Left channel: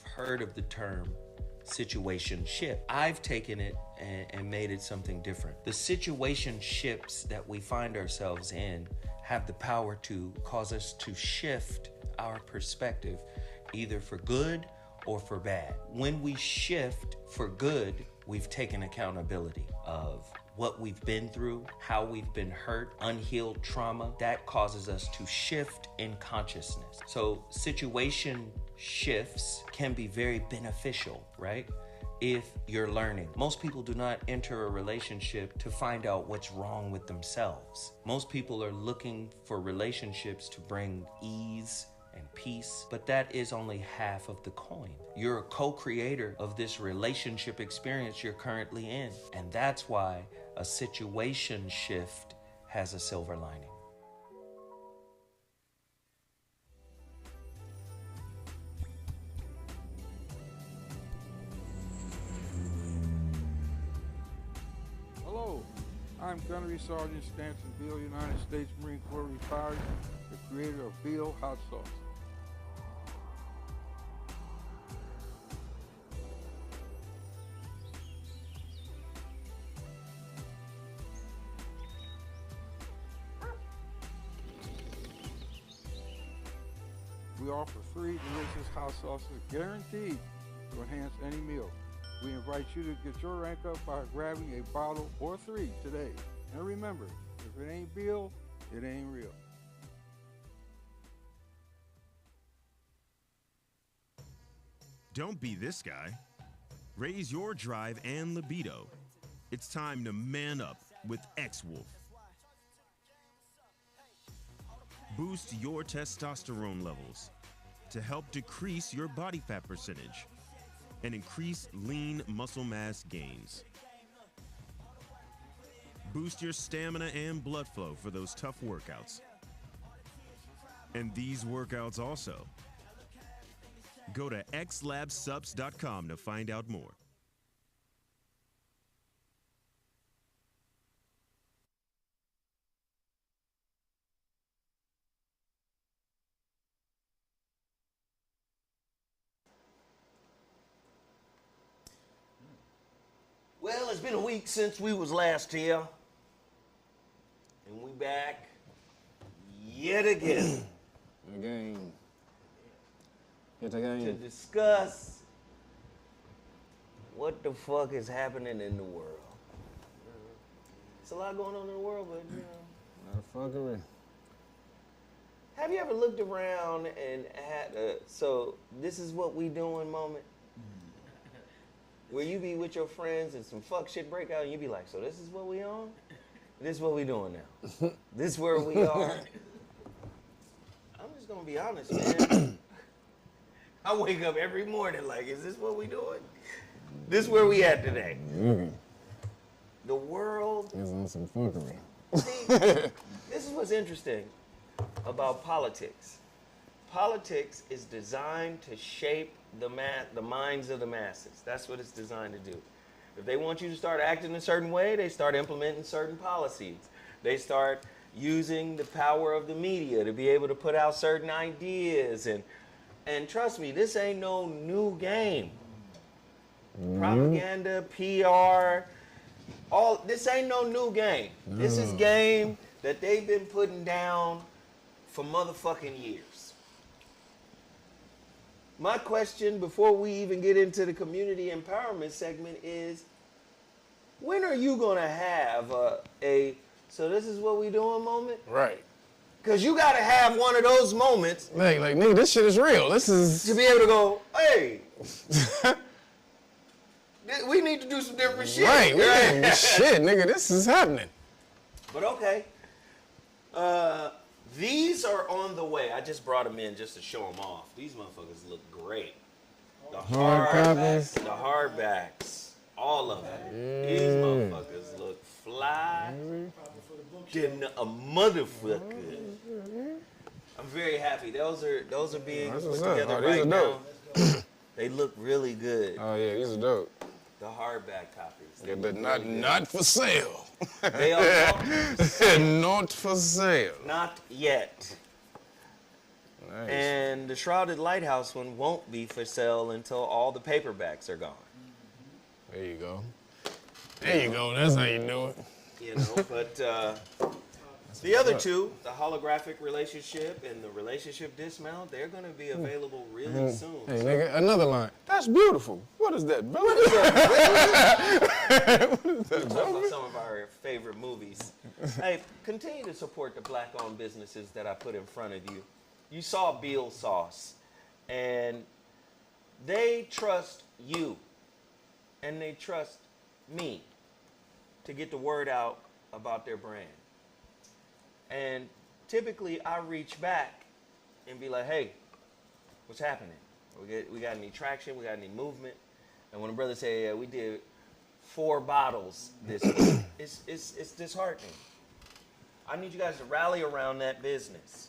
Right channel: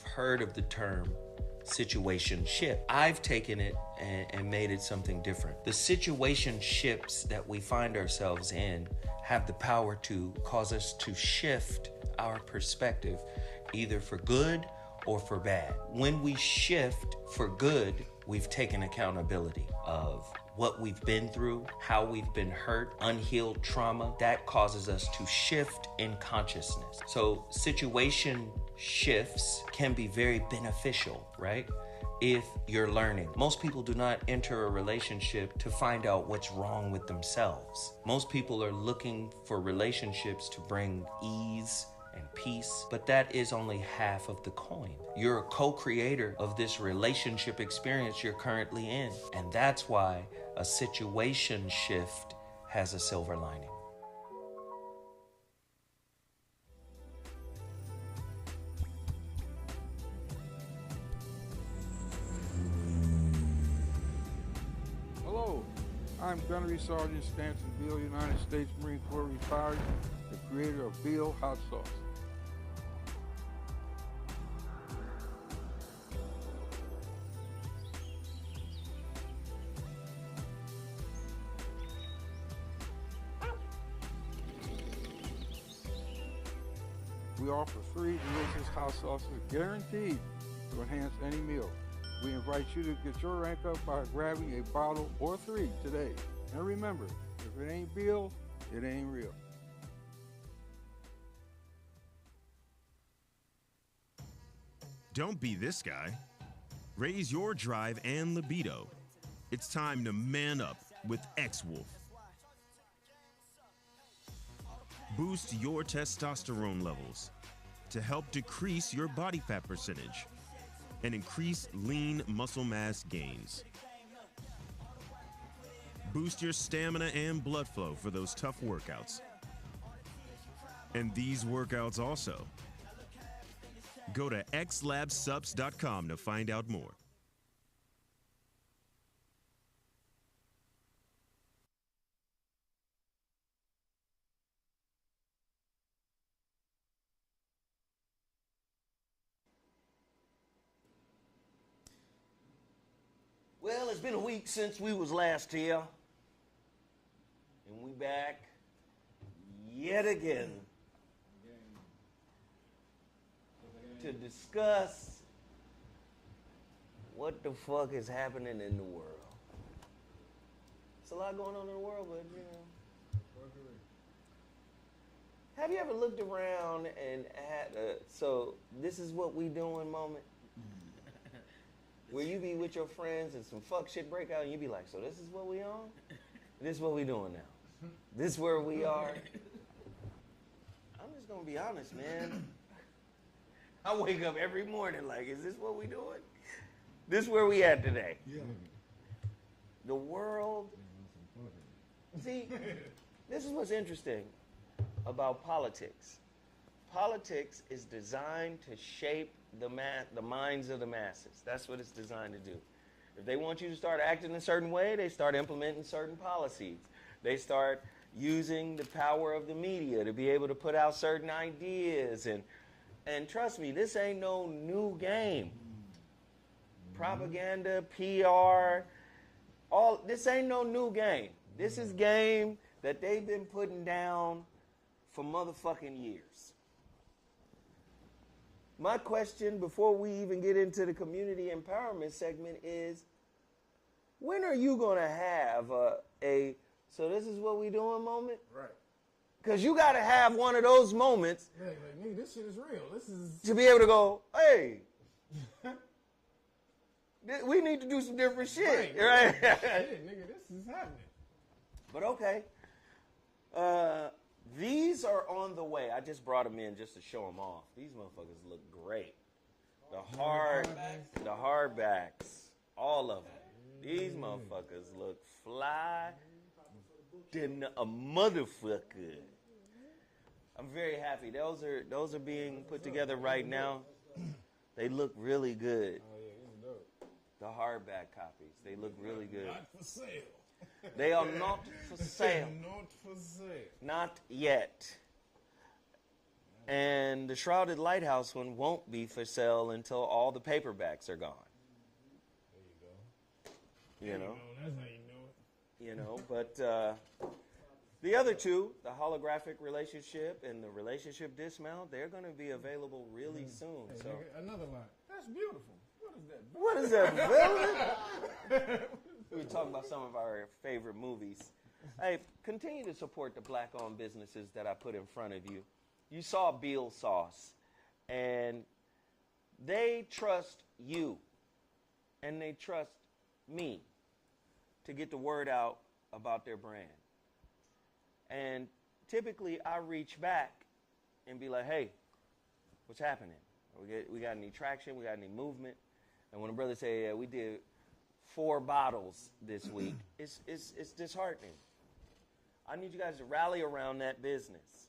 you've heard of the term situationship. I've taken it and made it something different. The situationships that we find ourselves in have the power to cause us to shift our perspective, either for good or for bad. When we shift for good, we've taken accountability of what we've been through, how we've been hurt, unhealed trauma. That causes us to shift in consciousness. So situation shifts can be very beneficial, right? If you're learning. Most people do not enter a relationship to find out what's wrong with themselves. Most people are looking for relationships to bring ease and peace, but that is only half of the coin. You're a co-creator of this relationship experience you're currently in, and that's why a situation shift has a silver lining. Hello, I'm Gunnery Sergeant Stanton Beal, United States Marine Corps retired, the creator of Beal Hot Sauce. We offer 3 delicious hot sauces guaranteed to enhance any meal. We invite you to get your rank up by grabbing a bottle or 3 today. And remember, if it ain't Beal, it ain't real. Don't be this guy. Raise your drive and libido. It's time to man up with X-Wolf. Boost your testosterone levels to help decrease your body fat percentage and increase lean muscle mass gains. Boost your stamina and blood flow for those tough workouts. And these workouts also. Go to xlabsubs.com to find out more. Well, it's been a week since we was last here, and we back yet again to discuss what the fuck is happening in the world. It's a lot going on in the world, but you know. Not fuckery. Have you ever looked around and had a, so this is what we doing moment? Where you be with your friends and some fuck shit break out and you be like, so this is what we on? This is what we doing now. This where we are. I'm just gonna be honest, man. I wake up every morning like, is this what we doing? This where we at today. The world is on some fuckery. See, this is what's interesting about politics. Politics is designed to shape the minds of the masses. That's what it's designed to do. If they want you to start acting a certain way, they start implementing certain policies. They start using the power of the media to be able to put out certain ideas. And trust me, this ain't no new game. Propaganda, PR, this ain't no new game. This is game that they've been putting down for motherfucking years. My question before we even get into the community empowerment segment is, when are you gonna have so this is what we doing moment? Right. Cause you gotta have one of those moments. Like nigga, this shit is real. This is to be able to go, hey, we need to do some different shit. Right. Shit, nigga, this is happening. But okay. These are on the way. I just brought them in just to show them off. These motherfuckers look great. The hardbacks, all of them. These motherfuckers look fly than a motherfucker. I'm very happy. Those are being put together right now. They look really good. Oh yeah, these are dope. The hardback copies. Yeah, but not for sale. They are not for sale. Not for sale. Not yet. Nice. And the Shrouded Lighthouse one won't be for sale until all the paperbacks are gone. There you go. There you go. That's how you do it. You know, but the other two, the holographic relationship and the relationship dismount, they're going to be available really soon. Hey, nigga, another line. That's beautiful. What is that, brother? What is that? We're talking about some of our favorite movies. Hey, continue to support the black-owned businesses that I put in front of you. You saw Beal Sauce, and they trust you, and they trust me to get the word out about their brand. And typically, I reach back and be like, hey, what's happening? We got any traction? We got any movement? And when a brother say, yeah, we did 4 bottles this week, it's disheartening. I need you guys to rally around that business.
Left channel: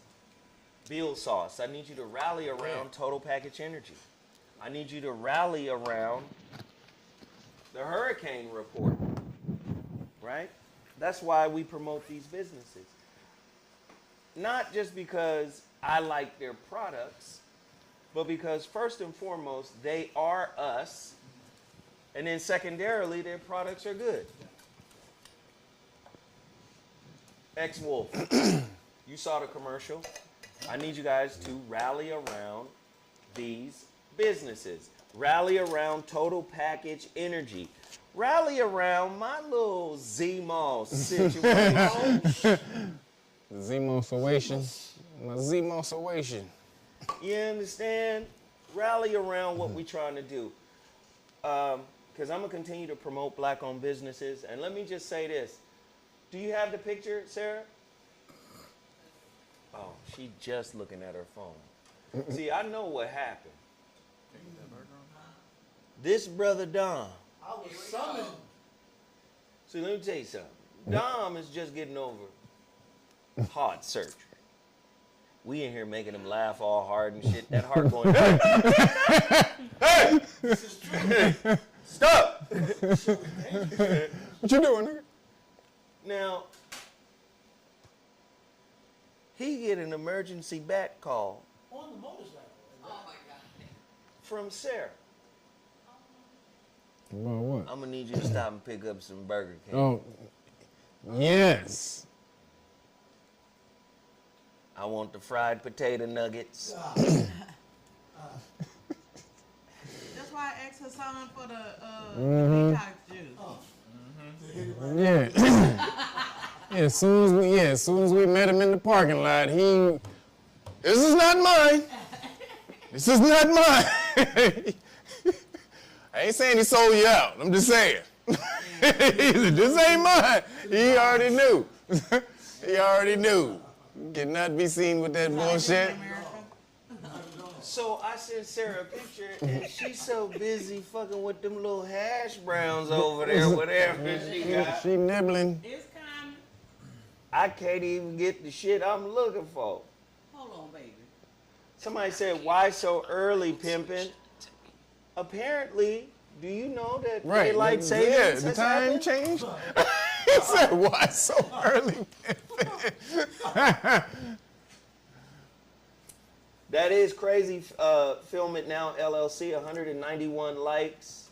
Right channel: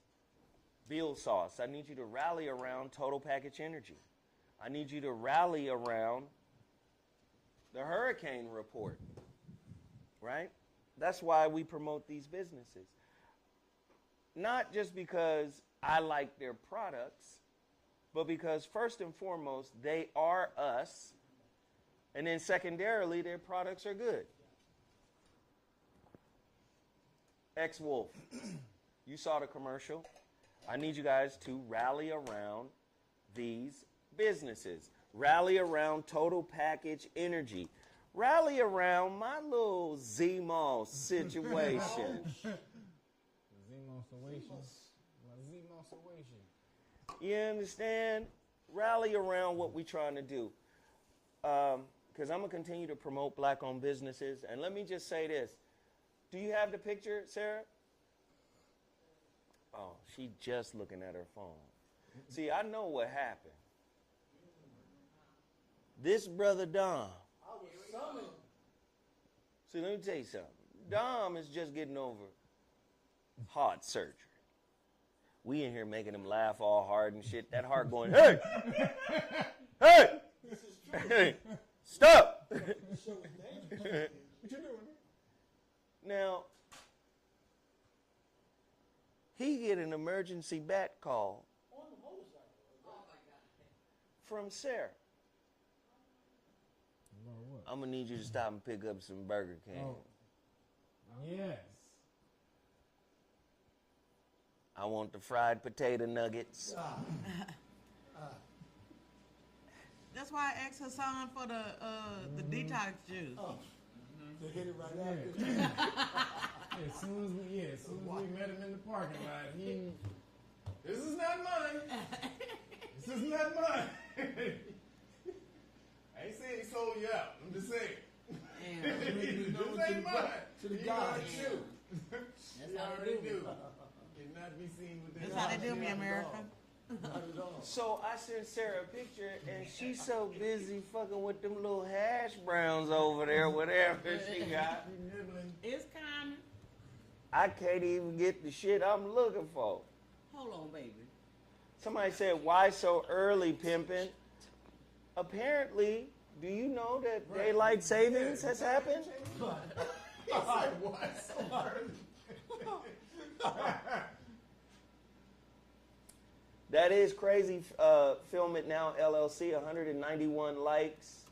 Beal Sauce, I need you to rally around Total Package Energy. I need you to rally around the HuriKane Report, right? That's why we promote these businesses. Not just because I like their products, but because first and foremost, they are us, and then secondarily, their products are good. Ex-Wolf, you saw the commercial. I need you guys to rally around these businesses. Rally around Total Package Energy. Rally around my little Z-Mall situation. Z-Mossation. My Z-Mossation. You understand? Rally around what we're trying to do. Because I'm going to continue to promote black-owned businesses. And let me just say this. Do you have the picture, Sarah? Oh, she just looking at her phone. See, I know what happened. This brother Dom. I was summoned. See, let me tell you something. Dom is just getting over heart surgery. We in here making him laugh all hard and shit. That heart going, hey! Hey! Hey! Stop! What you doing, nigga? Now, he get an emergency bat call On the motorcycle. Oh my God. from Sarah. About what? I'm gonna need you to stop and pick up some Burger King. Oh, yes. I want the fried potato nuggets. That's why I asked her son for the detox juice. Yeah. Yeah, as soon as we met him in the parking lot, this is not mine. This is not mine. I ain't saying he sold you out. I'm just saying. He said, this ain't mine. He already knew. He already knew. Cannot be seen with that bullshit. So I sent Sarah a picture, and she's so busy fucking with them little hash browns over there, whatever she got. She nibbling. It's coming. I can't even get the shit I'm looking for. Hold on, baby. Somebody said, why so early, pimpin'? Apparently, do you know that daylight savings has happened? changed. He said, why so early? That is crazy. Film It Now LLC, 191 likes.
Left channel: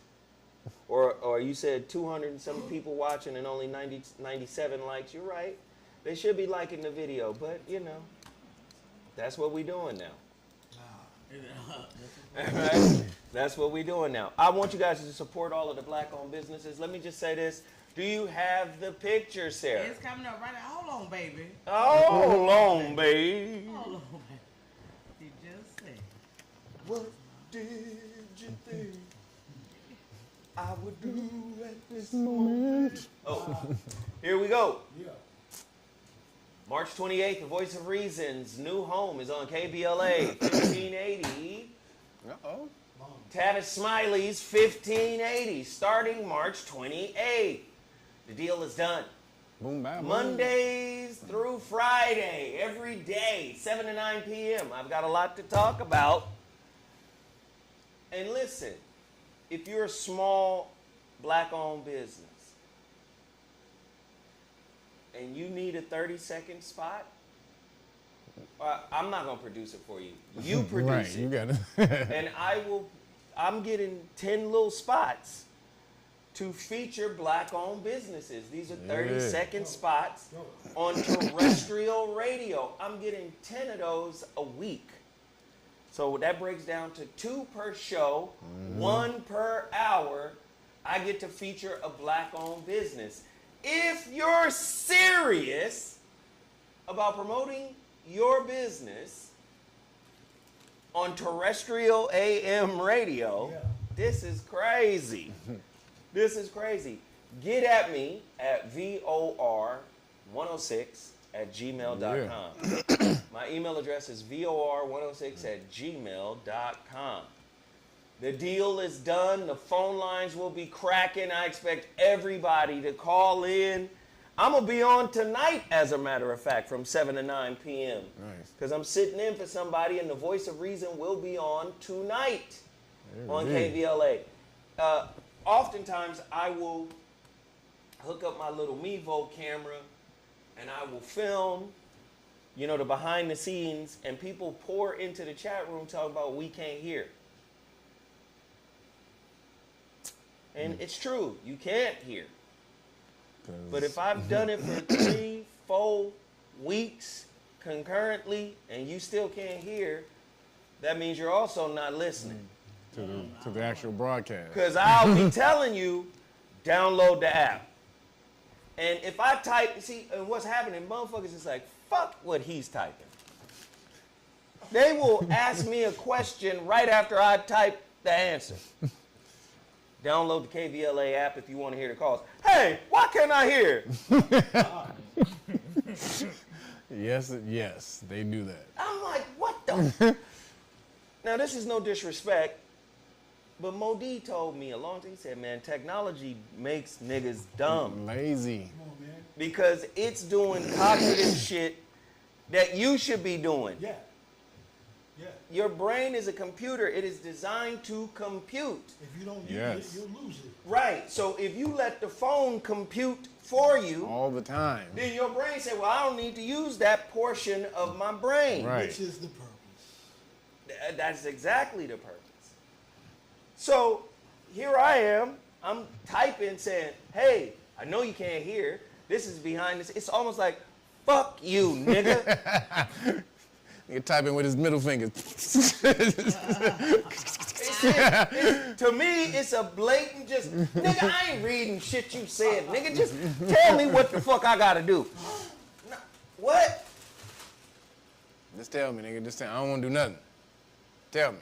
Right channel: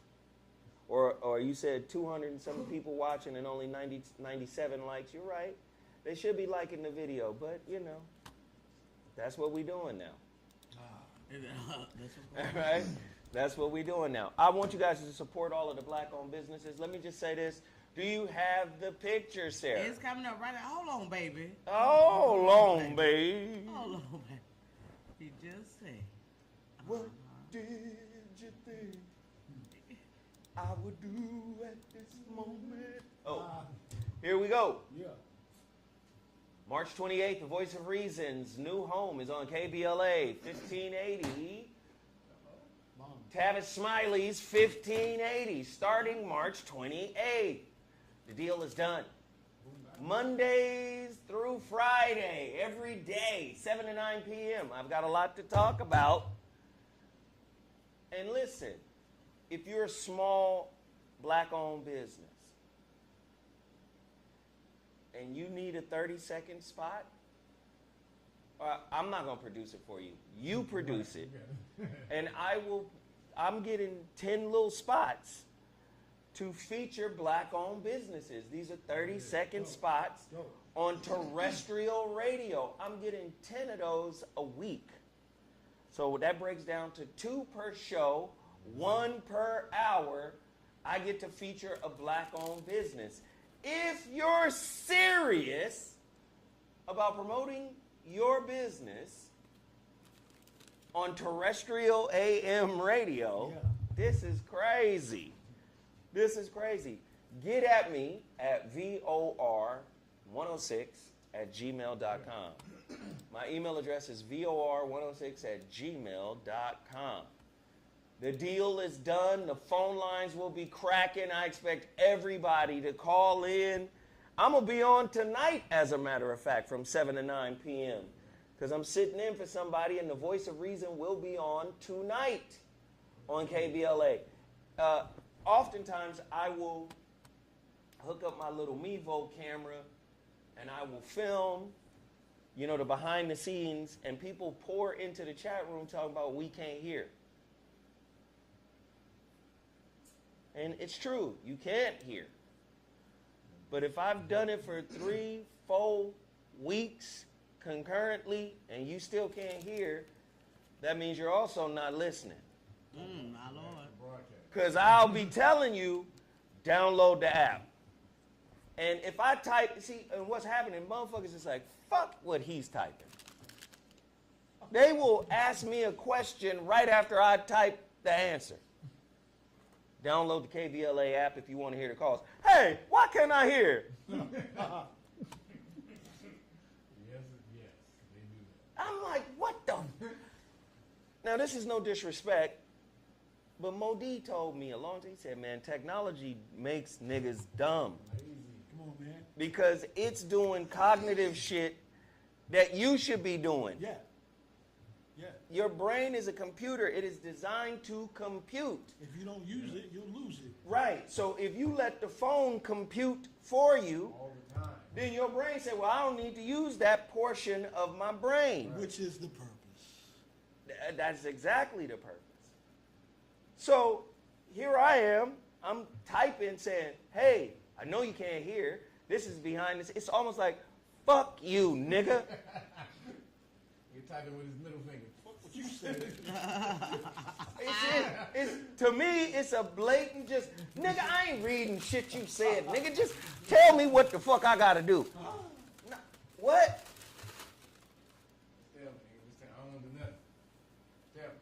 Or you said 200 and some people watching and only 97 likes. You're right. They should be liking the video, but you know, that's what we're doing now. All right? That's what we're doing now. I want you guys to support all of the black-owned businesses. Let me just say this. Do you have the picture, Sarah? It's coming up right now. Hold on, baby. Hold on, babe. Hold on, baby. You just said. What did you think I would do at this moment? Oh, here we go. Yeah. March 28th, the Voice of Reason's new home is on KBLA, 1580. Uh-oh. Tavis Smiley's 1580, starting March 28th. The deal is done. Boom, bam, boom. Mondays through Friday, every day, 7 to 9 p.m. I've got a lot to talk about. And listen, if you're a small black-owned business and you need a 30-second spot, I'm not gonna produce it for you. You produce You it, gotta. and I'm getting 10 little spots to feature black-owned businesses. These are 30-second spots on terrestrial radio. I'm getting 10 of those a week. So that breaks down to 2 per show, 1 per hour. I get to feature a black-owned business. If you're serious about promoting your business on terrestrial AM radio, this is crazy. This is crazy. Get at me at VOR106@gmail.com. My email address is VOR106@gmail.com. The deal is done. The phone lines will be cracking. I expect everybody to call in. I'm going to be on tonight, as a matter of fact, from 7 to 9 p.m. Because I'm sitting in for somebody, and the voice of reason will be on tonight on KVLA. Oftentimes, I will hook up my little Mevo camera, and I will film, you know, the behind the scenes, and people pour into the chat room talking about we can't hear. And it's true, you can't hear. But if I've done it for 3-4 weeks concurrently and you still can't hear, that means you're also not listening. To the actual broadcast. Because I'll be telling you, download the app. And if I type, see, and what's happening, motherfuckers is like, fuck what he's typing. They will ask me a question right after I type the answer. Download the KVLA app if you want to hear the calls. Hey, why can't I hear? Yes, they do that. I'm like, what the? Now, this is no disrespect, but Mo D told me a long time, he said, man, technology makes niggas dumb. Lazy. Come on, man. Because it's doing cognitive shit that you should be doing. Yeah. Yeah. Your brain is a computer. It is designed to compute. If you don't use it, you'll lose it. Right. So if you let the phone compute for you, All the time. then your brain say, well, I don't need to use that portion of my brain. Right. Which is the purpose. That's exactly the purpose. So here I am. I'm typing saying, hey, I know you can't hear. This is behind this. It's almost like, fuck you, nigga. Nigga typing with his middle finger. To me, it's a blatant just, nigga, I ain't reading shit you said. Nigga, just tell me what the fuck I gotta do. No, what? Just tell me, nigga. Just tell me. I don't want to do nothing. Tell me.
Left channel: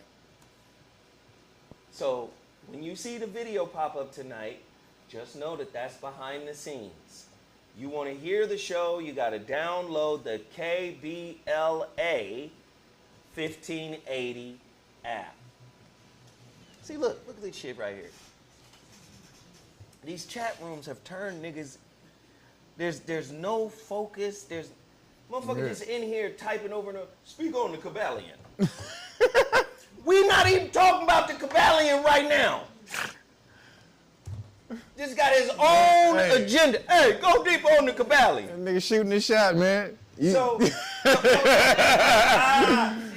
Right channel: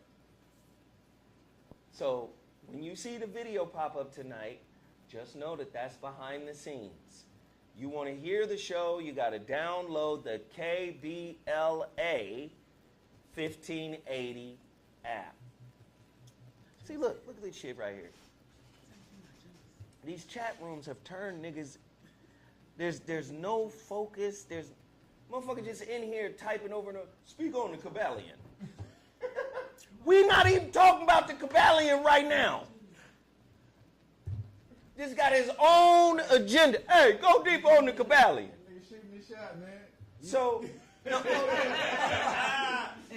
So when you see the video pop up tonight, just know that that's behind the scenes. You want to hear the show, you got to download the KBLA 1580 app. See, look at this shit right here. These chat rooms have turned niggas, there's no focus, there's motherfuckers just in here typing over and over, speak on the Kabbalion. We not even talking about the Kabbalion right now. This got his own agenda. Hey, go deep on the Kabbalion. That nigga shooting his shot, man. So, They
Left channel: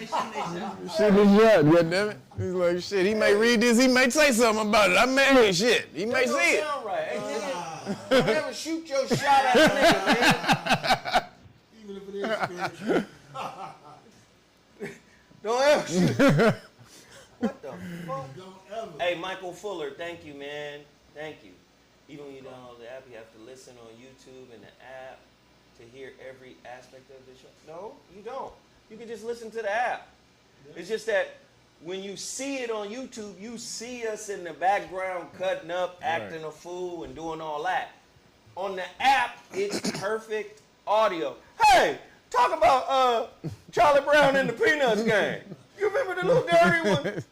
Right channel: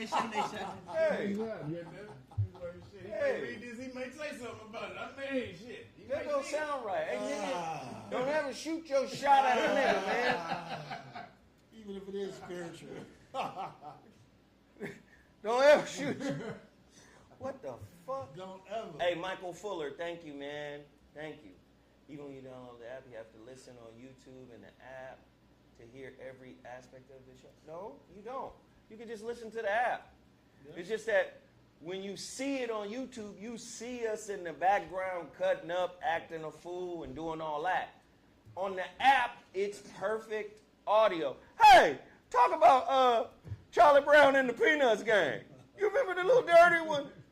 shouldn't. Shooting his shot, goddammit. He's like, shit, he may read this, he may say something about it. I may shit. He may that don't see it. sound right. Hey, nigga, don't ever shoot your shot at a nigga, man. Even if it is spiritual. Don't ever shoot. What the fuck? Don't ever. Hey, Michael Fuller, thank you, man. Thank you. Even when you download the app, you have to listen on YouTube and the app to hear every aspect of the show. No, you don't. You can just listen to the app. Yeah. It's just that when you see it on YouTube, you see us in the background cutting up, acting a fool, and doing all that. On the app, it's perfect audio. Hey, talk about Charlie Brown and the Peanuts gang. You remember the little dirty one?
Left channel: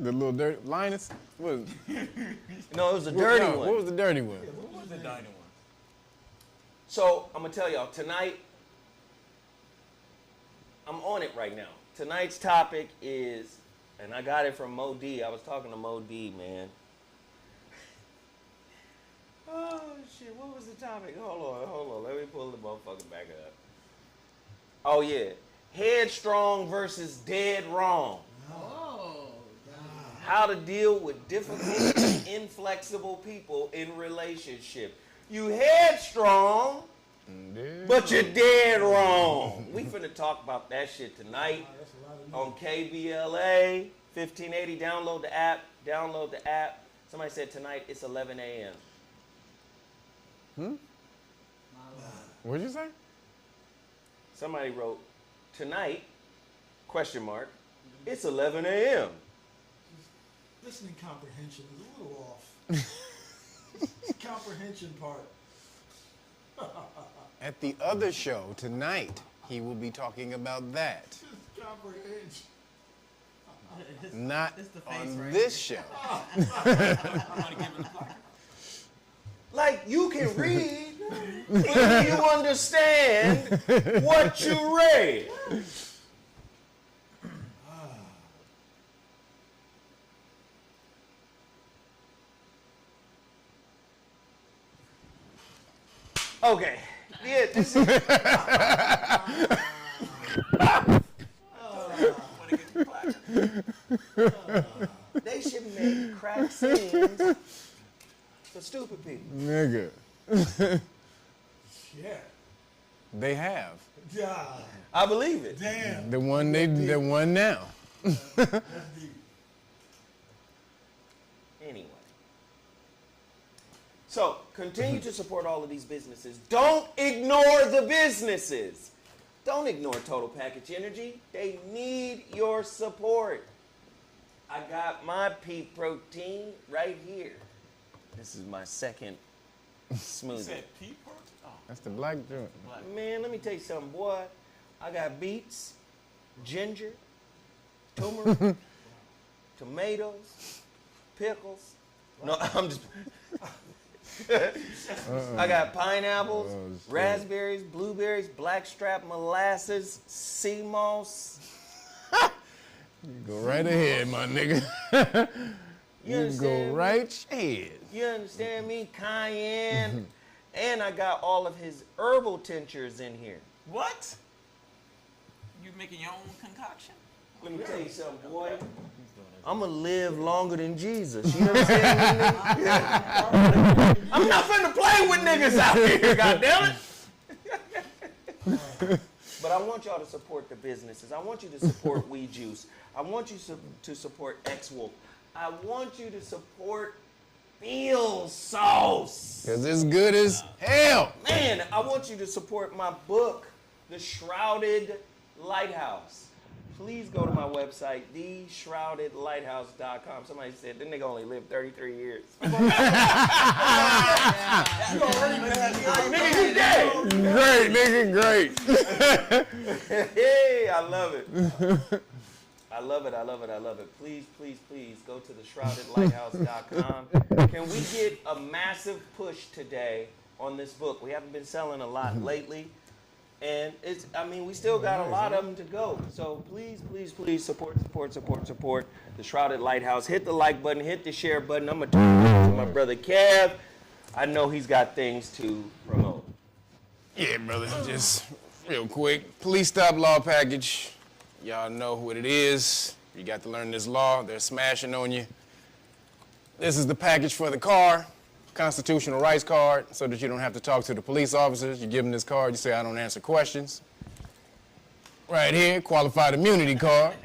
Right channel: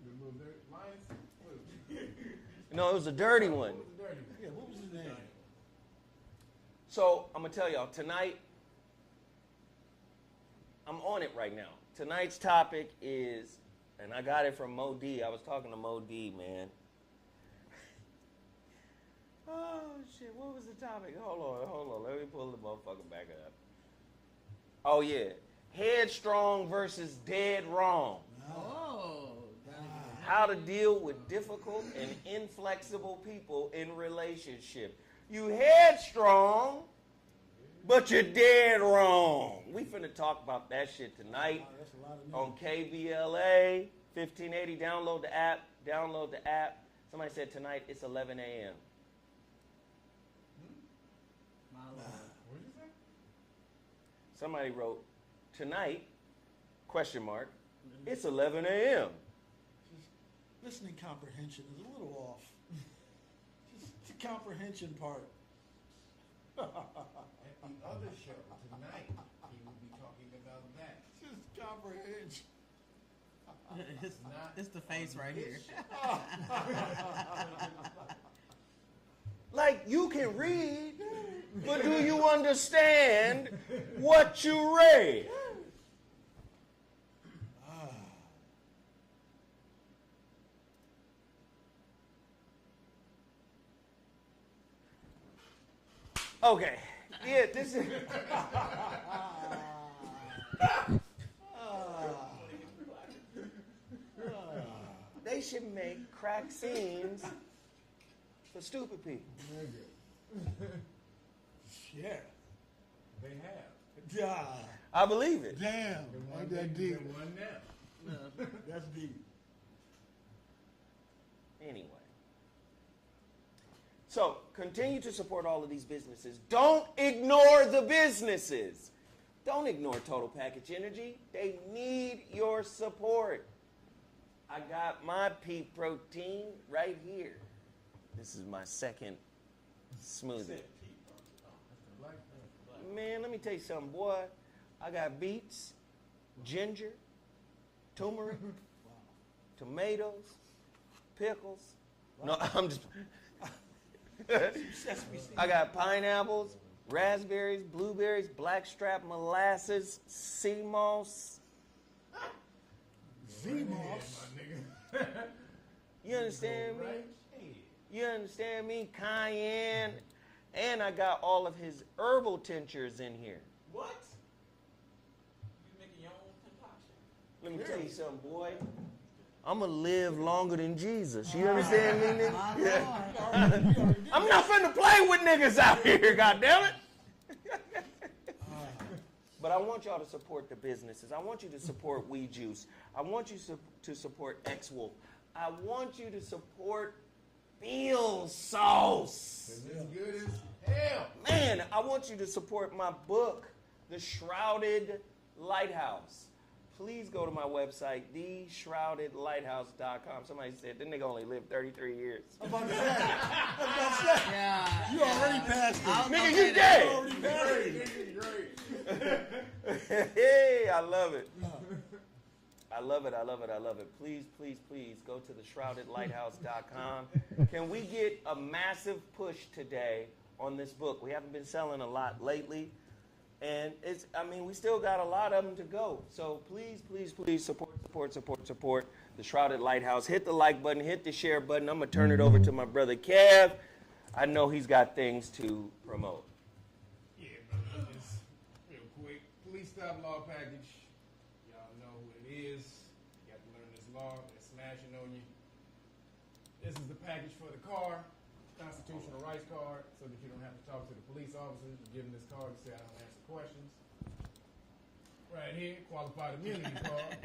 The little dirty Linus? What was it? No, it was the dirty one. What was the dirty one? Yeah, what was the dirty one? So I'm gonna tell y'all tonight. I'm on it right now. Tonight's topic is, and I got it from Mo D. I was talking to Mo D, man. Oh shit! What was the topic? Hold on. Let me pull the motherfucker back up. Oh yeah, Headstrong versus dead wrong. Oh. How to deal with difficult and inflexible people in relationship. You headstrong, but you're dead wrong. We finna talk about that shit tonight on KBLA 1580. Download the app. Download the app. Somebody said tonight it's 11 a.m. What'd you say? Somebody wrote tonight, question mark, it's 11 a.m. Listening comprehension is a little off. Comprehension part. At the other show tonight, he will be talking about that. Comprehension. Not It's the face on right this show. Like, you can read, but do you understand what you read? Okay. Yeah, this is. They should make crack scenes for stupid people. Nigga. Yeah. They have. God. I believe it. Damn. The one now. That's deep. Anyway. So, continue to support all of these businesses. Don't ignore the businesses. Don't ignore Total Package Energy. They need your support. I got my pea protein right here. This is my second smoothie. That's the black joint. Man, let me tell you something, boy. I got beets, ginger, turmeric, tomatoes, pickles. No, I'm just. I got pineapples, raspberries, blueberries, blackstrap molasses, sea moss. Go right ahead, my nigga. You understand? Go me? right ahead. You understand me? Cayenne. And I got all of his herbal tinctures in here. What? You making your own concoction? Let me tell you something, boy. I'm going to live longer than Jesus. You understand me, nigga? I'm not finna play with niggas out here, goddammit. But I want y'all to support the businesses. I want you to support We Juice. I want you to support X-Wolf. I want you to support Feel Sauce. Because it's good as hell. Man, I want you to support my book, The Shrouded Lighthouse. Please go to my website, theshroudedlighthouse.com. Somebody said, that nigga only lived 33 years. You already passed it. Nigga, you dead. Great, nigga, great. Hey, I love it. I love it, I love it, I love it. Please, please, please go to theshroudedlighthouse.com. Can we get a massive push today on this book? We haven't been selling a lot lately. And we still got a lot of them to go. So please, please, please support the Shrouded Lighthouse. Hit the like button, hit the share button. I'm going to turn it over to my brother Kev. I know he's got things to promote. Yeah, brother, just real quick. Police stop law package. Y'all know what it is. You got to learn this law. They're smashing on you. This is the package for the car. Constitutional rights card, so that you don't have to talk to the police officers. You give them this card, you say, I don't answer questions. Right here, qualified immunity card.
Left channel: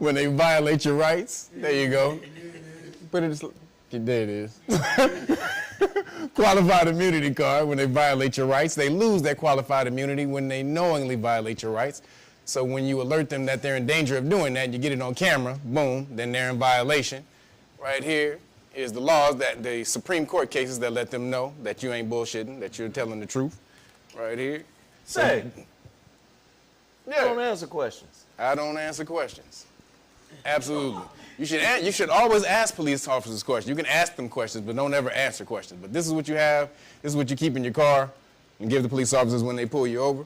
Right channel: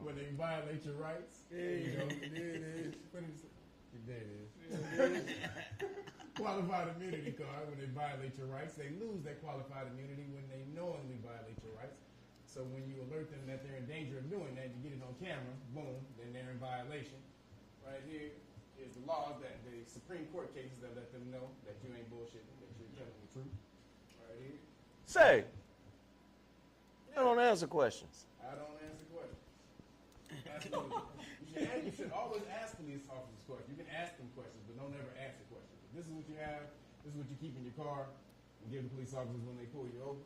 When they violate your rights, there you go. Put it, there it is. Qualified immunity card, when they violate your rights. They lose that qualified immunity when they knowingly violate your rights. So when you alert them that they're in danger of doing that, you get it on camera, boom, then they're in violation. Right here is the laws, that the Supreme Court cases that let them know that you ain't bullshitting, that you're telling the truth. Right here. Say, you don't answer questions. I don't answer questions. Absolutely. You should always ask police officers questions. You can ask them questions, but don't ever answer questions. But this is what you have. This is what you keep in your car and give the police officers when they pull you over.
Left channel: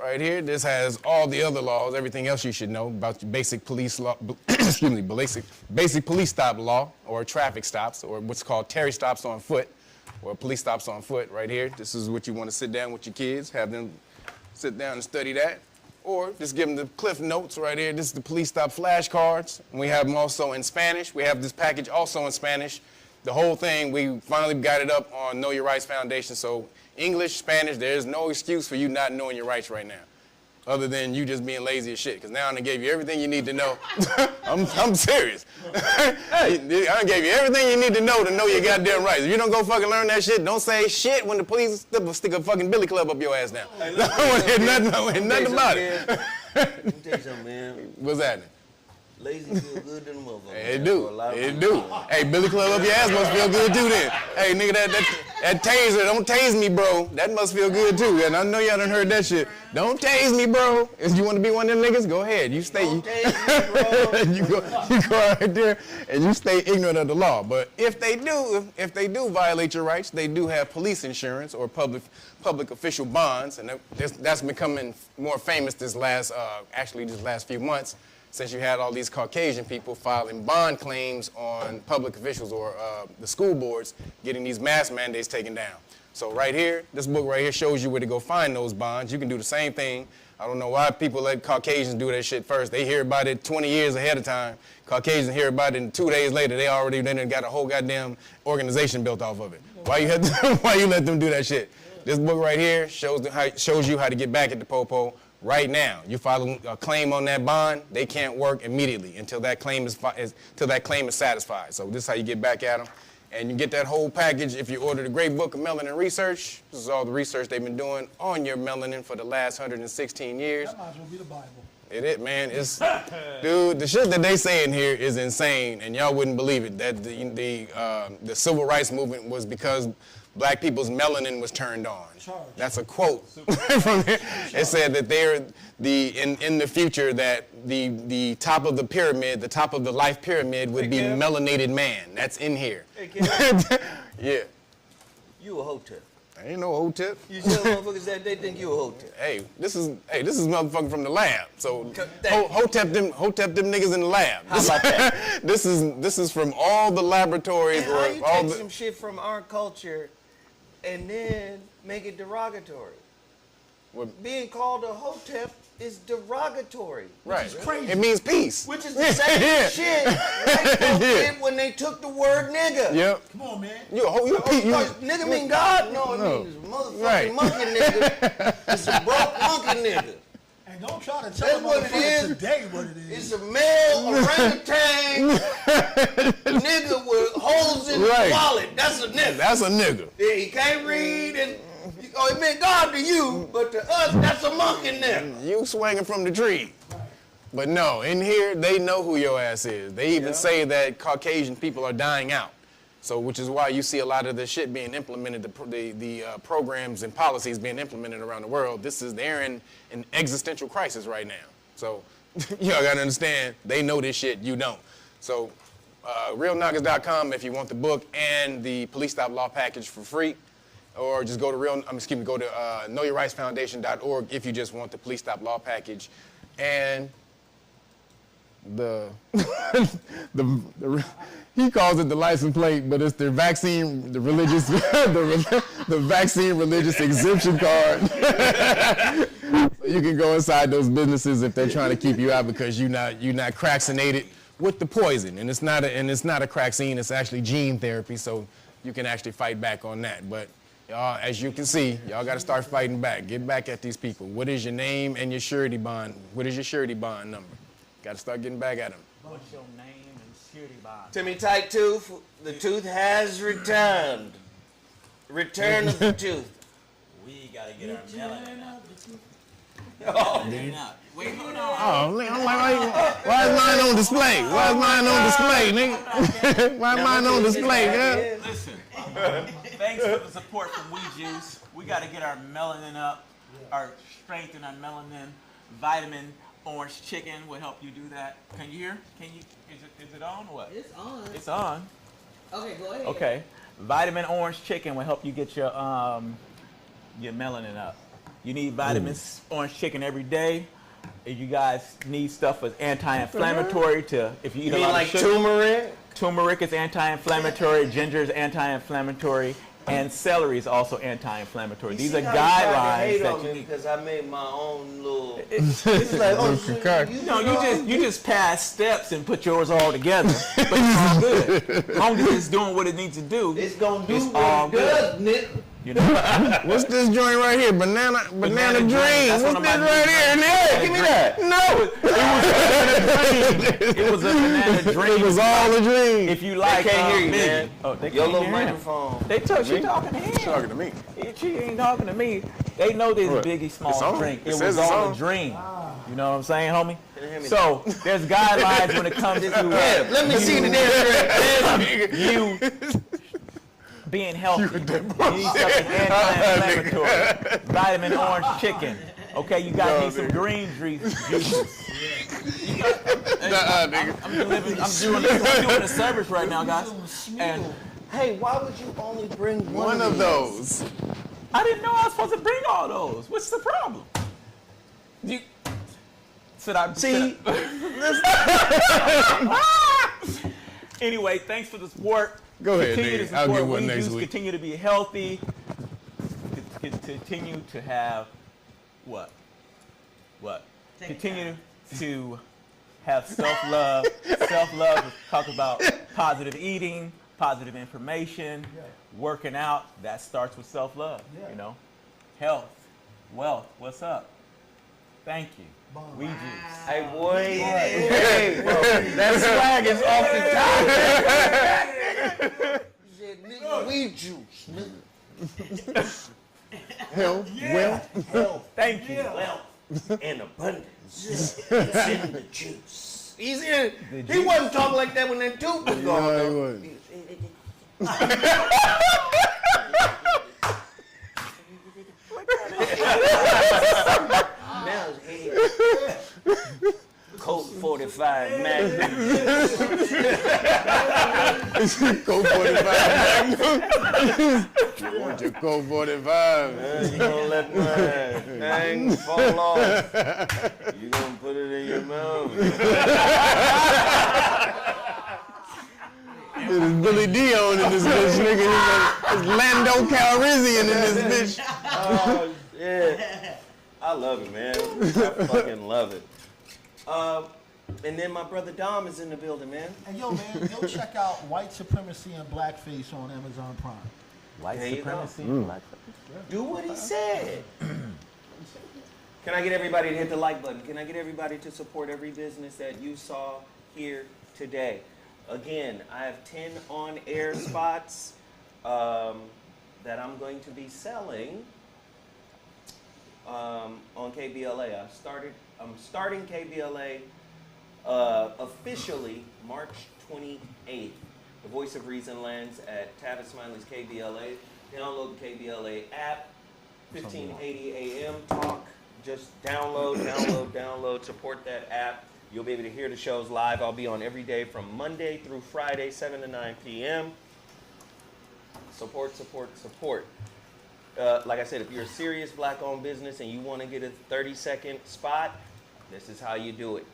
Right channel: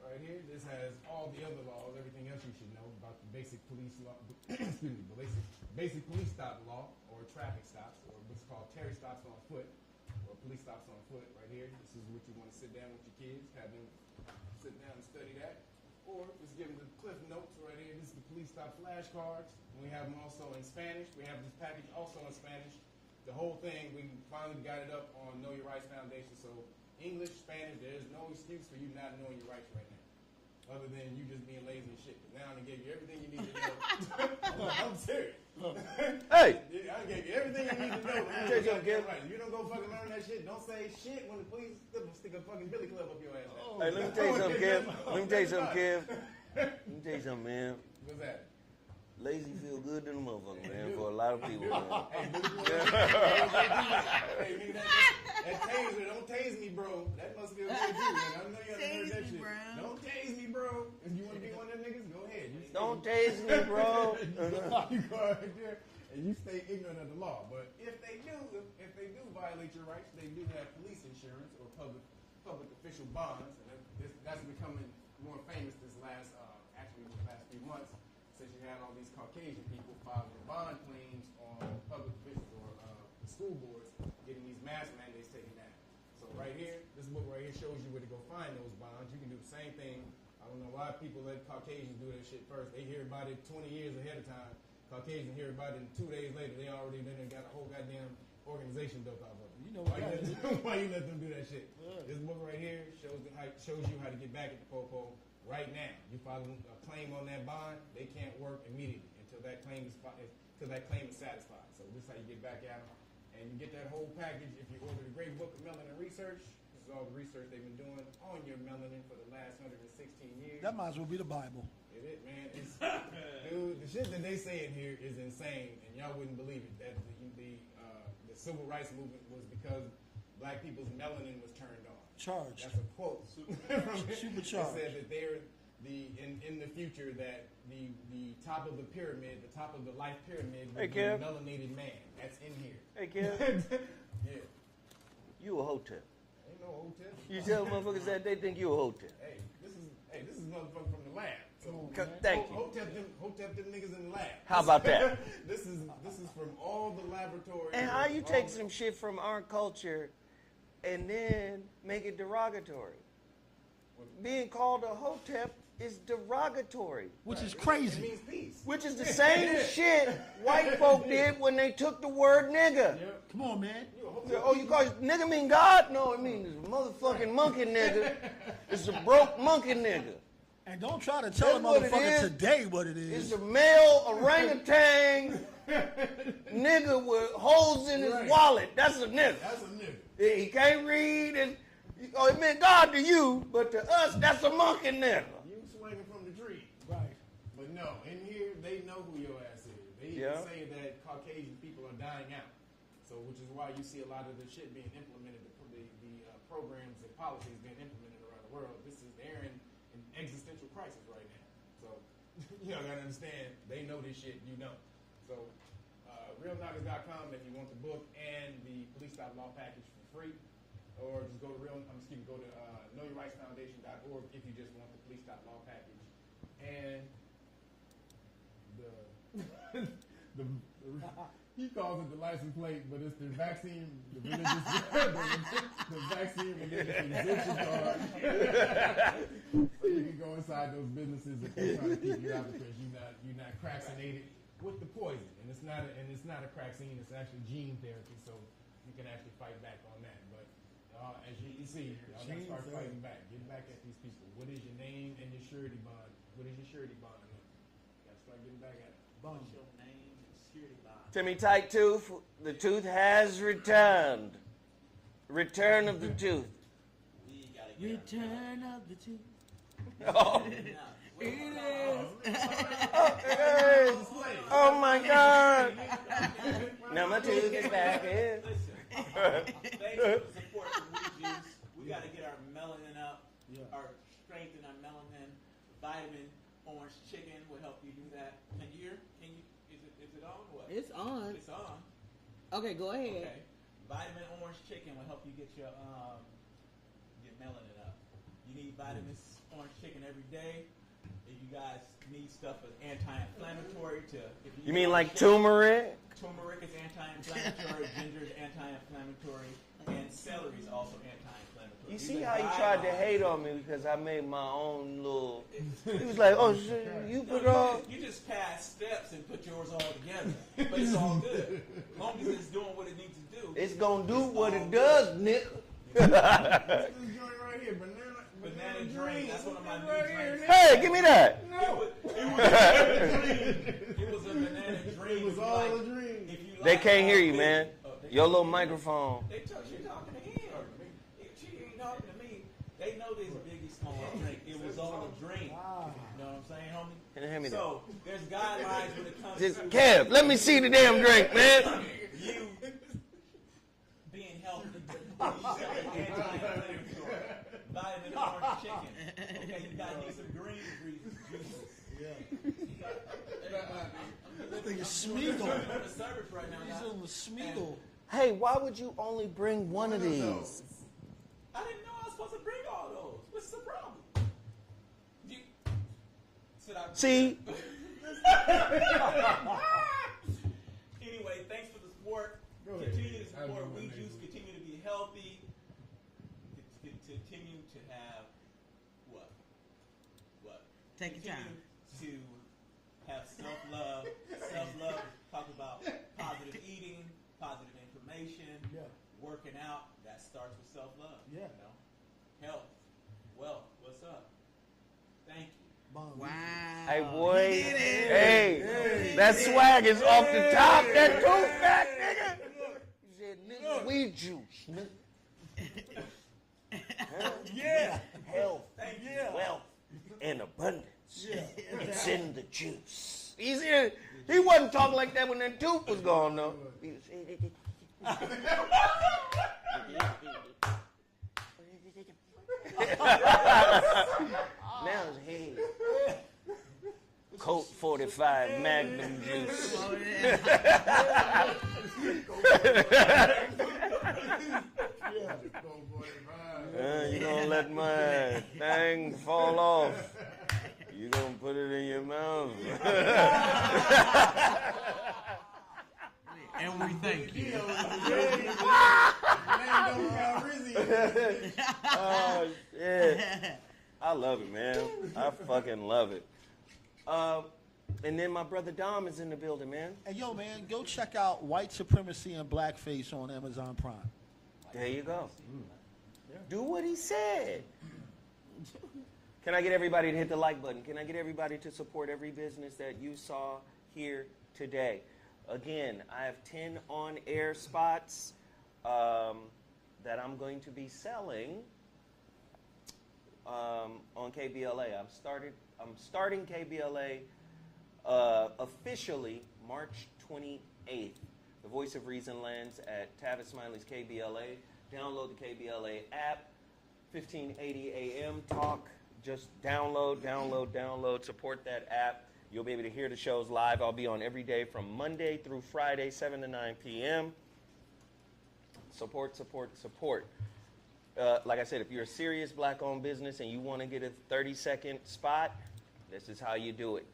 Right here, this has all the other laws, everything else you should know about your basic police law, excuse me, basic police stop law, or traffic stops, or what's called Terry stops on foot, or police stops on foot right here. This is what you want to sit down with your kids, have them sit down and study that. or just give them the Cliff Notes right here. This is the police stop flashcards. We have them also in Spanish. We have this package also in Spanish. The whole thing, we finally got it up on Know Your Rights Foundation. So English, Spanish, there's no excuse for you not knowing your rights right now, other than you just being lazy as shit. Because now I done gave you everything you need to know. I'm serious. Hey, I done gave you everything you need to know your goddamn rights. If you don't go fucking learn that shit, don't say shit when the police stick a fucking billy club up your ass now. Hey, nothing about it. Let me tell you something, man. What's happening? Lazy feel good to the motherfucker. It do. It do. Hey, billy club up your ass must feel good too then. Hey, nigga, that taser, don't tase me, bro. That must feel good too. And I know y'all done heard that shit. Don't tase me, bro. If you want to be one of them niggas, go ahead. You stay. Don't tase me, bro. you go right there and you stay ignorant of the law. But if they do violate your rights, they do have police insurance or public official bonds, and that's becoming more famous this last few months, since you had all these Caucasian people filing bond claims on public officials or the school boards getting these mask mandates taken down. So right here, this book right here shows you where to go find those bonds. You can do the same thing. I don't know why people let Caucasians do that shit first. They hear about it 20 years ahead of time. Caucasians hear about it, and 2 days later, they already then got a whole goddamn organization built off of it. Why you let them do that shit? This book right here shows you how to get back at the popo right now. You file a claim on that bond, they can't work immediately until that claim is satisfied. So this is how you get back at them. And you get that whole package if you order the Great Book of Melanin Research. This is all the research they've been doing on your melanin for the last 116 years. That might as well be the Bible. Man. Dude, the shit that they say in here is insane, and y'all wouldn't believe it. That the civil rights movement was because black people's melanin was turned on. That's a quote from here. It said that in the future that the top of the pyramid, the top of the life pyramid would be melanated man. That's in here. Hey, Kim. Yeah. You a hotep. I ain't no hotep. You tell motherfuckers that they think you a hotep. Hey, this is motherfucker from the lab. So hotep them niggas in the lab. How about that? This is from all the laboratories. And how you take some shit from our culture and then make it derogatory? Being called a hotep is derogatory. Which is crazy. It means peace. Which is the same shit white folks did when they took the word nigga. Yep. Come on, man. Nigga mean God? No, it means motherfucking monkey nigga. It's a broke monkey nigga. And don't try to tell a motherfucker today what it is. It's a male orangutan nigga with holes in his wallet. That's a nigga. That's a nigga. Yeah, he can't read and it meant God to you, but to us, that's a monkey nigga. You swinging from the tree. Right. But no, in here, they know who your ass is. They even say that Caucasian people are dying out. So, which is why you see a lot of the shit being implemented, the programs and policies being implemented around the world. They're in an existential crisis right now. So, y'all gotta understand, they know this shit, you don't. So, realknockers.com if you want the book and the police stop law package for free. Or just go to knowyourrightsfoundation.org if you just want the police stop law package. And he calls it the license plate, but it's the religious exemption card. You can go inside those businesses if they're trying to keep you out because you're not craxinated with the poison. And it's not a craxine, it's actually gene therapy, so you can actually fight back on that. But y'all, as you can see, y'all got to start fighting back. Get back at these people. What is your name and your surety bond? What is your surety bond number? Got to start getting back at them. What's your name and surety bond? Timmy Tight Tooth, the tooth has returned. Return of the tooth. We got to get Return of the tooth. Oh. Wait, hold on. Oh, why is mine on display? Why is mine on display, nigga? Why is mine on display, nigga? Listen, thanks for the support from WeJuice. We got to get our melanin up, our strength in our melanin. Vitamin orange chicken will help you do that. Can you hear? Is it on or what? It's on. It's on. Okay, go ahead. Okay. Vitamin orange chicken will help you get your melanin up. You need vitamins orange chicken every day. If you guys need stuff that's anti-inflammatory if you eat mean like turmeric? Turmeric is anti-inflammatory, ginger is anti-inflammatory, And celery is also anti-inflammatory. These are He tried to guidelines hate that on you me need. because I made my own little. It's like, oh shit, you just pass steps and put yours all together, but it's all good. As long as it's doing what it needs to do, it's gonna do it's all what it does, Nick. You know? What's this joint right here? Banana Dream. That's What's one of this my right new here? brands. Hey, give me that. No. It was a banana dream. It was all a dream. If you like, They can't hear you, Biggie. man. Oh, they Your can't little hear him. microphone. They told she talking to him. She's talking to me. She ain't talking to me. They know this What? Biggie It's Small on. drink. It It says was it's all on. a dream. You know what I'm saying, homie? Can you hear me So there's guidelines when it comes to Yeah, let me see the damn drink, man. you being healthy. You need something anti-inflammatory. Vitamin orange chicken. Okay, you gotta need some green juices. I'm doing a service right now, guys. And Hey, why would you only bring one of these? those. I didn't know I was supposed to bring all those. What's the problem? See? Anyway, thanks for the support. Go ahead, Continue nigga. to I'll support get one We next Juice. week. Continue to be healthy. Continue to have what? Continue to have self-love. Self-love. Talk about positive eating, positive information, working out. That starts with self-love. You know, health, wealth. What's up? Thank you. We Juice. Hey, boy. Hey, that swag is off the top. Nigga. You said, nigga, we juice, nigga. Health. Thank you. Wealth and abundance. It's in the juice. He wasn't talking like that when that tooth was gone, though. Now his head. Colt 45 Magnum. Colt 45 Magnum. You want your Colt 45. You gonna let my thing fall off. You gonna put it in your mouth. There's Billy Dion in this bitch, nigga. There's Lando Calrissian in this bitch. Oh, yeah. I love it, man. I fucking love it. And then my brother Dom is in the building, man. And yo, man, go check out White Supremacy and Blackface on Amazon Prime. There you go. Do what he said. Can I get everybody to hit the like button? Can I get everybody to support every business that you saw here today? Again, I have 10 on-air spots that I'm going to be selling on KBLA. I'm starting KBLA officially March 28th. The Voice of Reason lands at Tavis Smiley's KBLA. Download the KBLA app. 1580 AM talk. Just download. Support that app. You'll be able to hear the shows live. I'll be on every day from Monday through Friday, 7 to 9 p.m. Support. Like I said, if you're a serious black-owned business and you want to get a 30-second spot, this is how you do it.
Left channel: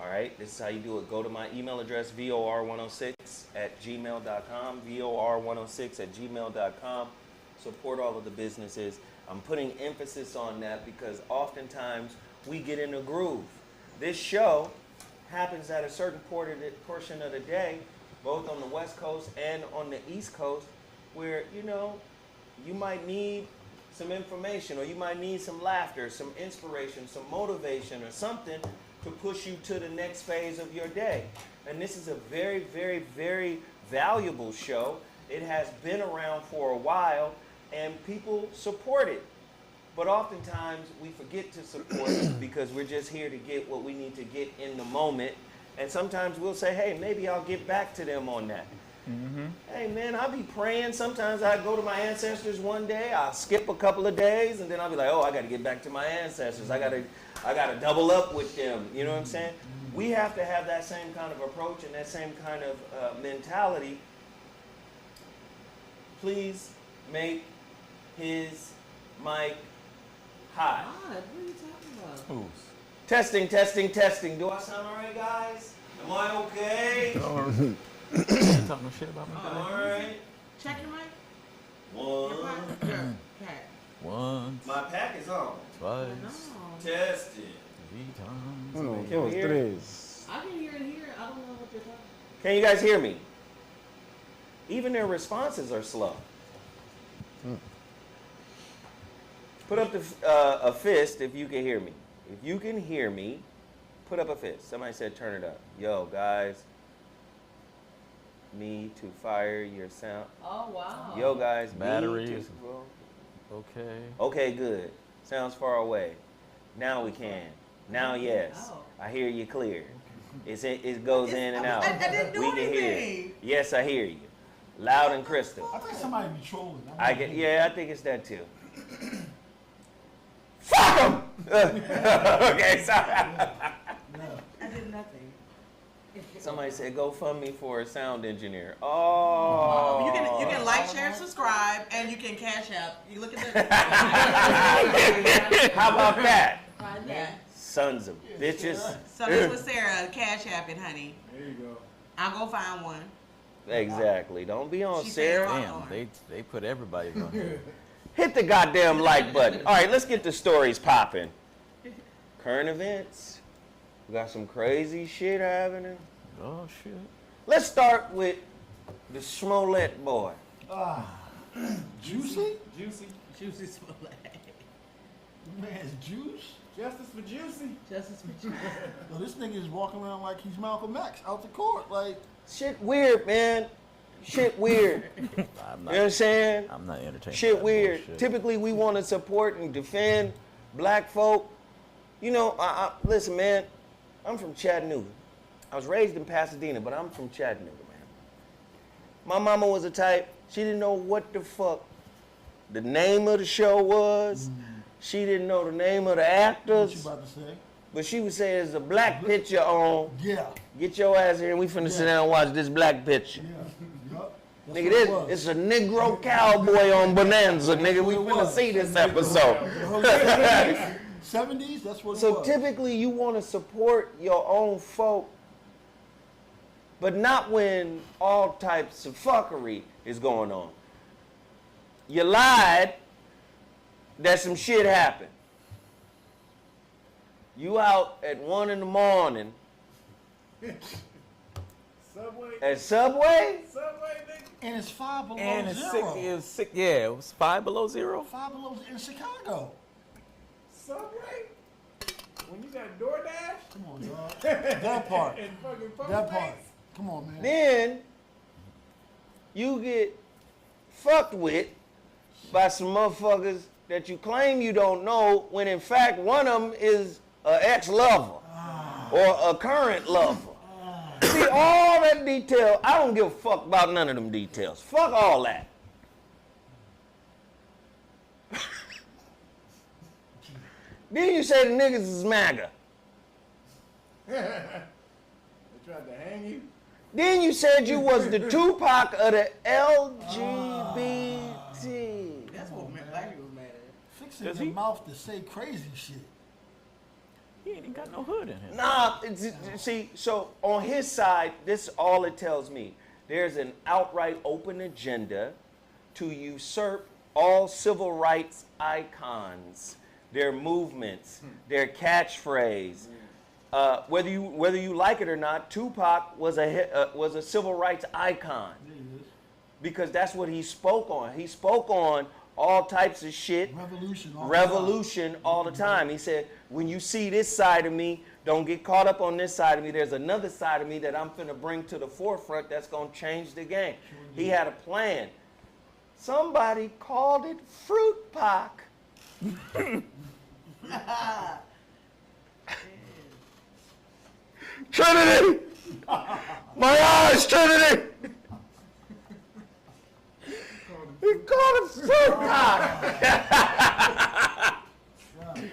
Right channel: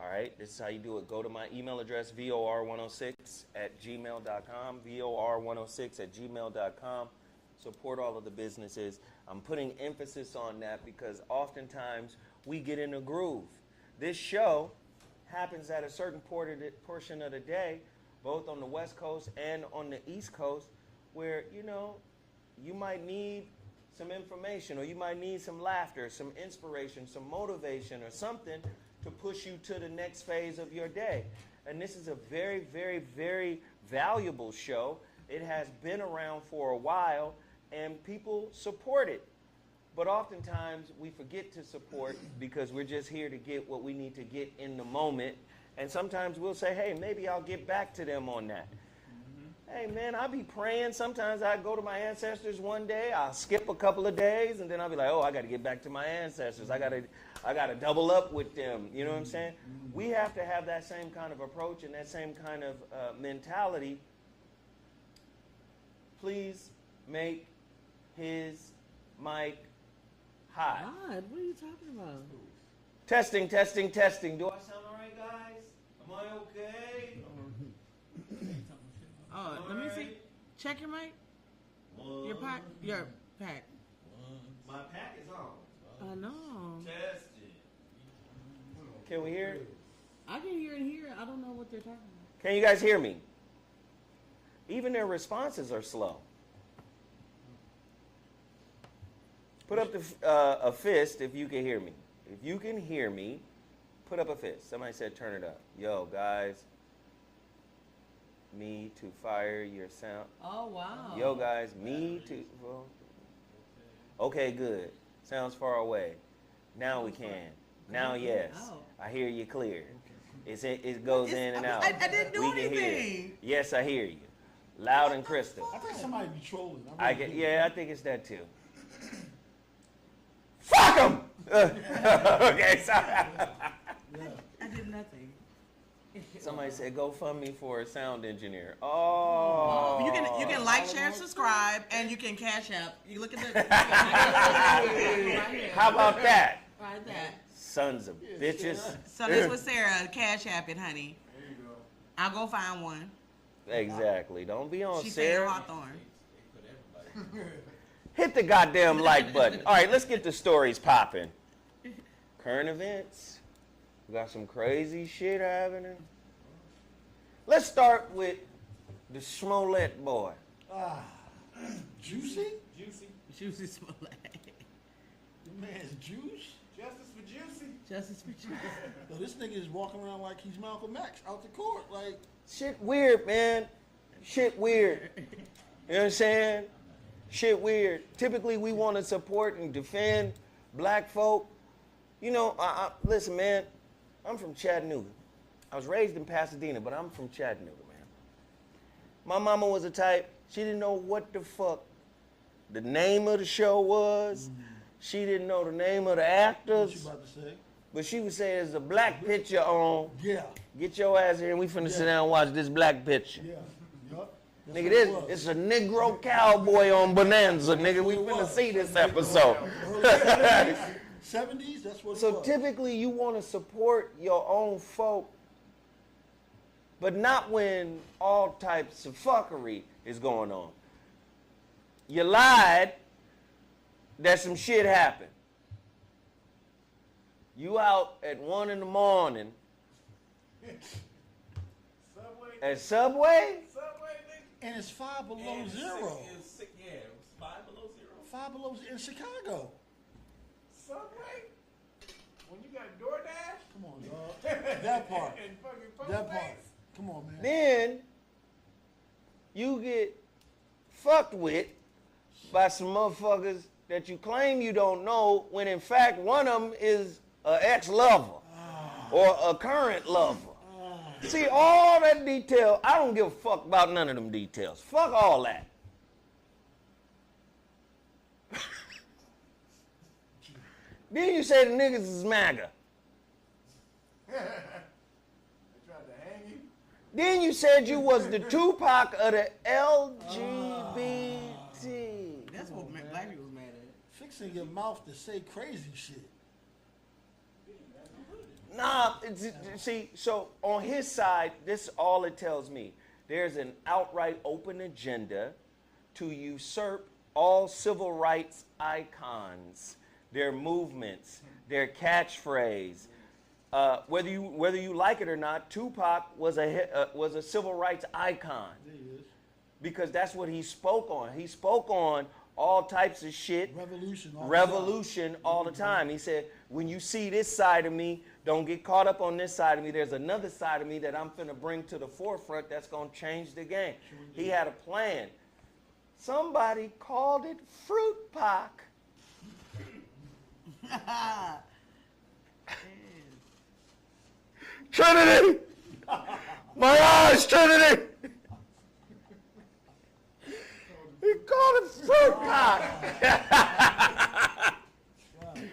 All right? This is how you do it. Go to my email address, vor106@gmail.com, vor106@gmail.com. Support all of the businesses. I'm putting emphasis on that because oftentimes we get in a groove. This show happens at a certain portion of the day, both on the West Coast and on the East Coast, where, you know, you might need some information or you might need some laughter, some inspiration, some motivation or something to push you to the next phase of your day. And this is a very, very, very valuable show. It has been around for a while and people support it. But oftentimes we forget to support because we're just here to get what we need to get in the moment. And sometimes we'll say, hey, maybe I'll get back to them on that. Mm-hmm. Hey, man, I'll be praying. Sometimes I go to my ancestors one day. I'll skip a couple of days, and then I'll be like, oh, I got to get back to my ancestors. I got to double up with them. You know what I'm saying? Mm-hmm. We have to have that same kind of approach and that same kind of mentality. Please make his mic hot. God, what are you talking about? Testing. Do I sound all right, guys? Am I okay? Talking shit about me. All right. Check your mic. Your pack. Once, My pack is on. twice, I know. Tested. 3 times. Hold on, Can we hear it? I can hear it here. I don't know what they're talking about. Can you guys hear me? Even their responses are slow. Put up a fist if you can hear me. If you can hear me, put up a fist. Somebody said turn it up. Yo, guys. Me to fire your sound. Oh, wow. Yo, guys. Batteries. Me to... Okay. Okay, good. Sounds far away. Now we can. Now, yes. Oh. I hear you clear. It goes in and out. I didn't do We can hear you. anything. Yes, I hear you. Loud and crystal. I think somebody be trolling. Yeah, I think it's that too. Fuck him! Okay, sorry. I did nothing. Somebody said GoFundMe for a sound engineer. Oh. You can like, share, subscribe, and you can cash out. You look at the. How about that? Try that. Sons of bitches. Sundays with Sarah, cash app it, honey. There you go. I'll go find one. Exactly. Don't be on She said Sarah. Hawthorne. Damn, they put everybody on there. Hit the goddamn like button. All right, let's get the stories popping. Current events. We got some crazy shit happening. Oh, shit. Let's start with the Smollett boy. Juicy? Juicy Smollett. Man's juice? Justice for Juicy. Justice for Juicy. Yo, this nigga is walking around like he's Malcolm X out the court. Like, Shit weird, man. Shit weird. You know what I'm saying? I'm not entertained. Shit by that weird. bullshit. Typically, we want to support and defend black folk. You know, listen, man. I'm from Chattanooga. I was raised in Pasadena, but I'm from Chattanooga, man. My mama was a type. She didn't know what the fuck the name of the show was. She didn't know the name of the what you actors. about to say? But she would say, there's a black picture on. Yeah. Get your ass here and we finna sit down and watch this black picture. Yeah. Yup. That's Nigga, what this it was. it's a Negro cowboy on Bonanza, nigga. We finna see this episode. 70s, that's what it So was. typically you want to support your own folk, but not when all types of fuckery is going on. You lied that some shit happened. You out at 1 in the morning Subway. at Subway? Subway, nigga. And it's 5 below And it's zero. it was 5 below zero. 5 below in Chicago. Subway? When you got DoorDash? Come on, dog. That part. And fucking phone That part. banks? Come on, man. Then you get fucked with by some motherfuckers that you claim you don't know, when in fact one of them is an ex-lover or a current lover. See, all that detail, I don't give a fuck about none of them details. Fuck all that. Then you say the niggas is MAGA. They tried to hang you? Then you said you was the Tupac of the LGBT. That's what black people was mad at. Fixing your mouth to say crazy shit. He ain't got no hood in him. Nah, see, so on his side, this is all it tells me. There's an outright open agenda to usurp all civil rights icons, their movements, their catchphrase. Whether you like it or not, Tupac was a civil rights icon because that's what he spoke on. He spoke on all types of shit. Revolution all the time. He said, when you see this side of me, don't get caught up on this side of me. There's another side of me that I'm finna bring to the forefront that's gonna change the game. He had a plan. Somebody called it Fruit Pac. Trinity! My eyes, Trinity! He called it Fruit Pac.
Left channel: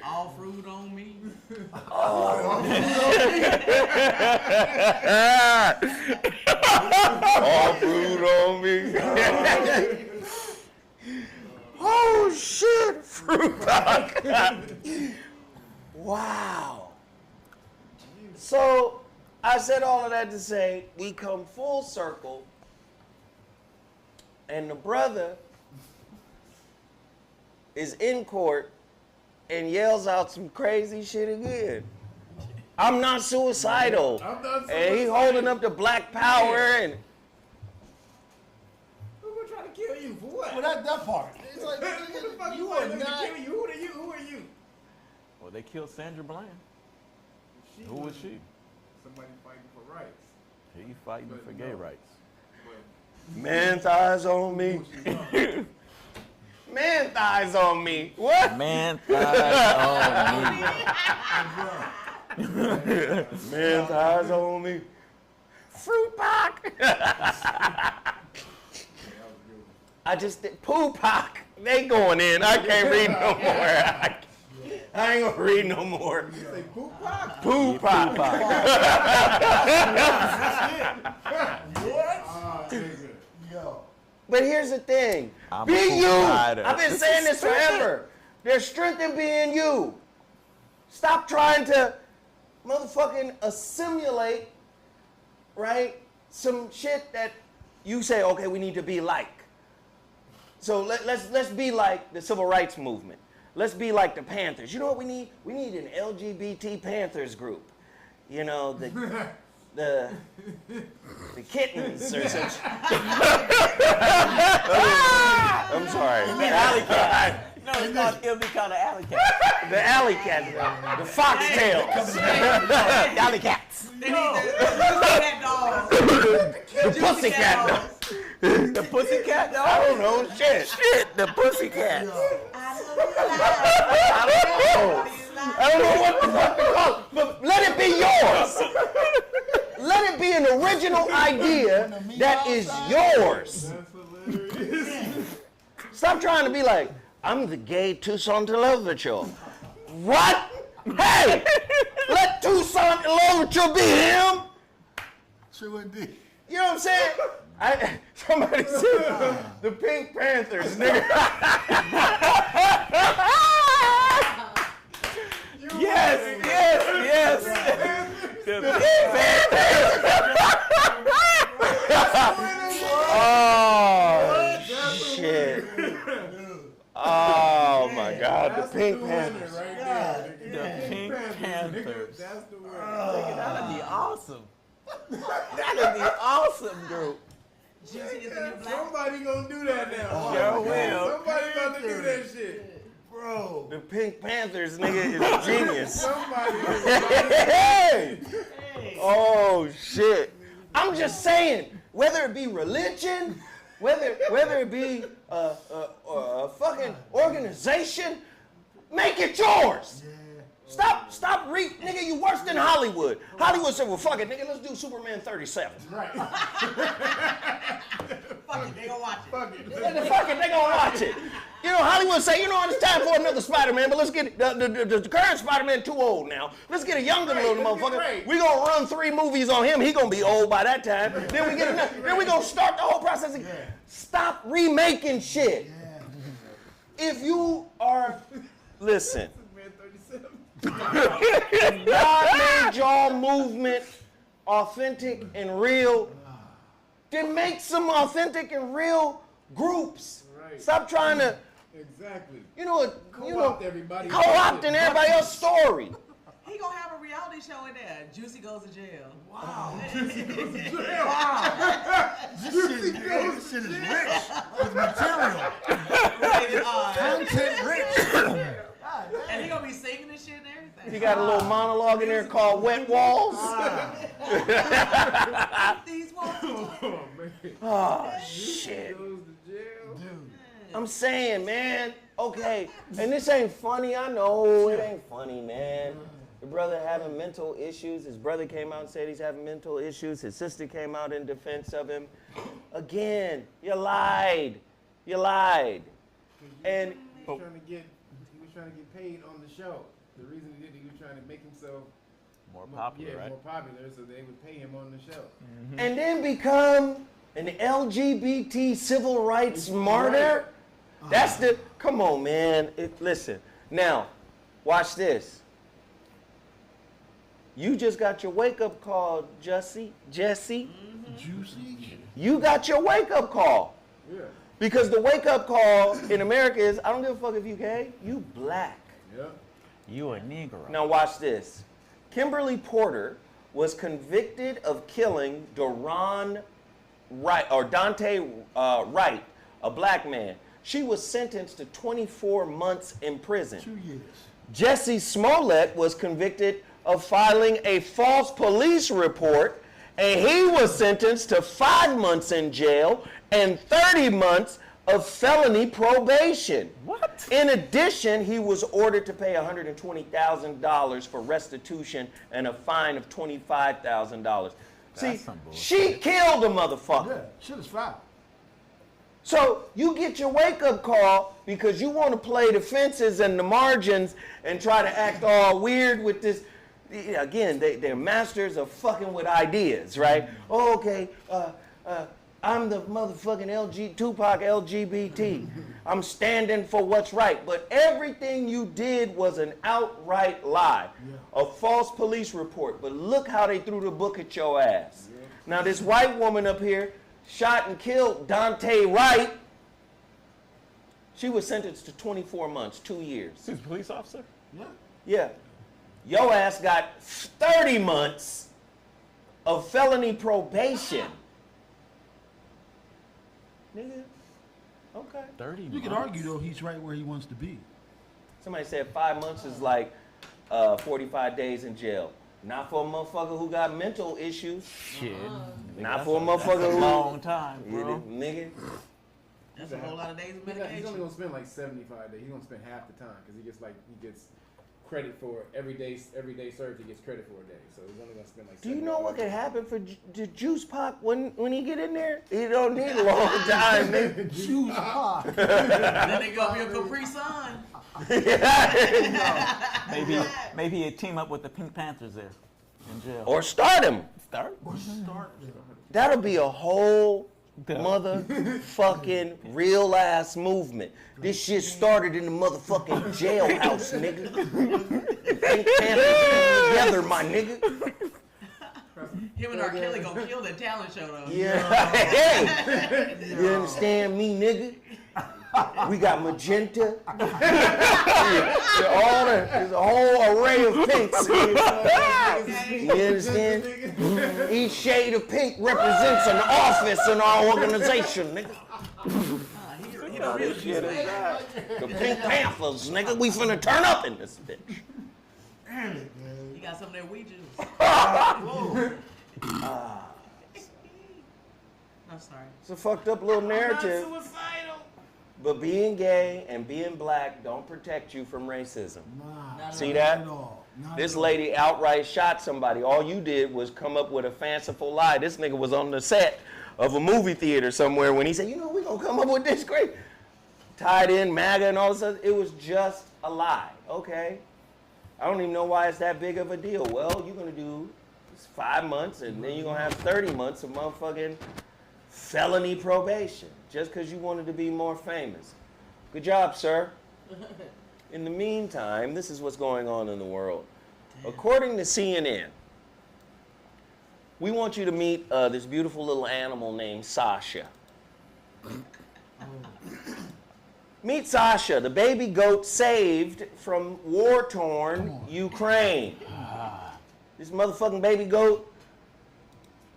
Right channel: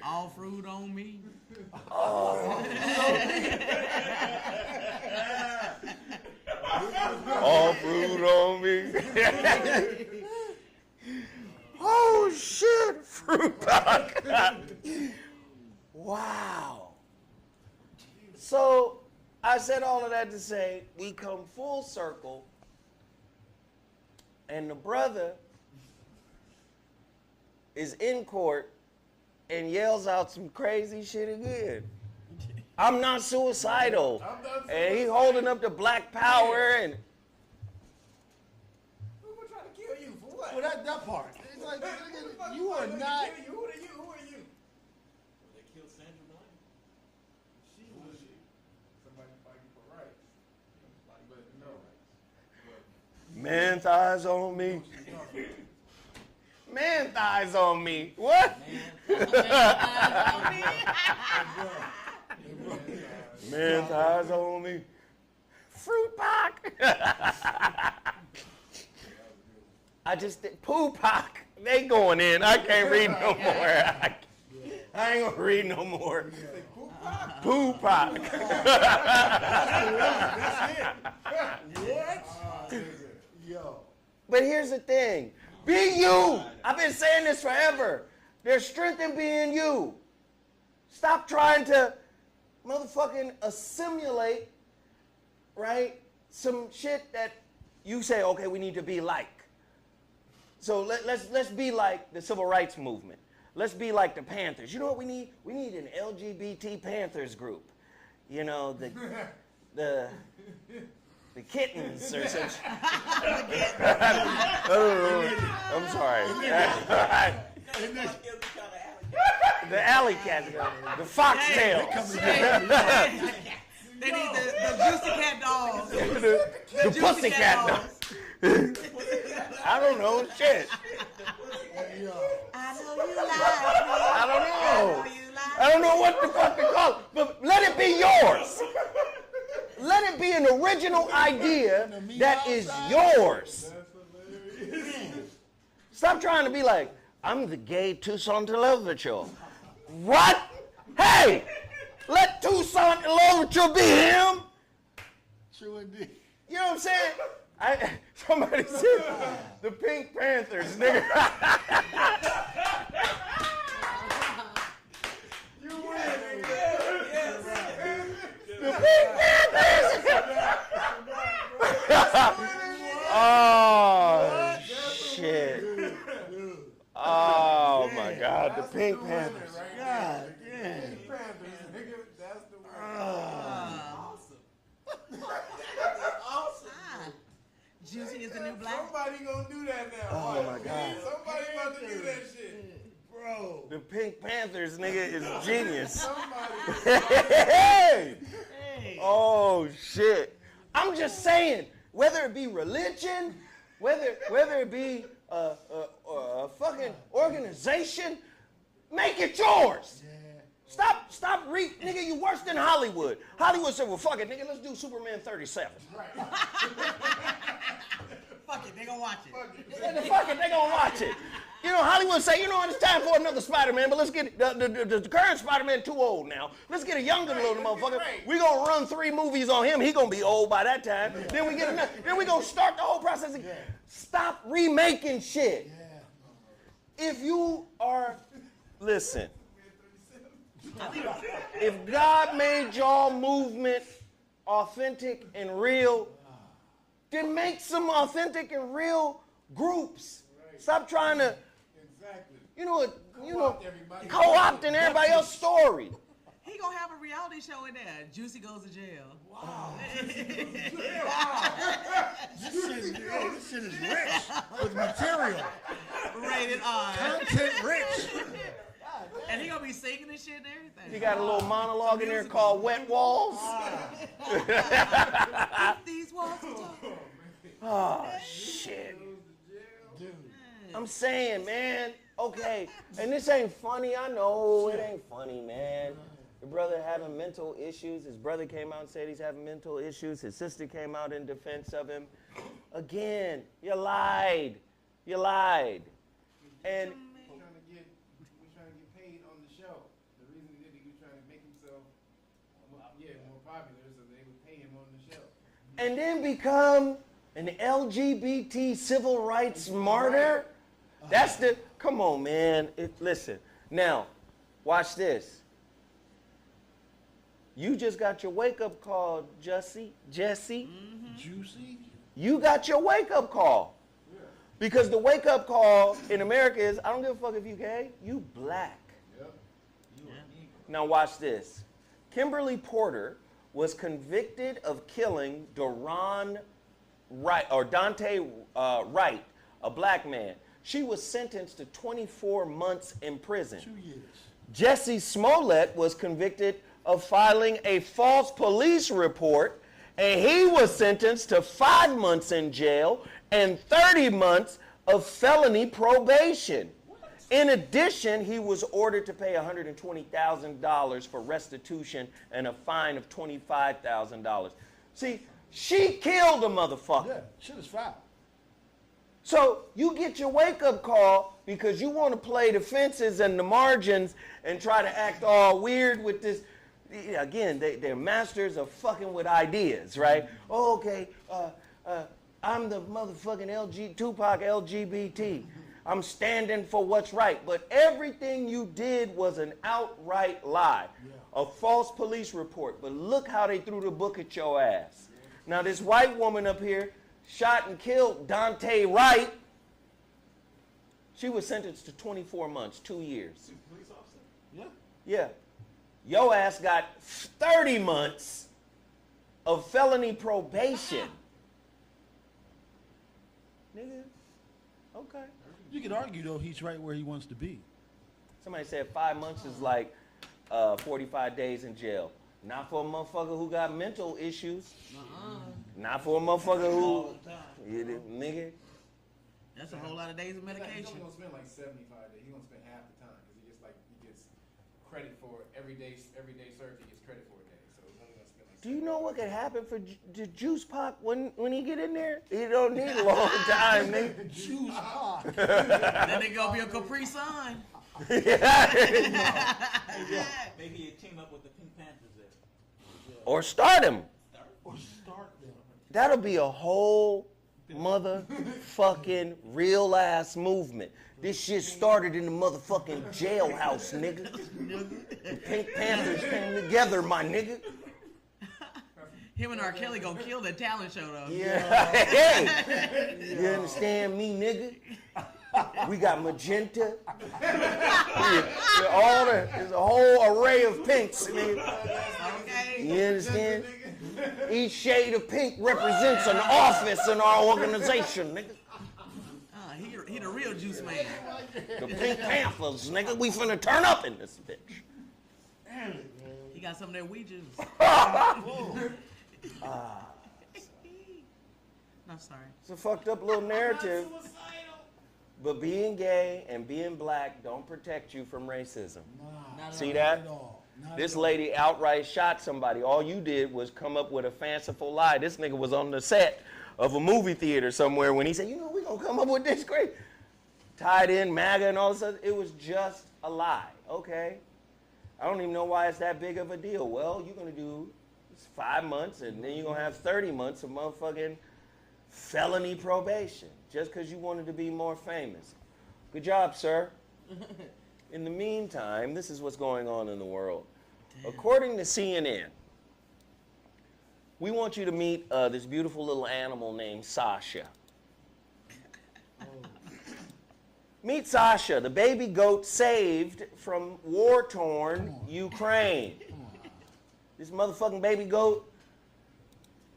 All fruit on me. All fruit on me. Oh shit, Fruit Pac. Wow. So I said all of that to say we come full circle, and the brother is in court and yells out some crazy shit again. I'm not suicidal. And he holding up the black power and. Who's gonna try to kill you for what? Well, that part. It's like, you are not. Who are you? Well, they killed Sandra Bland. Who was she? Somebody fighting for rights. He fighting for gay rights. Man thighs on me. Man thighs on me. What? Man thighs on me. Man thighs on me. Fruit pack. I just did poo pack. They going in. I can't read no more. I ain't gonna read no more. Poo pack. Yo. But here's the thing. Be you. I've been saying this forever. There's strength in being you. Stop trying to motherfucking assimilate, right? Some shit that you say, okay, we need to be like. So let's be like the civil rights movement. Let's be like the Panthers. You know what we need? We need an LGBT Panthers group. You know, the kittens or some shit. I'm sorry. It'll be kind of alley cats. The alley cats, the foxtails. The alley cats. They need the pussycat dogs. The pussycat dogs. The pussycat dog? I don't know. Shit. The pussycat. I don't know what the fuck to call it, but let it be yours. Let it be an original idea that is yours. Stop trying to be like, I'm the gay Tucson Television. What? Hey, let Tucson Television be him. True indeed. You know what I'm saying? Somebody said the Pink Panthers, nigga. Yes. The Pink Panthers. Oh, shit. Oh, my God. The Pink Panthers. The Pink Panthers. That's the word. That'd be awesome. That'd be awesome, dude. Jussie is the new black. Somebody gonna do that now. Oh, Somebody about to do that shit. Bro. The Pink Panthers, nigga, is a genius. Somebody. Hey! Oh, shit. I'm just saying, whether it be religion, whether it be a fucking organization, make it yours. Stop, nigga, you worse than Hollywood. Hollywood said, well, fuck it, nigga, let's do Superman 37. Right. Fuck it, they gonna watch it. Fuck it, they gonna watch it. You know, Hollywood say, you know what, it's time for another Spider-Man, but let's get, the current Spider-Man too old now. Let's get a younger little motherfucker. We gonna run 3 movies on him, he gonna be old by that time. Then we get another, then we gonna start the whole process again. Stop remaking shit. If you are, listen. If God made y'all movement authentic and real, then make some authentic and real groups. Right. Stop trying to, co-opting everybody else's story. He gonna have a reality show in there. Jussie goes to jail. Wow. Jussie This shit is rich with material. Rated R. Content rich. And he gonna be singing and shit and everything. He got a little monologue in there called Wet Walls. These walls. Oh, shit. I'm saying, man, okay, and this ain't funny, I know it ain't funny, man. The brother having mental issues. His brother came out and said he's having mental issues. His sister came out in defense of him. Again, you lied. You lied. And He was trying to get paid on the show. The reason he did it, he was trying to make himself more popular, right? More popular, so they would pay him on the show. And then become an LGBT civil rights martyr. That's the, come on, man. Listen, now, watch this. You just got your wake-up call, Jesse. Juicy? You got your wake-up call. Yeah. Because the wake-up call in America is, I don't give a fuck if you gay, you black. Yep. You a Negro. Now watch this. Kimberly Porter was convicted of killing Dante Wright, a black man. She was sentenced to 24 months in prison. 2 years. Jussie Smollett was convicted of filing a false police report, and he was sentenced to 5 months in jail and 30 months of felony probation. What? In addition, he was ordered to pay $120,000 for restitution and a fine of $25,000. See, she killed a motherfucker. Yeah, shit is foul. So you get your wake-up call because you want to play the fences and the margins and try to act all weird with this. Again, they're masters of fucking with ideas, right? Oh, okay, I'm the motherfucking Tupac LGBT. I'm standing for what's right. But everything you did was an outright lie. A false police report. But look how they threw the book at your ass. Now this white woman up here shot and killed Dante Wright. She was sentenced to 24 months, 2 years. She's a police officer? Yeah. Yeah. Your ass got 30 months of felony probation. Nigga, okay. 30 You could argue, though, he's right where he wants to be. Somebody said 5 months is like 45 days in jail. Not for a motherfucker who got mental issues. Shit. Not for a motherfucker who... Long time, Yeah, bro. nigga. That's a whole lot of days of He's only medication. gonna spend like 75 days. He's gonna spend half the time because he gets credit for every day served. He gets credit for a day, so he's only gonna spend like. Do you know what could happen for the Juice Pop when he get in there? He don't need a long time, nigga. Juice pop. Then they gonna be a Capri Sun. Maybe he'd team up with the Pink Panthers there in jail. Or start him. Start? That'll be a whole motherfucking real ass movement. This shit started in the motherfucking jailhouse, nigga. The Pink Panthers came together, my nigga. Him and R. Kelly gonna kill the talent show though. Yeah. Hey, you understand me, nigga? We got magenta. There's a whole array of pinks. You understand? Each shade of pink represents an office in our organization, nigga. He the real juice man. The Pink Panthers, nigga. We finna turn up in this bitch. He got some of that weed juice. I'm sorry. It's a fucked up little narrative. But being gay and being black don't protect you from racism. See that? This lady outright shot somebody. All you did was come up with a fanciful lie. This nigga was on the set of a movie theater somewhere when he said, you know, we're going to come up with this great. Tied in MAGA and all this stuff. It was just a lie. Okay. I don't even know why it's that big of a deal. Well, you're going to do 5 months and then you're going to have 30 months of motherfucking felony probation just because you wanted to be more famous. Good job, sir. In the meantime, this is what's going on in the world. Damn. According to CNN, we want you to meet this beautiful little animal named Sasha. Meet Sasha, the baby goat saved from war-torn Ukraine. This motherfucking baby goat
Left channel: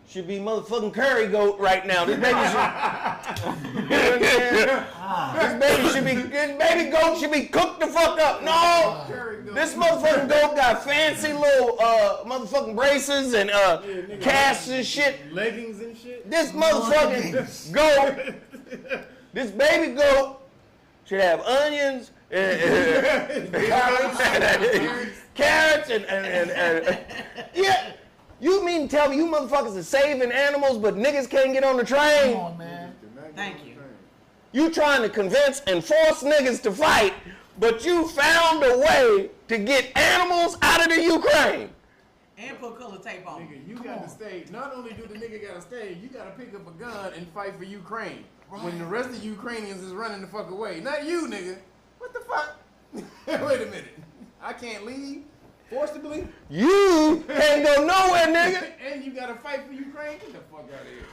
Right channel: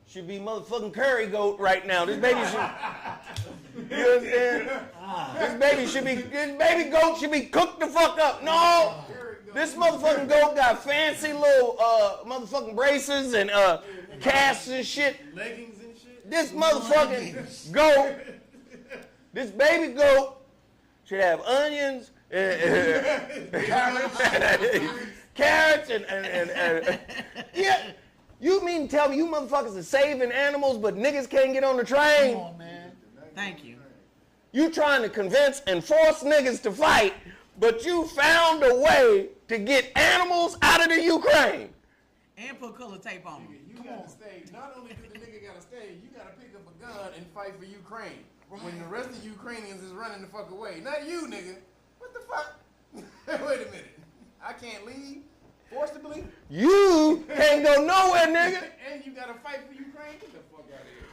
should be motherfucking curry goat right now. This baby should, you know what I'm saying? This baby goat should be cooked the fuck up. No, this motherfucking goat got fancy little motherfucking braces and casts and shit. Leggings and shit. This motherfucking goat, this baby goat should have onions, carrots, and yeah. You mean to tell me you motherfuckers are saving animals, but niggas can't get on the train? Come on, man. Thank you. You trying to convince and force niggas to fight, but you found a way to get animals out of the Ukraine. And put color tape on. Nigga, you gotta stay. Not only do the nigga gotta stay, you gotta pick up a gun and fight for Ukraine. When the rest of Ukrainians is running the fuck away. Not you, nigga. What the fuck? Wait a minute. I can't leave forcibly? You can't go nowhere, nigga. And you gotta fight for Ukraine? Get the fuck out of here.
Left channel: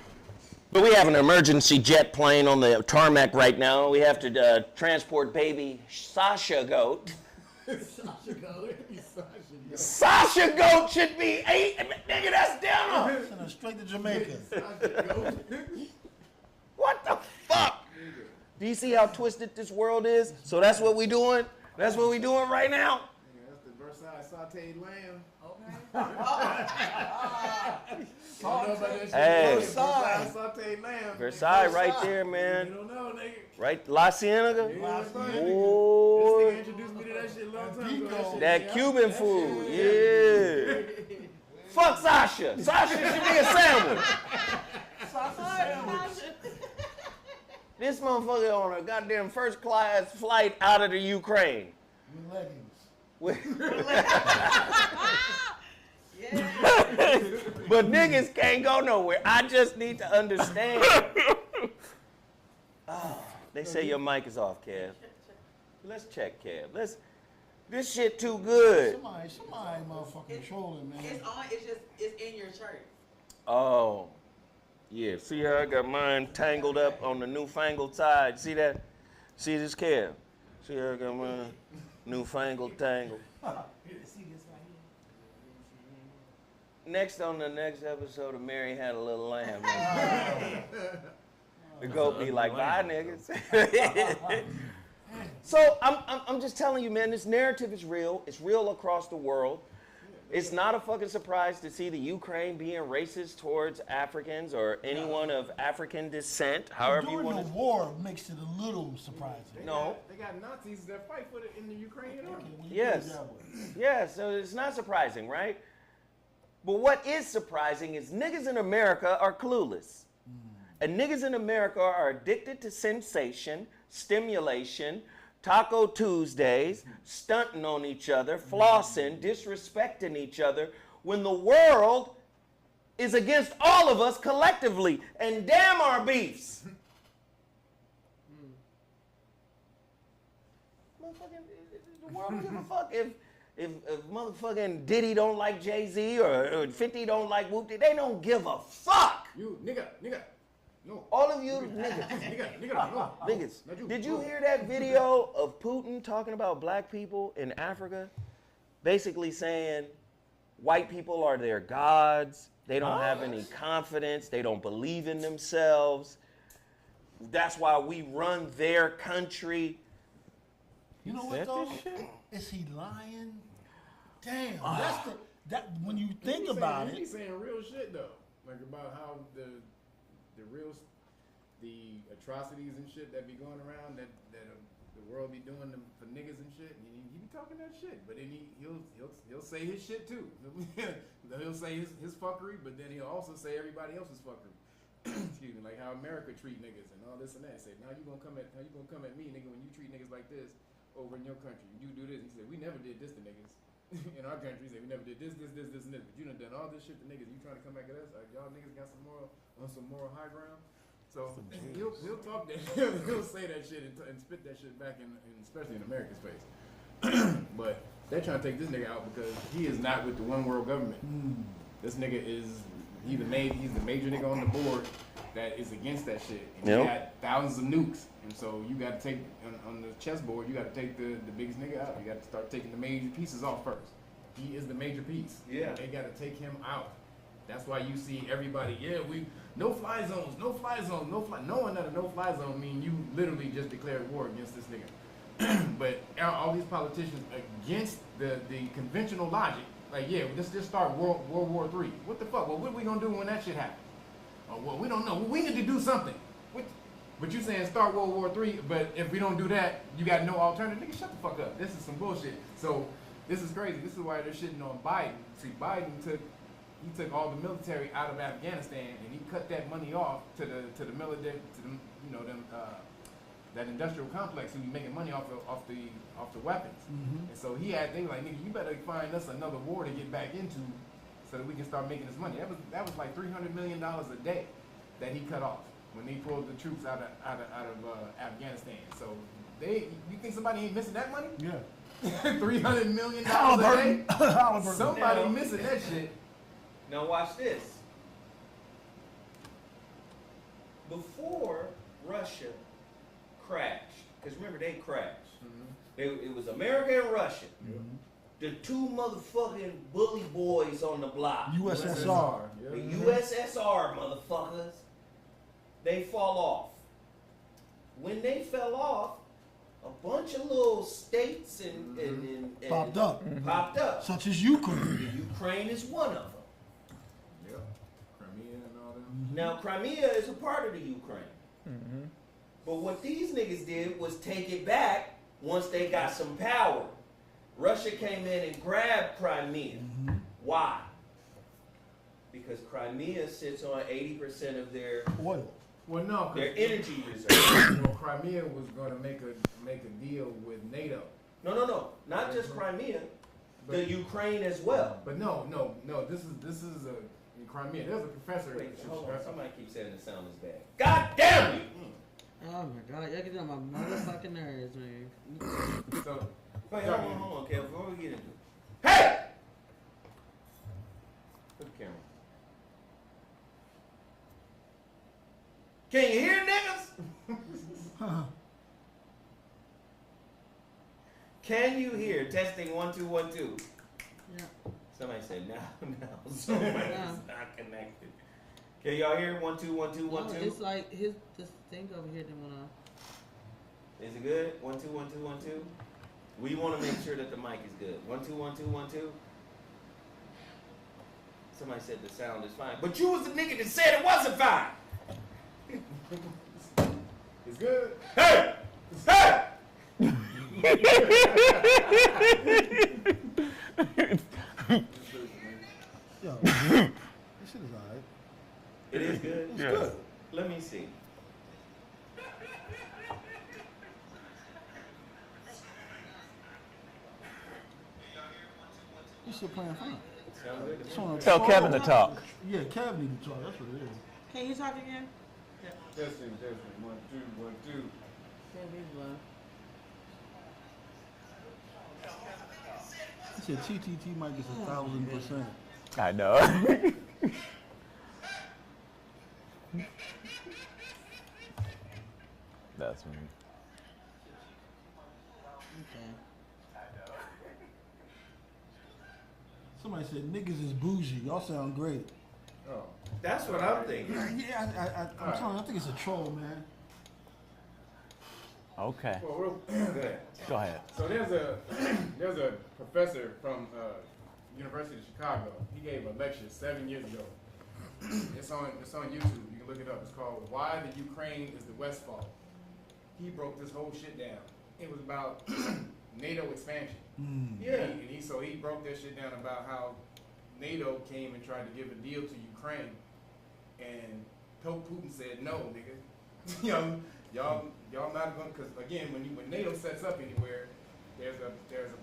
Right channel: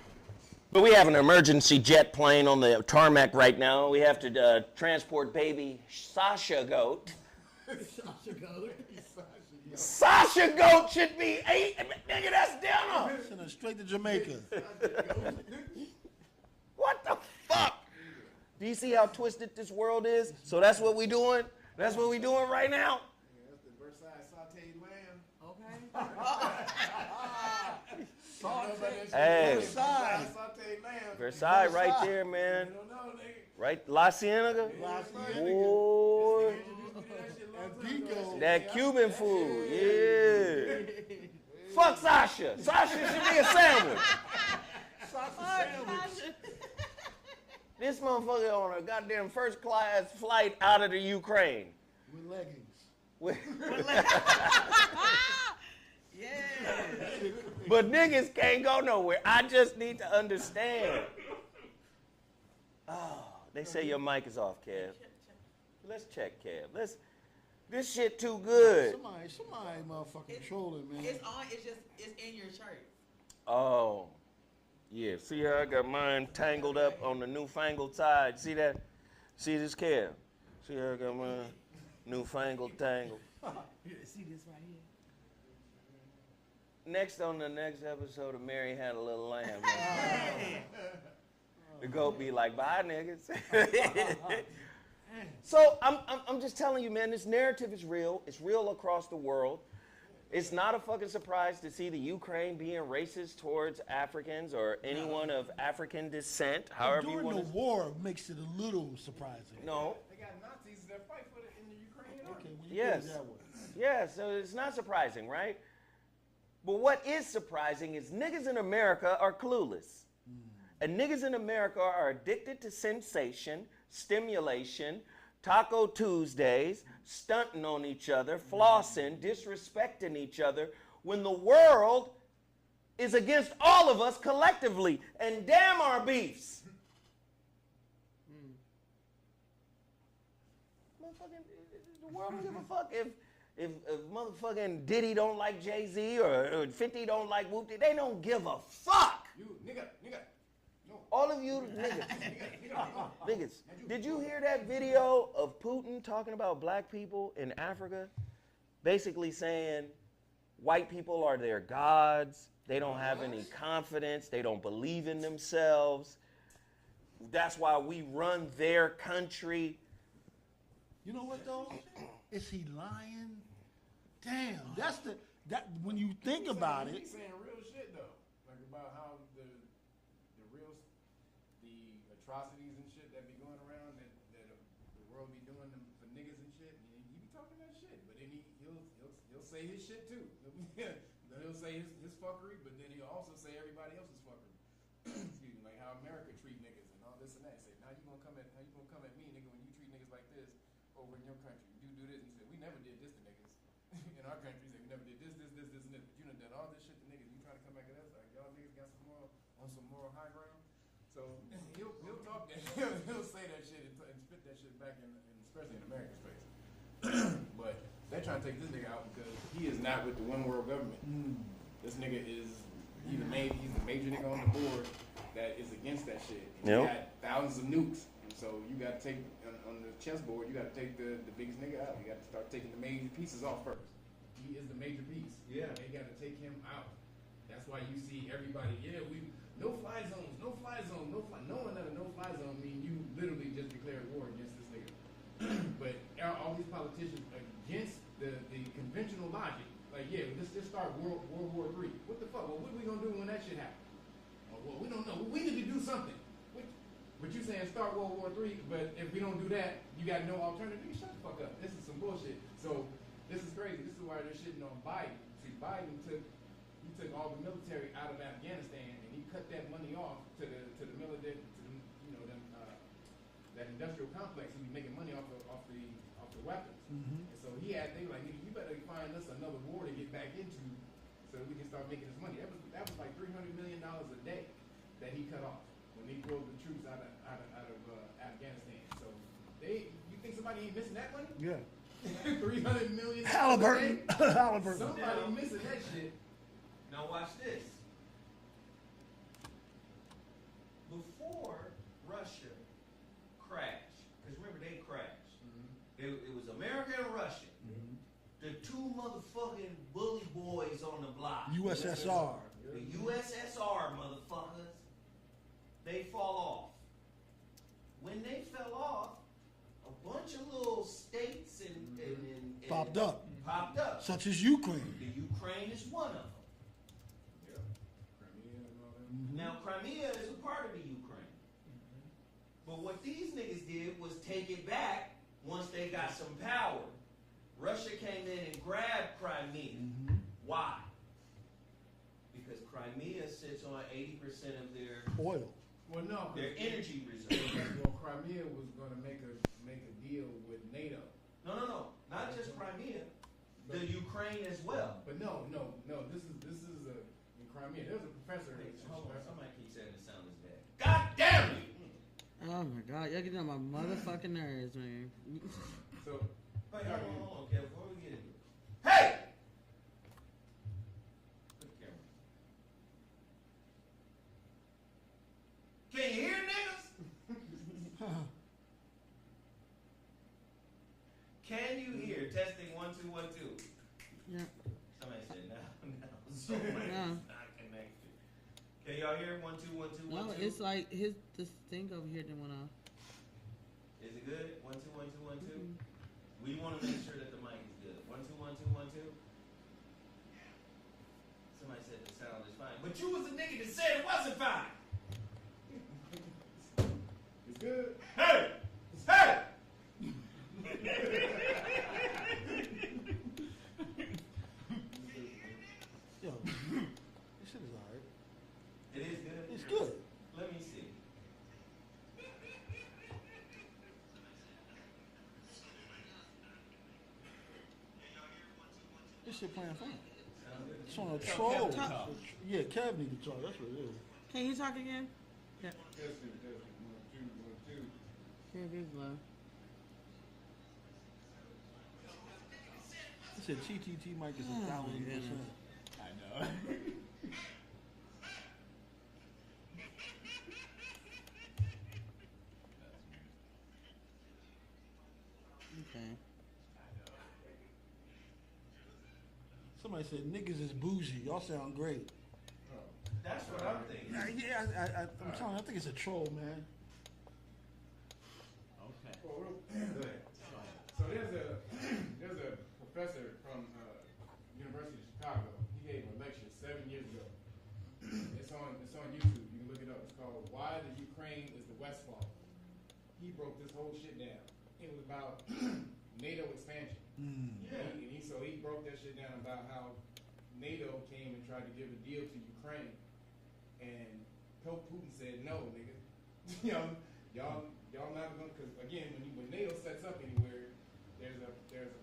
But we have an emergency jet plane on the tarmac right now. We have to transport baby Sasha Goat. Sasha Goat. Sasha Goat should be 8. Nigga, that's dinner. Send her straight to Jamaica. What the fuck? Do you see how twisted this world is? So that's what we doing? That's what we doing right now? Yeah, that's the Versailles sauteed lamb. Okay. Hey. Versailles sauteed lamb. Versailles right there, man. You don't know, nigga. Right, La Cienega? Yeah, Boy. They introduced me to that shit a long time ago. That Cuban food, yeah. Fuck Sasha. Sasha should be a sandwich. This motherfucker on a goddamn first class flight out of the Ukraine. With leggings. Yeah. But niggas can't go nowhere. I just need to understand. Oh, they say your mic is off, Kev. Let's check, Kev. This shit too good. Somebody motherfucking trolling, man. It's on. It's in your shirt. Oh, yeah. See how I got mine tangled up on the newfangled side? See that? See this, Kev? See how I got mine newfangled tangled? See this right here. Next on the next episode of Mary Had a Little Lamb. The goat be like, bye, niggas. So I'm just telling you, man, this narrative is real. It's real across the world. It's not a fucking surprise to see the Ukraine being racist towards Africans or anyone of African descent, however you want to. During the war makes it a little surprising. No. They got Nazis that fight for it in the Ukraine. Yes. Yeah, so it's not surprising, right? But what is surprising is niggas in America are clueless. And niggas in America are addicted to sensation, stimulation, Taco Tuesdays, stunting on each other, flossing, disrespecting each other, when the world is against all of us collectively. And damn our beefs. The world don't give a fuck if motherfucking Diddy don't like Jay-Z or 50 don't like Whoopty. They don't give a fuck. You, nigga. No. All of you niggas. No. Niggas. Did you hear that video of Putin talking about black people in Africa? Basically saying white people are their gods. They don't have any confidence. They don't believe in themselves. That's why we run their country. You know what though? Is he lying? Damn, that when you think about it. He's saying real shit though, like about how the atrocities and shit that be going around that the world be doing them for niggas and shit. And he be talking that shit, but then he'll say his shit too. He'll say his fuckery, but then he'll also say everybody else's fuckery. Excuse me, like how America treat niggas and all this and that. Say now you gonna come at me, nigga, when you treat niggas like this over in your country. You do this. He said we never did this to niggas in our country. He said we never did this, and this. But you done all this shit to niggas. You trying to come back at us? Like, y'all niggas got some moral high ground. So he'll talk that. He'll say that shit and spit that shit back in especially in America's face. But they're trying to take this nigga out because he is not with the one world government. This nigga he's the major nigga on the board that is against that shit. And he got thousands of nukes. And so you got to take, on the chessboard, you got to take the biggest nigga out. You got to start taking the major pieces off first. He is the major piece. Yeah. They got to take him out. That's why you see everybody, no fly zones, no fly zone, no fly. Knowing that a no fly zone means you literally just declared war against this nigga. But all these politicians against the conventional logic, like, let's just start World War III. What the fuck? Well, what are we going to do when that shit happens? Well, we don't know. Well, we need to do something. But you saying start World War III, but if we don't do that, you got no alternative. Nigga, shut the fuck up. This is some bullshit. So this is crazy. This is why they're shitting on Biden. See, Biden took all the military out of Afghanistan and he cut that money off to the military, that industrial complex who be making money off the weapons. And so they were like, nigga, you better find us another war to get back into so that we can start making this money. That was like $300 million a day that he cut off when he pulled the troops out of Afghanistan. So you think somebody ain't missing that money? Yeah. $300 million Halliburton. a day? Somebody missing that shit. Now watch this. before Russia crashed, because remember they crashed. It was America and Russia. The two motherfucking bully boys on the block. USSR. The USSR motherfuckers. They fall off. When they fell off, a bunch of little states and Popped up. Popped up. Such as Ukraine. Ukraine is one of them. Yep. Crimea and all that. Now, Crimea is a part of the Ukraine. But what these niggas did was take it back once they got some power. Russia came in and grabbed Crimea. Why? Because Crimea sits on 80% of their oil. Well, no, their energy reserves. Well, Crimea was going to make a deal with NATO. No. Not just Crimea, the Ukraine as well. But no. This is a Crimea. There's a professor. Wait, hold on. Somebody keeps saying the sound is bad. God damn you! Oh my God, y'all get on my motherfucking nerves, man. So, wait, hold on, Kev. Before we get into it. Hey! Put the camera. Can you hear niggas? Can you hear? Testing 1 2 1 2. Yeah. Somebody said no. Somebody's not connected. Can y'all hear? 1 2 1 2 1 2. No, it's like this thing over here didn't wanna. Is it good? 1 2 1 2 1 2. We want to make sure that the mic is good. 1 2 1 2 1 2. Somebody said the sound is fine, but you was the nigga that said it wasn't fine. it's good. Hey! Hey! Yo, this shit is alright. It is good? It's good. Let me see. This shit playing fine. Sound good? Tell Kevin to talk. Yeah, Kevin need to talk. That's what it is. Can you talk again? Yeah. Testing. 1 2 1 2. Can't be blown. I said TTT might get 1,000%. I know. That's me. Okay. Somebody said niggas is bougie. Y'all sound great. Oh. That's what I'm thinking. Yeah, I'm telling you, I think it's a troll, man. Okay. Well, Go ahead. So there's a professor from University of Chicago. He gave a lecture 7 years ago. It's on YouTube. You can look it up. It's called "Why the Ukraine is the West's Fault." He broke this whole shit down. It was about NATO expansion. Yeah. And he broke that shit down about how NATO came and tried to give a deal to Ukraine, and Putin said no, nigga. Y'all not going, because again, when NATO sets up anywhere, there's a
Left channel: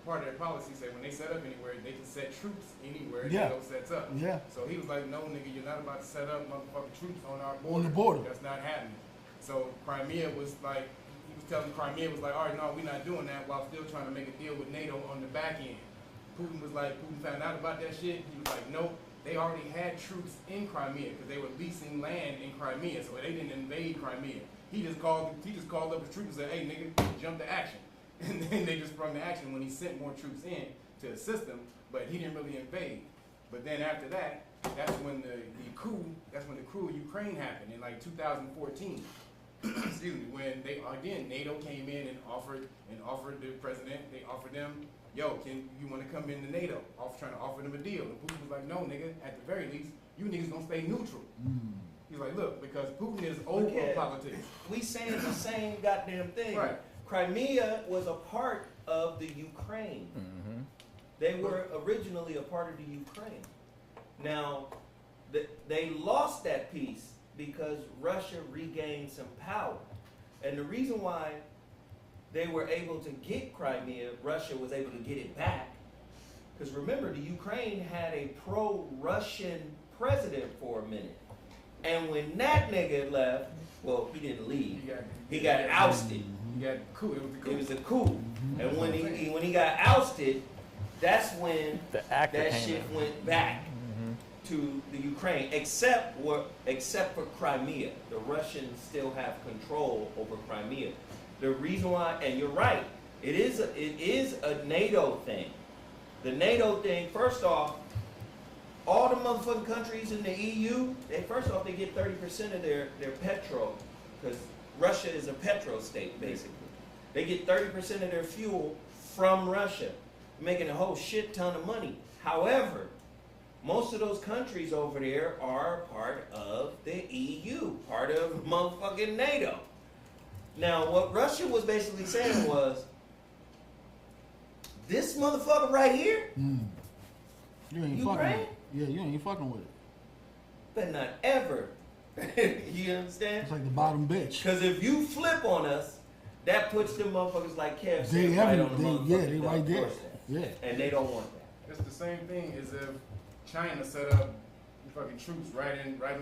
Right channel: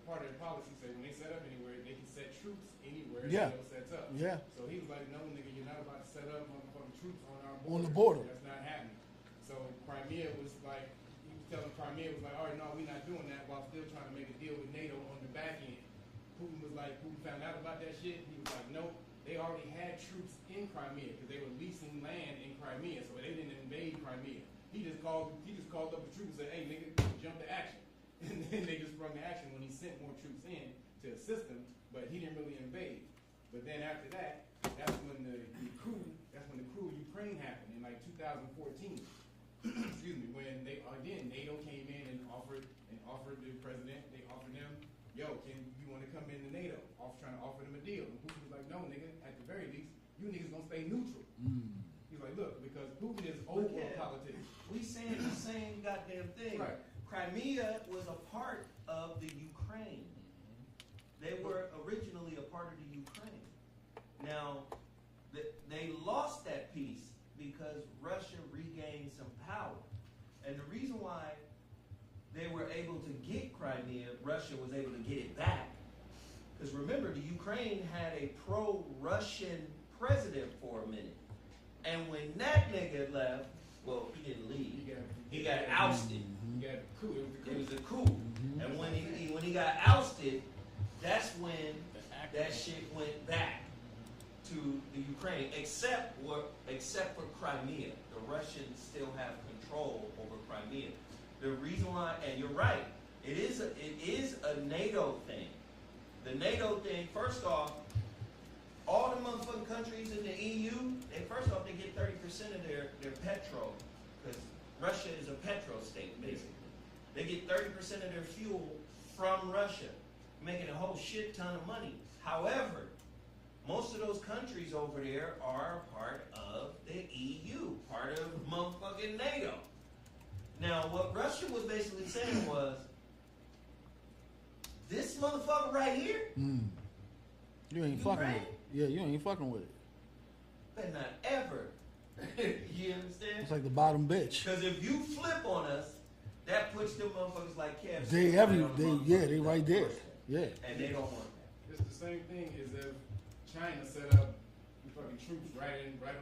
part of their policy say when they set up anywhere, they can set troops anywhere NATO sets up. Yeah. So he was like, no, nigga, you're not about to set up motherfucking troops on our border. On the border. That's not happening. So Crimea was like, he was telling Crimea was like, all right, no, we're not doing that, while still trying to make a deal with NATO on the back end. Putin found out about that shit. He was like, nope, they already had troops in Crimea because they were leasing land in Crimea, so they didn't invade Crimea. He just called up the troops and said, hey, nigga, jump to action. And then they just sprung to action when he sent more troops in to assist them, but he didn't really invade. But then after that, that's when the coup of Ukraine happened in like 2014. Excuse me, when NATO came in and offered the president, they offered them, yo, you want to come into NATO? Trying to offer them a deal. And Putin was like, no, nigga, at the very least, you niggas gonna stay neutral. He's like, look, because Putin is over politics. We saying the same goddamn thing. Right. Crimea was a part of the Ukraine. They were originally a part of the Ukraine. Now, they lost that piece because Russia regained some power. And the reason why they were able to get Crimea, Russia was able to get it back, because remember, the Ukraine had a pro-Russian president for a minute. And when that nigga left, well, he didn't leave. He got ousted. He got coup. It was a coup. And when he got ousted, that's when The actor that came shit in. went back to the Ukraine, except for Crimea. The Russians still have control over Crimea. The reason why, and you're right, it is a NATO thing. The NATO thing, first off, all the motherfucking countries in the EU, they get 30% of their petrol, because Russia is a petrol state, basically. They get 30% of their fuel from Russia, making a whole shit ton of money. However, most of those countries over there are part of the EU, part of motherfucking NATO. Now, what Russia was basically saying was, this motherfucker right here, you ain't fucking with it. Yeah, you ain't fucking with it. but not ever. You understand? It's like the bottom bitch. Because if you flip on us, that puts them motherfuckers like Kev. They right there. Yeah. And they don't want that. It's the same thing as if China set up fucking troops right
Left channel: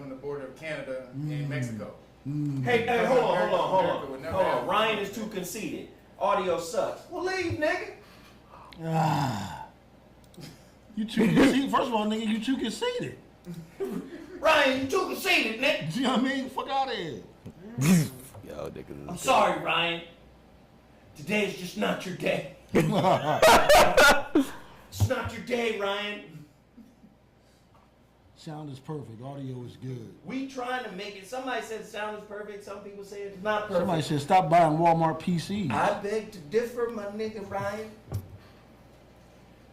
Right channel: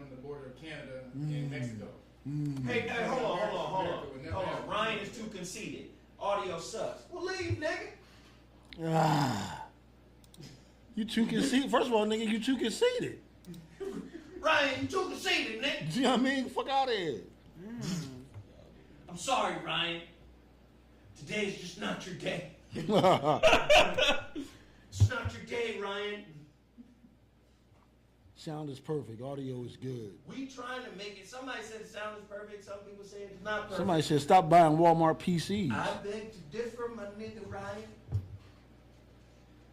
on the border of Canada and Mexico. Hey, hold on. Ryan is too conceited. Audio sucks. Well, leave, nigga. You too conceited. First of all, nigga, you too conceited. Ryan, you too conceited, nigga. You know what I mean? Fuck out of here. I'm sorry, Ryan. Today is just not your day. It's not your day, Ryan. Sound is perfect. Audio is good. We trying to make it. Somebody said the sound is perfect. Some people say it's not perfect. Somebody said stop buying Walmart PCs. I beg to differ, my nigga Ryan.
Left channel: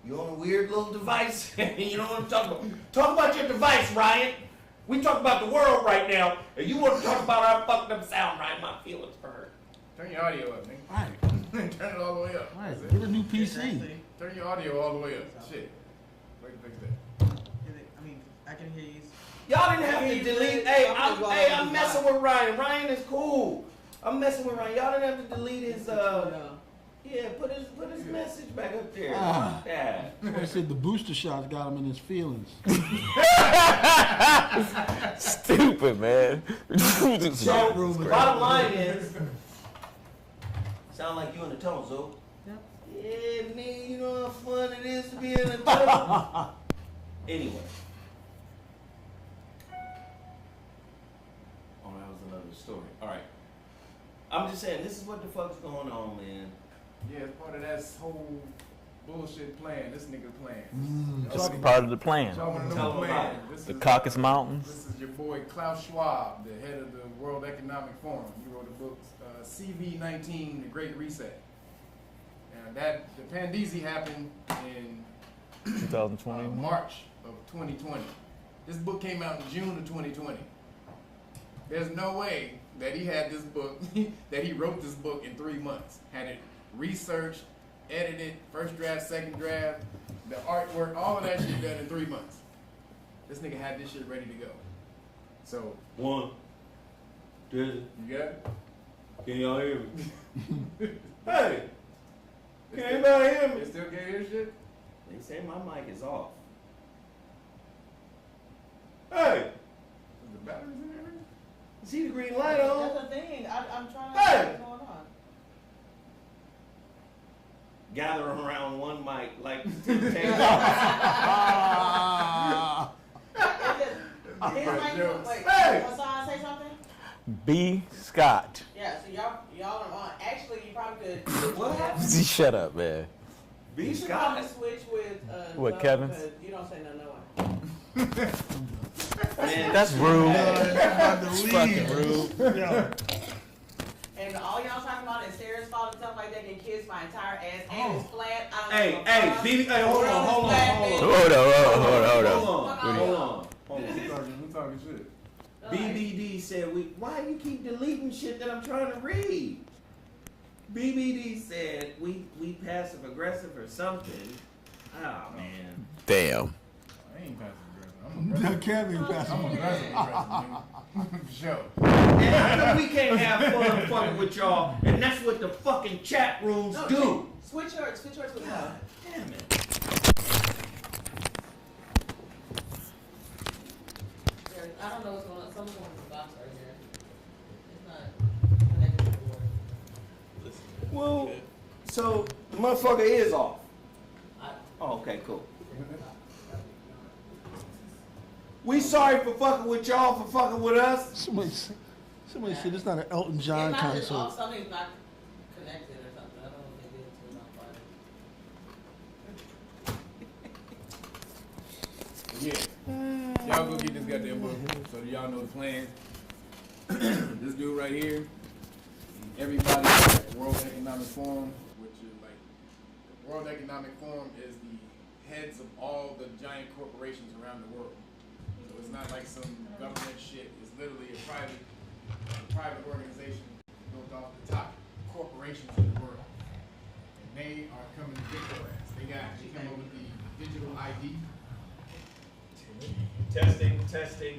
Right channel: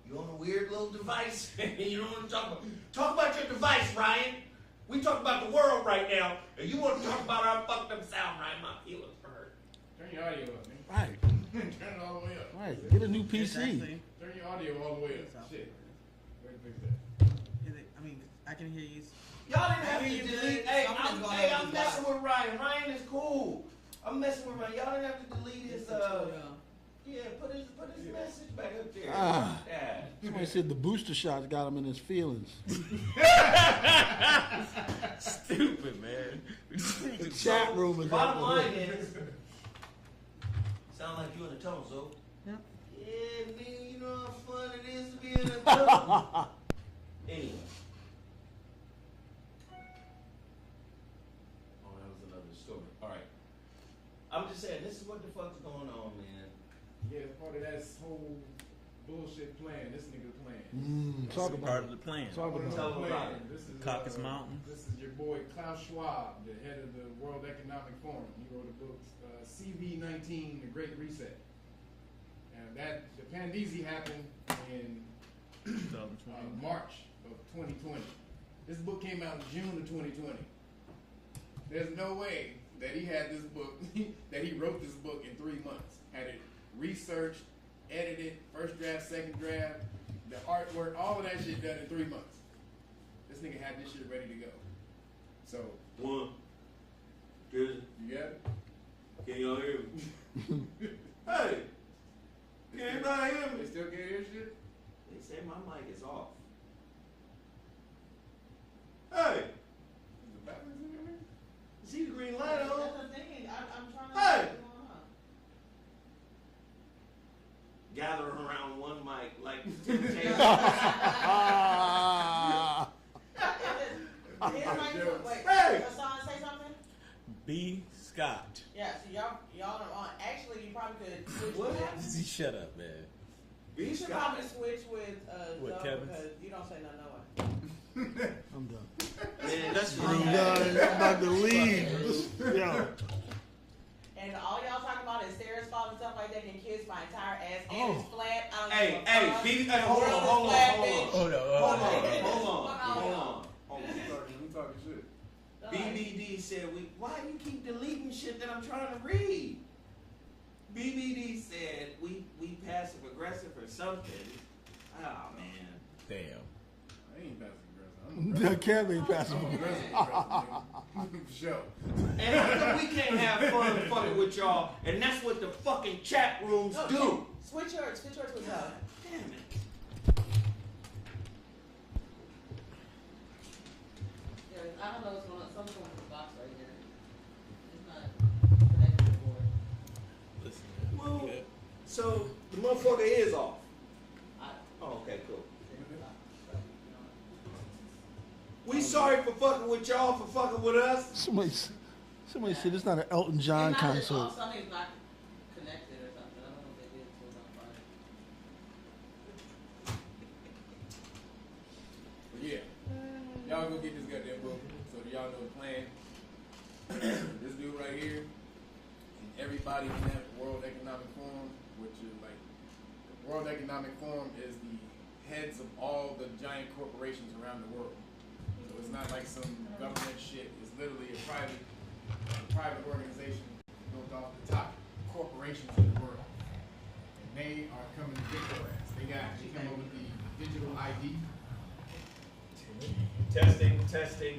You on a weird little device. You know what I'm talking about? Talk about your device, Ryan. We talk about the world right now, and you want to talk about our fucked up sound, Ryan. My feelings for hurt. Turn your audio up, nigga. Right. Turn it all the way up. Right. Get a new PC. Turn your audio all the way up. Shit. Wait, fix that. I can hear you. Y'all didn't have to delete. Hey, I'm messing with Ryan. Ryan is cool. I'm messing with Ryan. Y'all didn't have to delete his. Yeah, put his message back up there. Yeah. Somebody said the booster shots got him in his feelings. Stupid, man. Chat room. Bottom line is, sound like you in the tunnel, Zo. Yep. Yeah, nigga, you know how fun it is to be in the tunnel. Anyway. Oh, that was another story. All right. I'm just saying, this is what the fuck's going on, man. Yeah, it's part of that whole bullshit plan. This nigga plan. That's part of the plan. Talking about the plan. The Caucasus Mountains. This is your boy Klaus Schwab, the head of the World Economic Forum. He wrote a book, CV19, The Great Reset. And the Pandisi happened in 2020. March of 2020. This book came out in June of 2020. There's no way that he had this book, that he wrote this book in 3 months. Had it researched, edited, first draft, second draft, the artwork, all of that shit done in 3 months. This nigga had this shit ready to go. So, 1, 2, you got it? can y'all hear me? Hey! Can anybody hear me? You still can't hear shit? They say my mic is off. Hey! Is the batteries in there? See the green light on? That's the thing. I'm trying to Hey! see what's going on. Gathering around one mic like two tables. Wait, Hey! Hassan, say something? B. Scott. Yeah, so y'all are on. Actually, you probably could switch with. Shut up, man. B. You should Scott. probably switch with. What, Zoe, Kevin? because you don't say no one. Man, That's rude. I'm about to leave. Yo. And all y'all talking about is Sarah's fault and stuff like that, and kiss my entire ass and it's flat. Hey, BB, hold on. Hold on. We talking shit. BBD said, why you keep deleting shit that I'm trying to read? BBD said, we passive aggressive or something. Oh, man. Damn. I ain't passive aggressive. Kevin passive I'm aggressive. aggressive. Sure. And how come we can't have fun fucking with y'all, and that's what the fucking chat rooms do? Switch yours with her. Damn it. I don't know what's going on. Something's going on with the box right here. It's not connected to the board. Well, so the motherfucker is off. Oh, okay, cool. We sorry for fucking with y'all for fucking with us. Somebody said it's not an Elton John concert. Something's not connected or something. I don't know if they did it till on Friday. Yeah. Y'all go get this goddamn book so y'all know the plan. This dude right here, everybody at the World Economic Forum, which is like, the World Economic Forum is the heads of all the giant corporations around the world. So it's not like some government shit. It's literally a private organization built off the top corporations in the world. And they are coming to get your ass. They came up with the digital ID. Testing.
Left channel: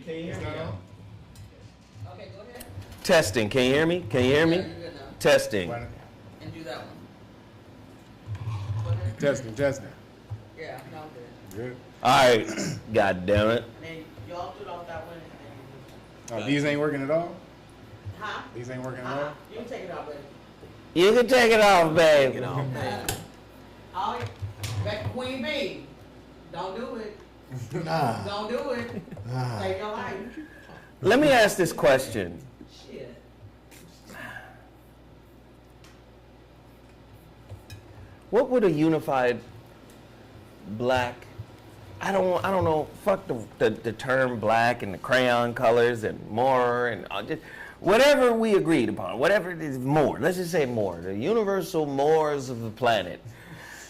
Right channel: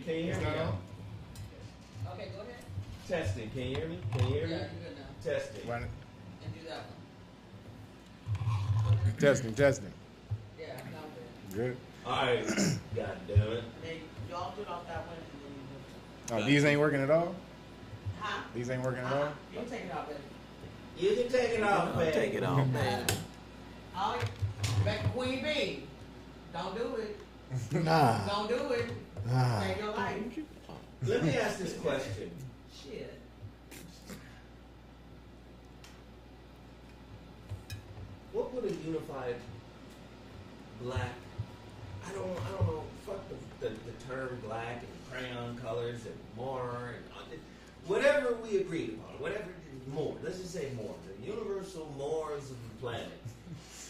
Can you hear me? Okay, go ahead. Testing. Can you hear me? Yeah, you're good now. Testing. And do that one. Testing. Yeah, not good. Good. All right. God damn it. Then y'all do it off that one and then you do Oh, these ain't working at all? Huh? These ain't working at all? You can take it out, baby. You can take it off, babe. Take it off, man. Oh, back to Queen Bee. Don't do it. Nah. Don't do it. Save your life. Let me ask this question. Shit. What would a unified black, I don't know, fuck the term black and the crayon colors and more and just, whatever we agreed upon, whatever it is, more, let's just say more, the universal mores of the planet,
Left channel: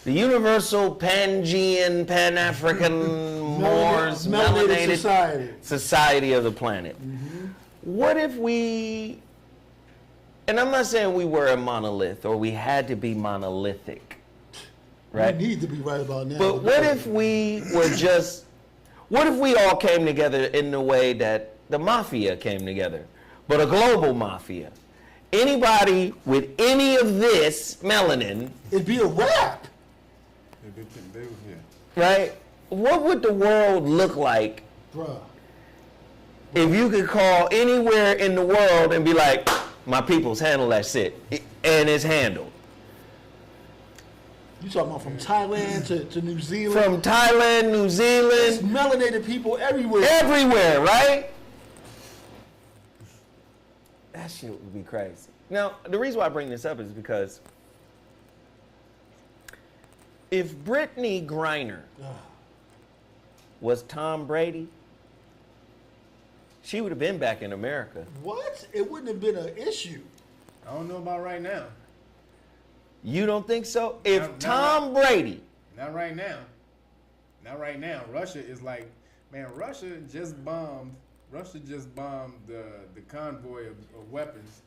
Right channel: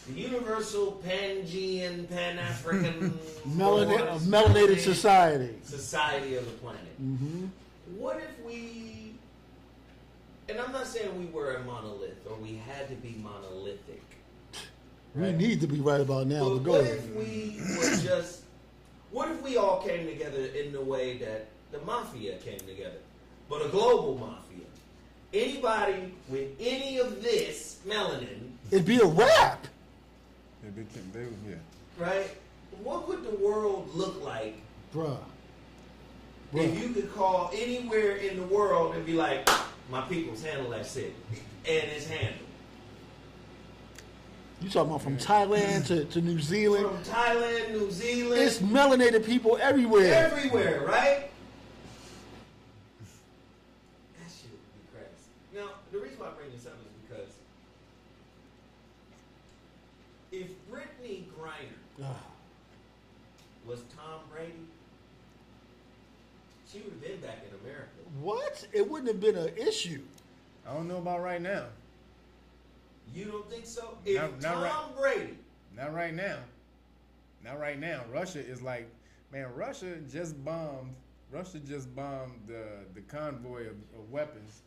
the universal Pangean, Pan-African Moors, melanated society of the planet. Mm-hmm. What if we, and I'm not saying we were a monolith or we had to be monolithic, right? We need to be right about now. But what if we were just, what if we all came together in the way that the mafia came together, but a global mafia? Anybody with any of this melanin, it'd be a wrap. Yeah. right? What would the world look like, Bruh. if you could call anywhere in the world and be like, my people's handle that shit, and it's handled? You talking about from Thailand to New Zealand? From Thailand, New Zealand. There's melanated people everywhere. Everywhere, right? That shit would be crazy. Now, the reason why I bring this up is because if Brittney Griner was Tom Brady, she would have been back in America. What? It wouldn't have been an issue. I don't know about right now. You don't think so? If Tom Brady. Not right now. Not right now. Russia is like, man, Russia just bombed the convoy of weapons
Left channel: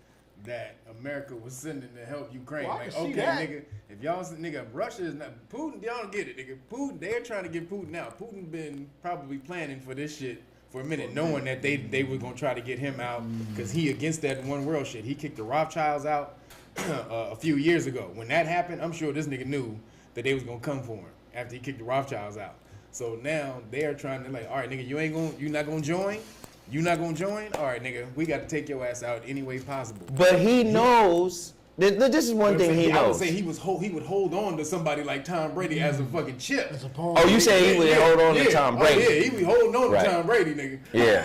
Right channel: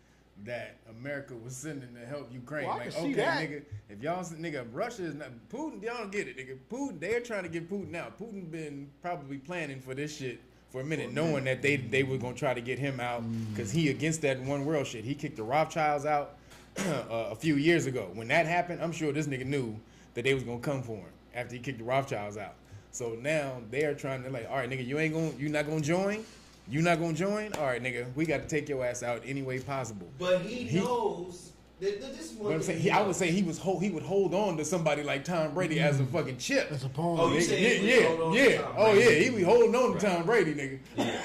that America was sending to help Ukraine. Well, I like, can see okay, that. nigga, if y'all, nigga, Russia is not, Putin, y'all don't get it, nigga. Putin, they're trying to get Putin out. Putin been probably planning for this shit for a minute, knowing that they were gonna try to get him out because he against that one world shit. He kicked the Rothschilds out a few years ago. When that happened, I'm sure this nigga knew that they was gonna come for him after he kicked the Rothschilds out. So now they are trying to like, all right, nigga, you not gonna join? You not gonna join? All right, nigga, we got to take your ass out any way possible. But he knows. This is one thing he knows. I would say he would hold on to somebody like Tom Brady as a fucking chip. As a pawn. Oh, you say he would hold on to Tom Brady? Oh yeah, he would hold on Right. to Tom Brady, nigga. Yeah,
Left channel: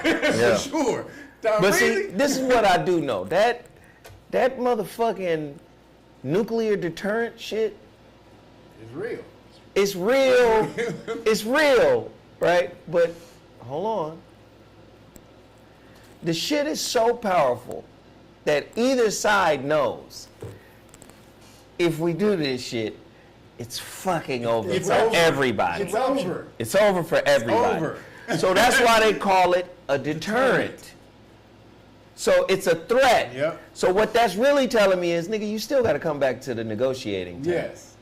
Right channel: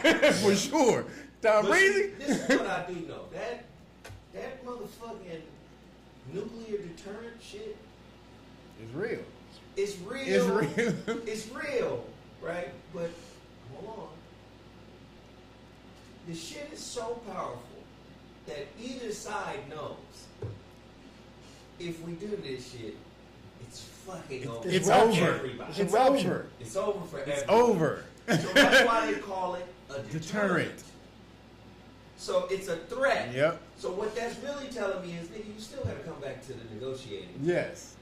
for sure. Tom But Brady. see, this is what I do know. That motherfucking nuclear deterrent shit. It's real. It's real. It's real, right? But hold on. The shit is so powerful that either side knows if we do this shit, it's fucking over It's for over. everybody. It's over. It's over for everybody. over. So that's why they call it a deterrent. So it's a threat. Yep. So what that's really telling me is, nigga, you still got to come back to the negotiating table. Yes.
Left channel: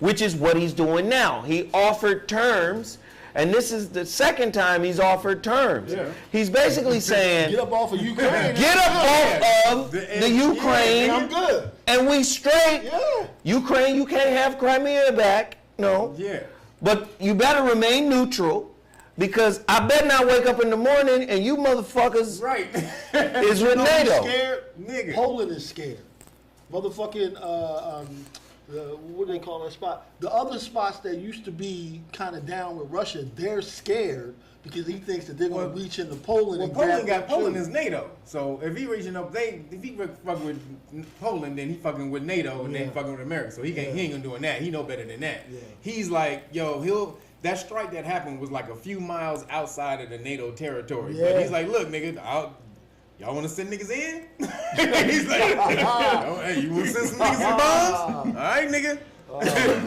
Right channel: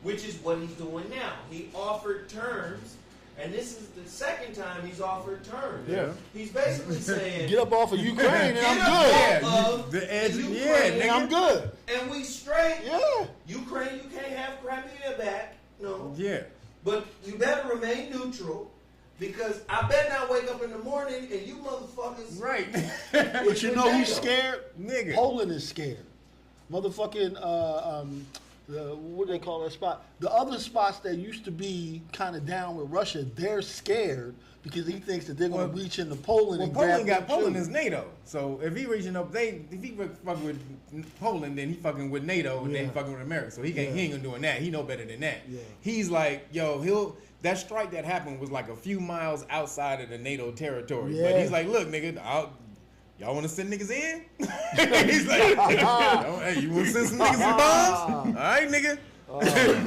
Which is what he's doing now. He offered terms, and this is the second time he's offered terms. Yeah. He's basically saying, Get up off of Ukraine. get up off of the Ukraine, and I'm good. and we straight. Yeah. Ukraine, you can't have Crimea back. No. Yeah. But you better remain neutral, because I better not wake up in the morning and you motherfuckers Right. is You know who's NATO. scared? Nigga. Poland is scared. Motherfucking, what do they call that spot? The other spots that used to be kind of down with Russia, they're scared because he thinks that they're going to reach into Poland. Well, and Poland grab Poland too. is NATO. So if he reaching up, if he fucking with Poland, then he fucking with NATO, and then he fucking with America. So he ain't gonna doing that. He know better than that. Yeah. He's like, yo, that strike that happened was like a few miles outside of the NATO territory. Yeah. But he's like, look, nigga, y'all want to send niggas in? He's like, hey, you want to send some niggas some bombs? All right, nigga.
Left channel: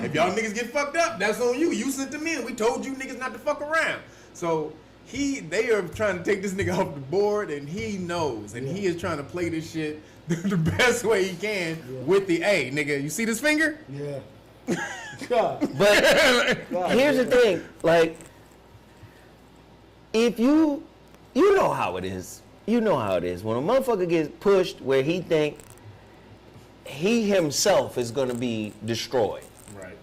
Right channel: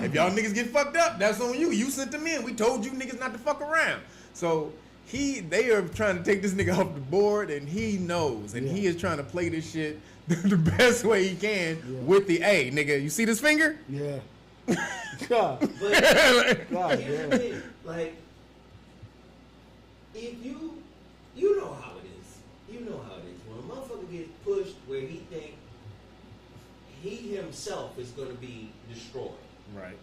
If y'all niggas get fucked up, that's on you. You sent them in. We told you niggas not to fuck around. So they are trying to take this nigga off the board, and he knows, and he is trying to play this shit the best way he can with the A, nigga. You see this finger? Yeah. God. But here's the thing, like, if you know how it is. You know how it is. When a motherfucker gets pushed where he think he himself is going to be destroyed. Right.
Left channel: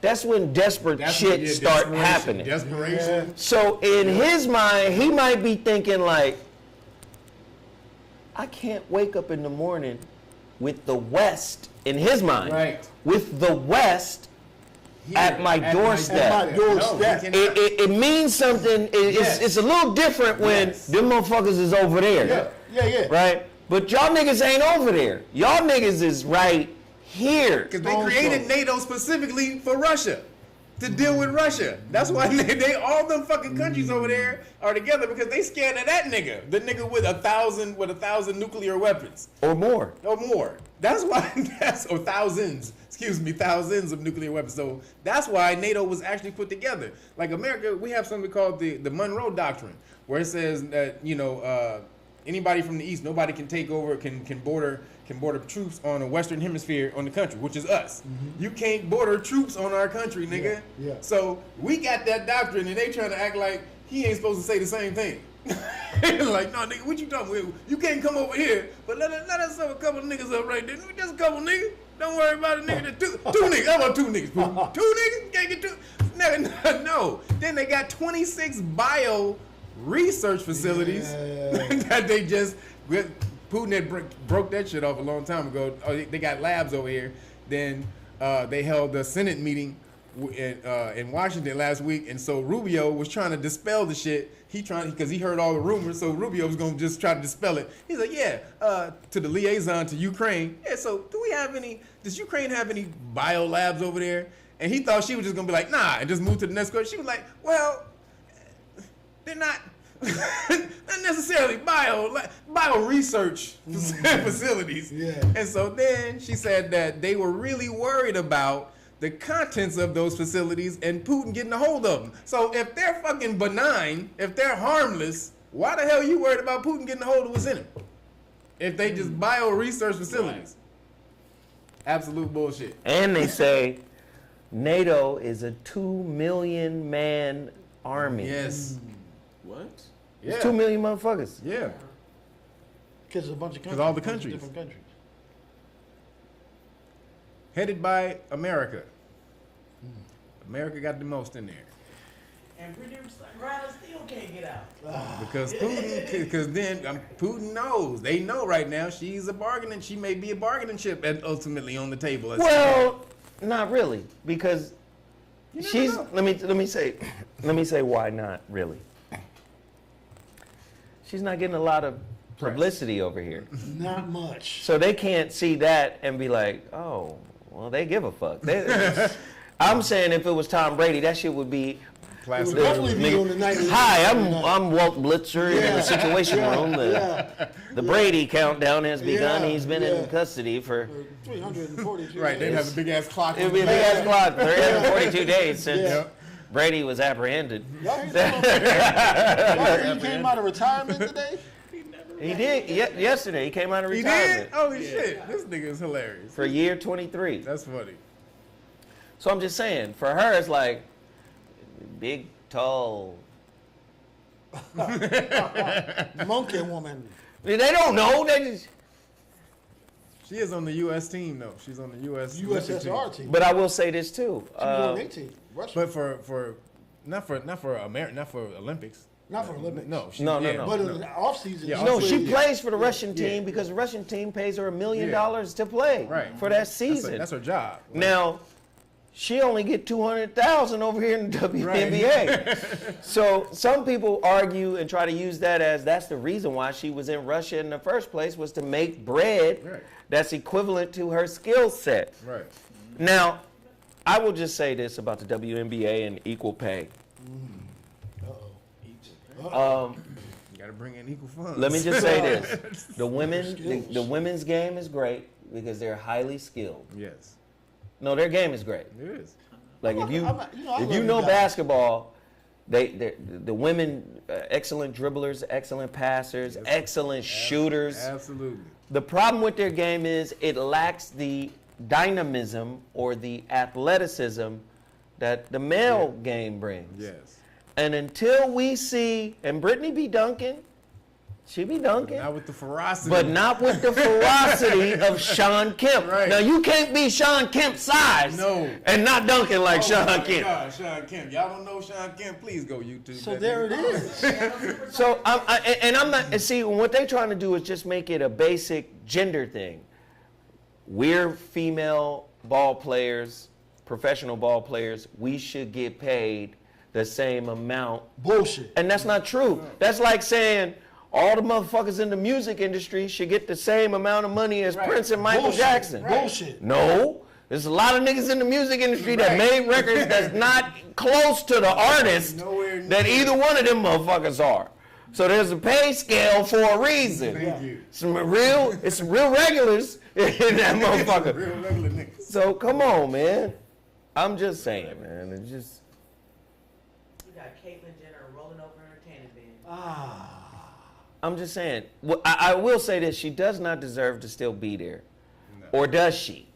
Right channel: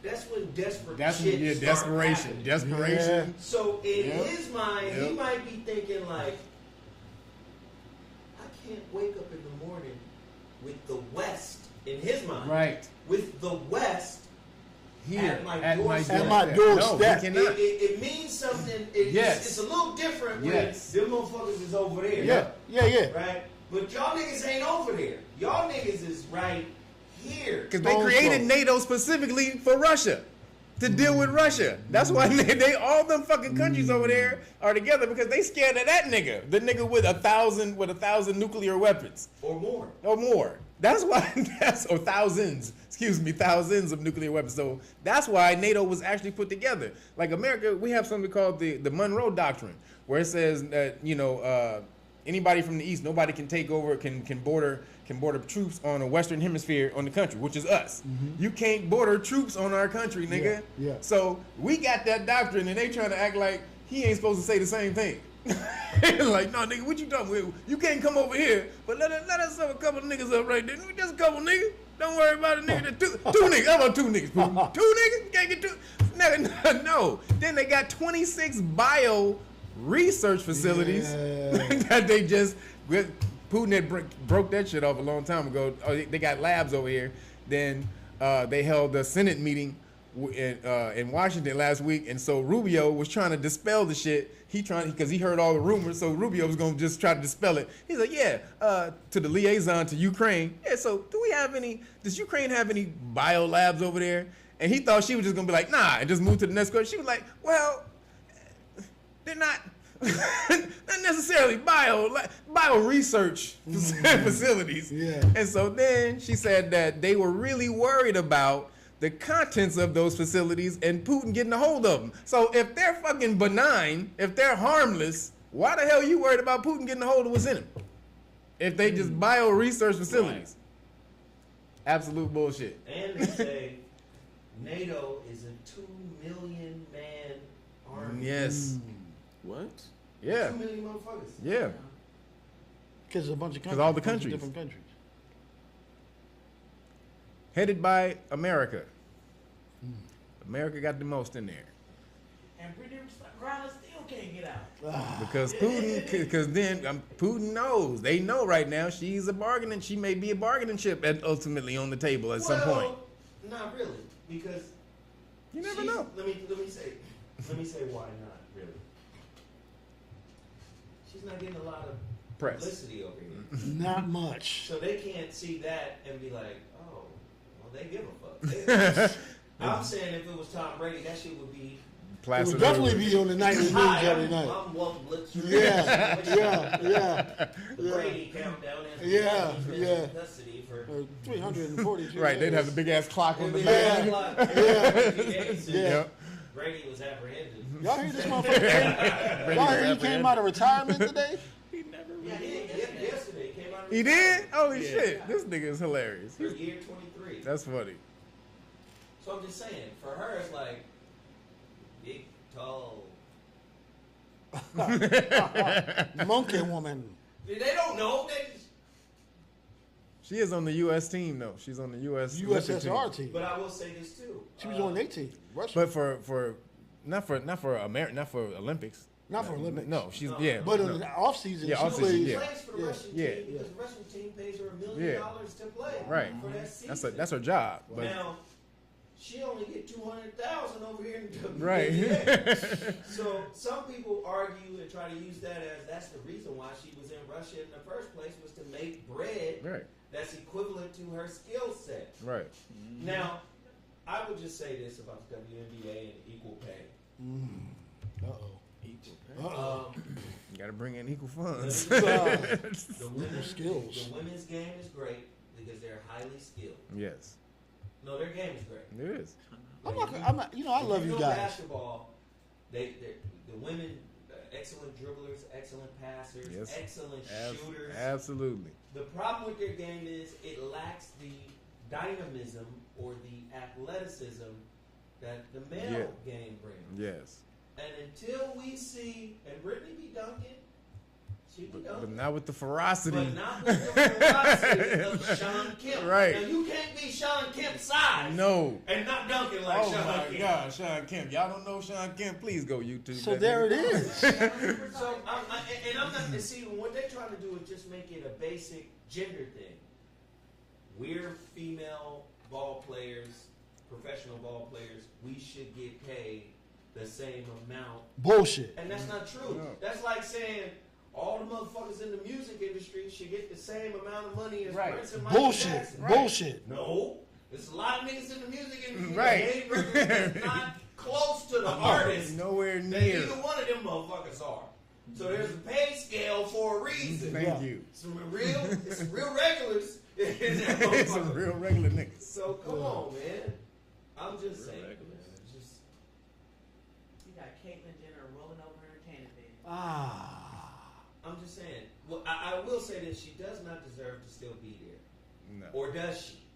That's when desperate shit start happening. Desperation. Yeah. So in his mind, he might be thinking like, I can't wake up in the morning with the West, in his mind, right, with the West at my doorstep. At my doorstep. No, it means something. It's a little different when them motherfuckers is over there. Yeah. Right? But y'all niggas ain't over there. Y'all niggas is right here. Because they created NATO specifically for Russia, to deal with Russia. That's why they all them fucking countries over there are together, because they scared of that nigga. The nigga with 1,000 nuclear weapons. Or more. That's why, or thousands of nuclear weapons. So that's why NATO was actually put together. Like America, we have something called the Monroe Doctrine, where it says that, anybody from the East, nobody can take over, can border troops on a Western hemisphere on the country, which is us. Mm-hmm. You can't border troops on our country, nigga. Yeah. So we got that doctrine, and they trying to act like he ain't supposed to say the same thing. Like, no, nigga, what you talking about? You can't come over here, but let us have a couple of niggas up right there. Just a couple niggas. Don't worry about it, nigga. Two niggas. How about two niggas? Two niggas? Can't get two? No. Then they got 26 bio research facilities that they just... Putin had broke that shit off a long time ago. They got labs over here. Then they held a Senate meeting in Washington last week, and so Rubio was trying to dispel the shit. Because he heard all the rumors, so Rubio was gonna just try to dispel it. He's like, to the liaison to Ukraine. Yeah, so does Ukraine have any bio labs over there? And he thought she was just gonna be like, nah, and just move to the next question. She was like, well, they're not necessarily bio research facilities. Yeah. And so then she said that they were really worried about the contents of those facilities and Putin getting a hold of them. So if they're fucking benign, if they're harmless, why the hell are you worried about Putin getting a hold of what's in them? If they just bio research facilities. Right. Absolute bullshit. And they say NATO is a 2 million man army. Yes. What? Yeah. 2 million motherfuckers. Yeah. Because a bunch of countries. Because all the countries. Different countries. Headed by America. America got the most in there. And Brittney Griner still can't get out. Because Putin knows. They know right now she may be a bargaining chip ultimately on the table at some point. Well, not really, because she's. Know. Let me say why not really. She's not getting a lot of publicity over here. Not much. So they can't see that and be like, oh, well, they give a fuck. I'm saying if it was Tom Brady, that shit would be. It would definitely be on the night. Hi, I'm Walt Blitzer in the situation room. The Brady countdown has begun. He's been in custody for 342 days. Right, they'd have a big ass clock. It'd be a big ass clock. 342 days since Brady was apprehended. Y'all hear that? He came out of retirement today? He did. Yesterday, he came out of retirement. He did? Holy shit. This nigga is hilarious. For year 23. That's funny. So I'm just saying, for her, it's like, big, tall. Monkey woman. They don't know. They just... She is on the U.S. team, though. She's on the USSR team. But I will say this, too. She was on their team. Russia. But for not for Olympics. Not for Olympics. No. But in the off season, she plays for the Russian team because the Russian team pays her $1 million to play for that season. That's her job. Now, she only get 200,000 over here in the WNBA. So some people argue and try to use that as that's the reason why she was in Russia in the first place, was to make bread that's equivalent to her skill set. Right. Now, I will just say this about the WNBA and equal pay. You got to bring in equal funds. Let me just say this: the women's game is great because they're highly skilled. Yes. No, their game is great. It is. Like if you know basketball, the women, excellent dribblers, excellent passers, excellent shooters. Absolutely. The problem with their game is it lacks the dynamism or the athleticism that the male game brings. Yes. And until we see, and Brittney be dunking, she be dunking. But not with the ferocity. But not with the ferocity of Sean Kemp. Right. Now, you can't be Sean Kemp's size and not dunking like Sean Kemp. God, Sean Kemp. Y'all don't know Sean Kemp? Please go YouTube. So there it is. So, I'm not, and see, what they're trying to do is just make it a basic gender thing. We're female ball players, professional ball players. We should get paid the same amount. Bullshit. And that's not true. That's like saying all the motherfuckers in the music industry should get the same amount of money as Prince and Michael Jackson. Bullshit. No. There's a lot of niggas in the music industry that made records that's not close to the artist that either one of them motherfuckers are. So there's a pay scale for a reason. Thank you. It's some real regulars in that motherfucker. Some real regular niggas. So come on, man. I'm just saying, man. It's just. You got Caitlyn Jenner rolling over her tanning bed. I'm just saying. Well, I will say this: she does not deserve to still be there, or does she?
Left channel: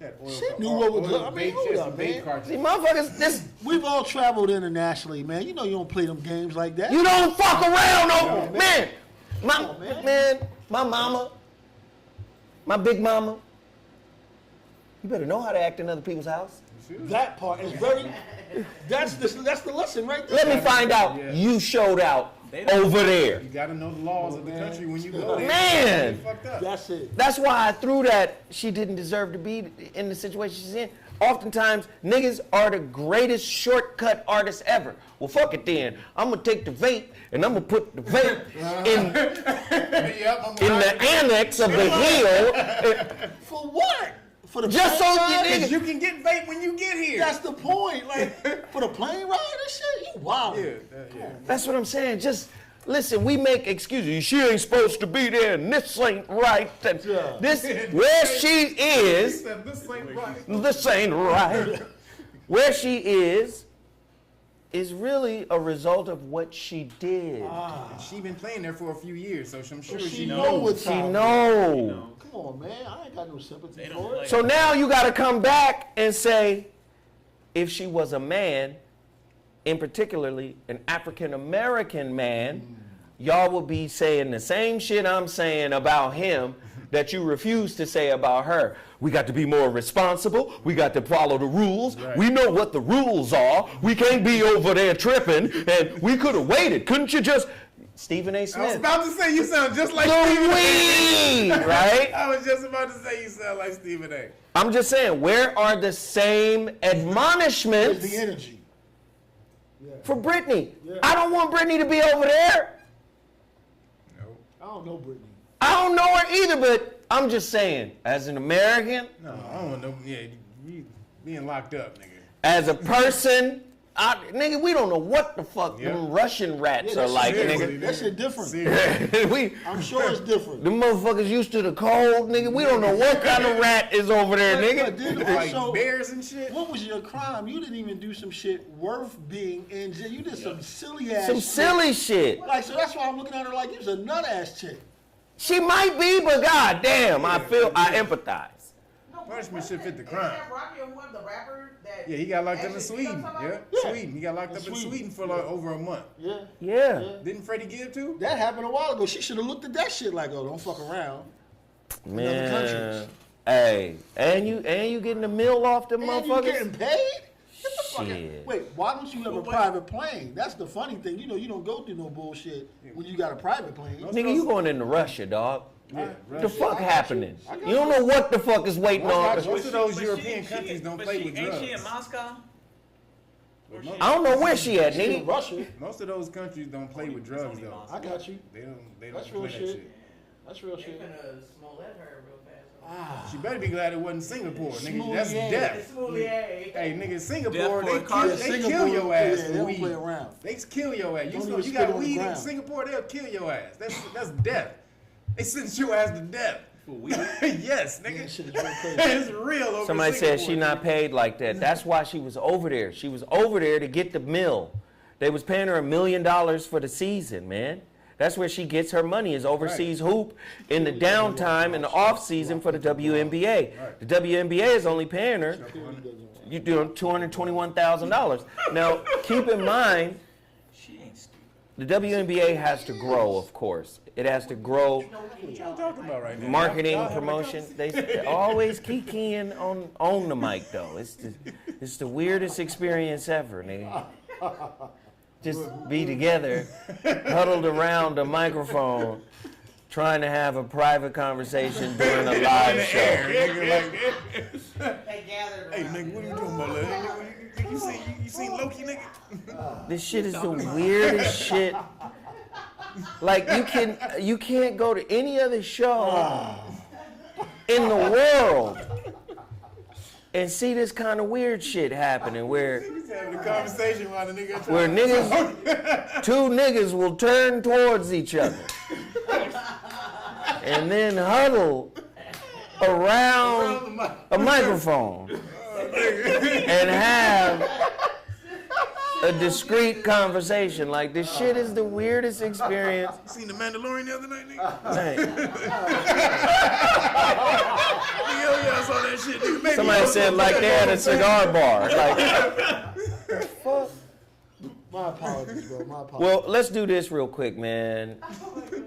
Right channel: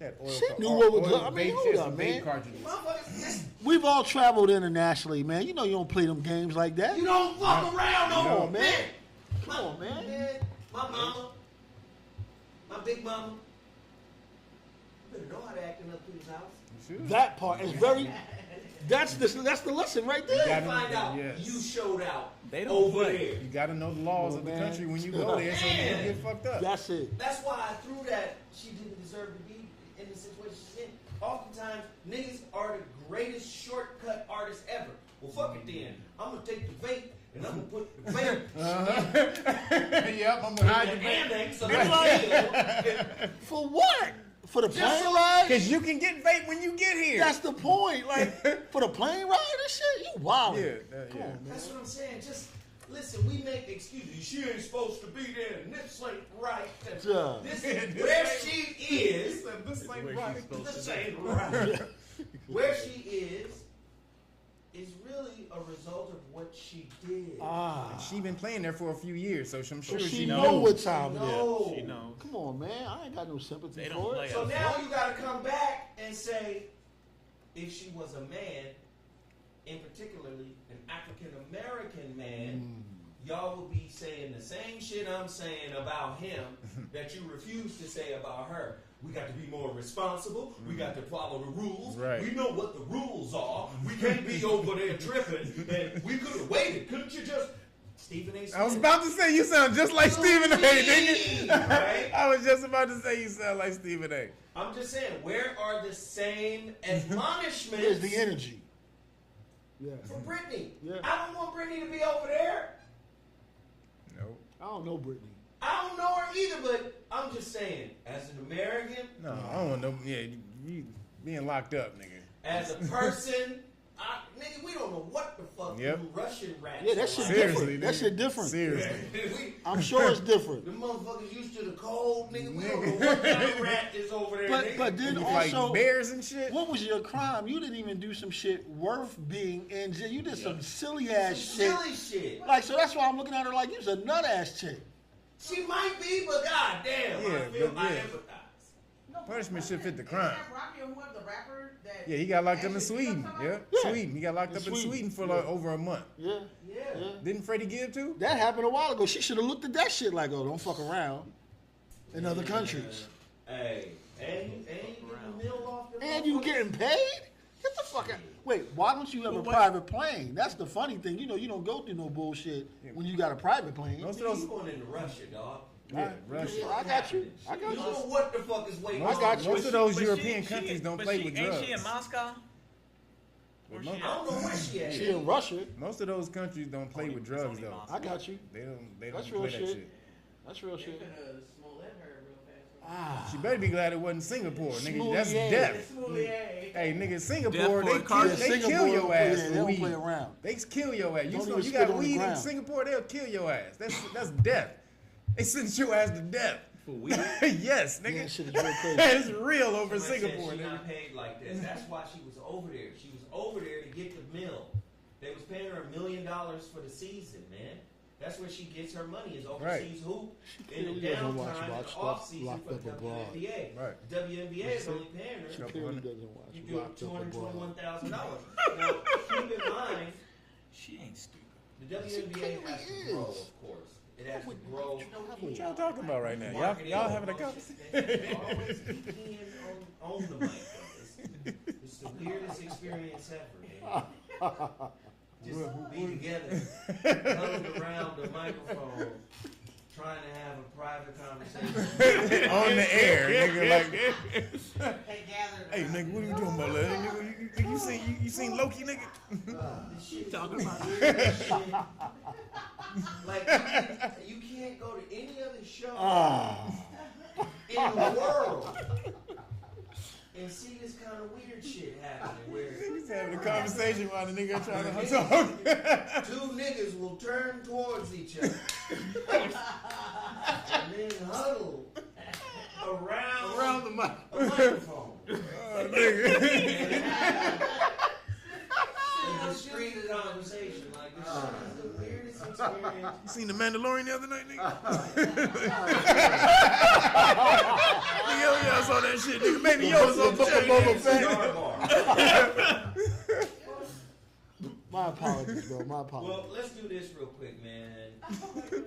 She knew what was up. I mean, hold up, man. See, motherfuckers, we've all traveled internationally, man. You know you don't play them games like that. You don't fuck around, no, man. My mama, my big mama. You better know how to act in other people's house. That part is very. That's the lesson right there. Let me find out you showed out over there. You got to know the laws of the country when you go there. Man, fucked up. That's it. That's why I threw that. She didn't deserve to be in the situation she's in. Oftentimes, niggas are the greatest shortcut artists ever. Well, fuck it then. I'm gonna take the vape and I'm gonna put the vape in the annex of the wheel. For what? For the just plane so ride? Because you can get vape when you get here. That's the point. Like, for the plane ride and shit, you wild. That's what I'm saying. Just listen, we make excuses. She ain't supposed to be there, and this ain't right. This where she is. This ain't right. This ain't right. Where she is really a result of what she did. She been playing there for a few years, so I'm sure she knows what's She out know. there. Come on, man. I ain't got no sympathy for it. So now you got to come back and say, if she was a man, in particularly an African American man, y'all will be saying the same shit I'm saying about him that you refuse to say about her. We got to be more responsible. We got to follow the rules. Right. We know what the rules are. We can't be over there tripping. And we could have waited. Couldn't you just... Stephen A. Smith. I was about to say you sound just like Stephen A. Right? I was just about to say you sound like Stephen A. I'm just saying, where are the same admonishments There's the energy. for Brittney? I don't want Brittney to be over there. No. I don't know Brittney. I don't know her either, but I'm just saying, as an American, No, I don't want no. Yeah, you being locked up, nigga. as a person, nigga, we don't know what the fuck them Russian rats are like. Seriously, Nigga. That shit different. I'm sure it's different. Them motherfuckers used to the cold, nigga. We don't know what kind of rat is over there, nigga. But then Like also, bears and shit. what was your crime? You didn't even do some shit worth being in jail. You did some silly ass Some shit. silly shit. Like, so that's why I'm looking at her like you's a nut ass chick. She might be, but goddamn, I empathize. Punishment should fit the crime. Rocky and the rapper that. Yeah, he got locked up in Sweden. Sweden. He got locked up in Sweden for like over a month. Yeah. Didn't Freddie give too? That happened a while ago. She should have looked at that shit like, oh, don't fuck around. In other countries. Hey, and you getting a meal off them motherfuckers? And you getting paid? Get the fuck out. Wait, why don't you have a private plane? That's the funny thing. You know, you don't go through no bullshit when you got a private plane. Nigga, you going into Russia, dog. What the fuck happening? You don't know what the fuck is waiting on. Most of those European countries don't play with drugs. Ain't she in Moscow? I don't know where she at, She in nigga. Russia. Most of those countries don't play with drugs though. I got you. They don't That's play real that shit. shit. That's real shit. Smollett her real fast. She better be glad it wasn't Singapore, nigga. That's Smoothie death. Hey, nigga, Singapore, they kill your ass They for don't weed. play around. They kill your ass. Don't You even got spit on the weed in ground. Singapore, they'll kill your ass. That's death. They sentence your ass to death. For weed? Yes, nigga. Yeah, shit is real crazy. It's real over Somebody Singapore. said she not paid like that. That's why she was over there. She was over there to get the mill. They was paying her $1 million for the season, man. That's where she gets her money, is overseas hoop in the downtime and the off season for the WNBA. The WNBA is only paying her, you're doing $221,000. Now, keep in mind, She ain't stupid. the WNBA has to grow, of course. It has to grow What y'all talking about right now? marketing, Y'all having a promotion. They always kikiing on the mic, though. It's the weirdest experience ever, nigga. Just be together, huddled around a microphone, trying to have a private conversation during a live on the show. air, nigga, like, They gathered hey, nigga, what are you doing about that? Hey, nigga, you seen Loki, nigga? This shit is the weirdest shit. Like you can't go to any other show in the world and see this kind of weird shit happening where He's having a conversation around the nigga. where niggas, two niggas will turn towards each other and then huddle around a microphone and have a discreet conversation. Like, this shit is the weirdest experience. You seen The Mandalorian the other night, nigga? Yeah, I saw that shit, nigga. Maybe Somebody said like they had a cigar bar. Like, My apologies, bro. My apologies. well, let's do this real quick, man.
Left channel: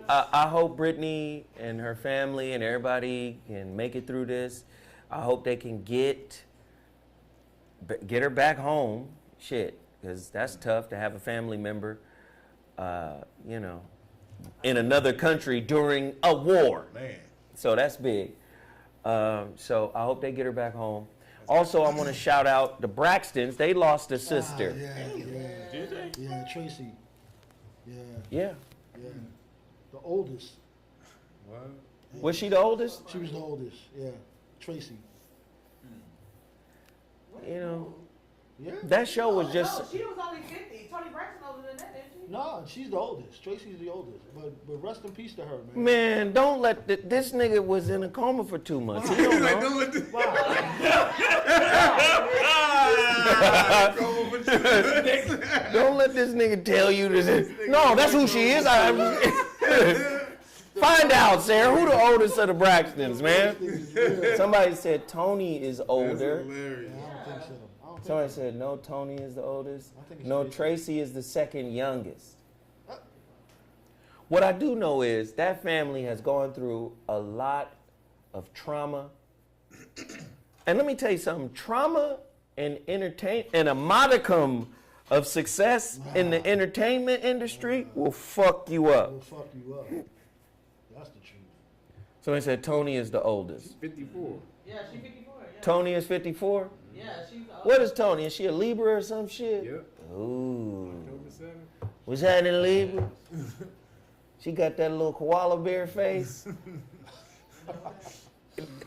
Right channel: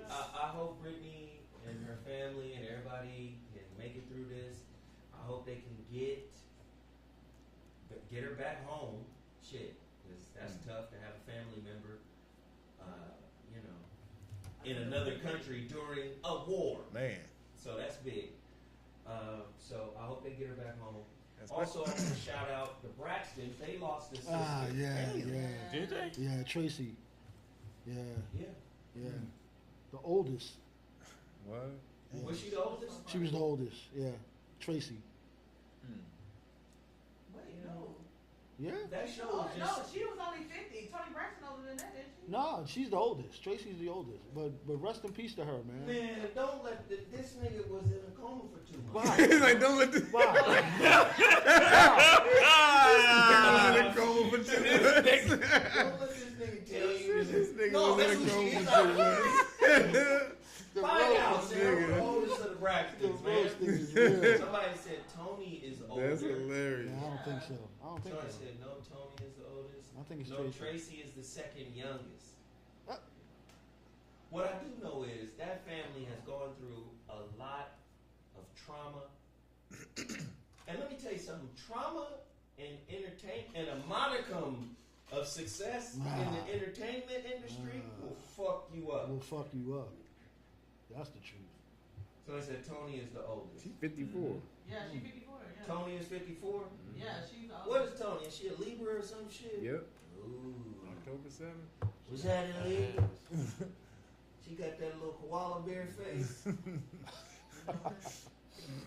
I hope Brittney and her family and everybody can make it through this. I hope they can get her back home. Shit, because that's tough to have a family member, in another country during a war. Man. So that's big. So I hope they get her back home. Also, I want to shout out the Braxtons. They lost a sister. Did they? Yeah, Tracy. Yeah. Yeah. Yeah. The oldest. What? Was she the oldest? She was the oldest. Yeah. Tracy. You know, Yeah. that show was just. No, she was only 50. Tony Braxton older than that, didn't she? No, she's the oldest. Tracy's the oldest. But rest in peace to her, man. Man, don't let this nigga was in a coma for 2 months. He's like, don't let this. Don't let this nigga tell you this. No, that's who she is. Find out, Sarah. Who the oldest of the Braxtons, man? Somebody said Tony is older. That's hilarious. I don't think so. I don't think Somebody so. said no, Tony is the oldest. I think it's No, Tracy. Tracy is the second youngest. What I do know is that family has gone through a lot of trauma. And let me tell you something, trauma and a modicum of success in the entertainment industry will fuck you up. Will fuck you up. That's the truth. Somebody said Tony is the oldest. 54. Yeah, she's 54. Yeah. Tony is 54? Yeah, she's old. What is Tony? Is she a Libra or some shit? Yep. Ooh. October 7th. Was that in Libra? She got that little koala bear face.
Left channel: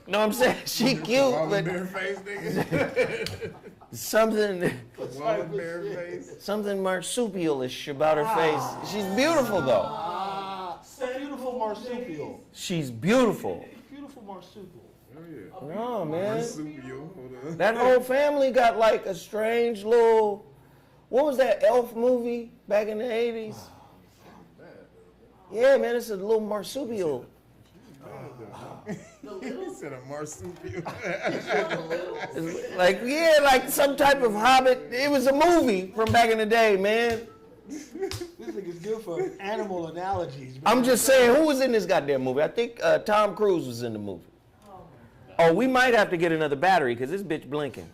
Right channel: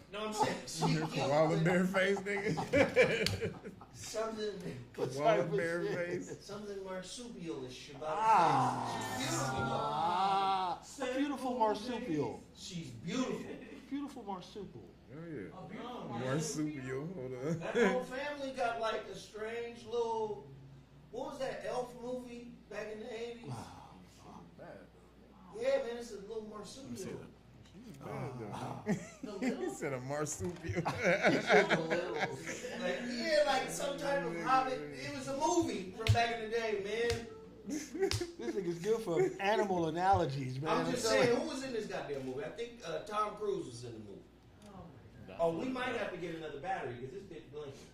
No, I'm saying she cute, Koala but bear face, nigga. something Koala bear face. something marsupial-ish about her face. She's beautiful though. A beautiful marsupial. She's beautiful. Beautiful marsupial. Oh, yeah. Oh man, Marsupial. Hold on. that whole family got like a strange little. What was that elf movie back in the 80s? Yeah, man, it's a little marsupial. He said a marsupial. Like some type of hobbit. It was a movie from back in the day, man. This nigga's good for animal analogies, man. I'm just saying, who was in this goddamn movie? I think Tom Cruise was in the movie. Oh, we might have to get another battery because this bitch blinking.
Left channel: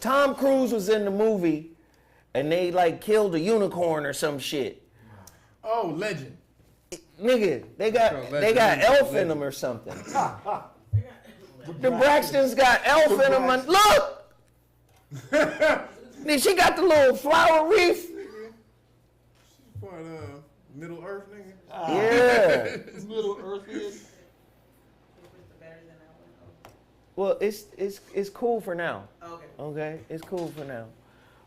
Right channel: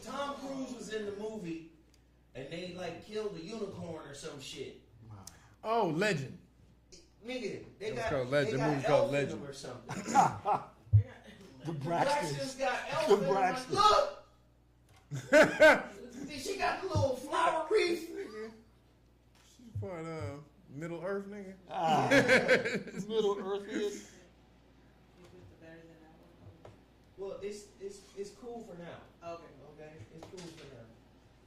Tom Cruise was in the movie, and they like killed a unicorn or some shit. Oh, legend. nigga, they got elf in them or something. The Braxtons got elf in them. Look! Then she got the little flower wreath. She's part of Middle Earth, nigga. Yeah. Middle Earth is. Well, it's cool for now. Okay. Okay, it's cool for now.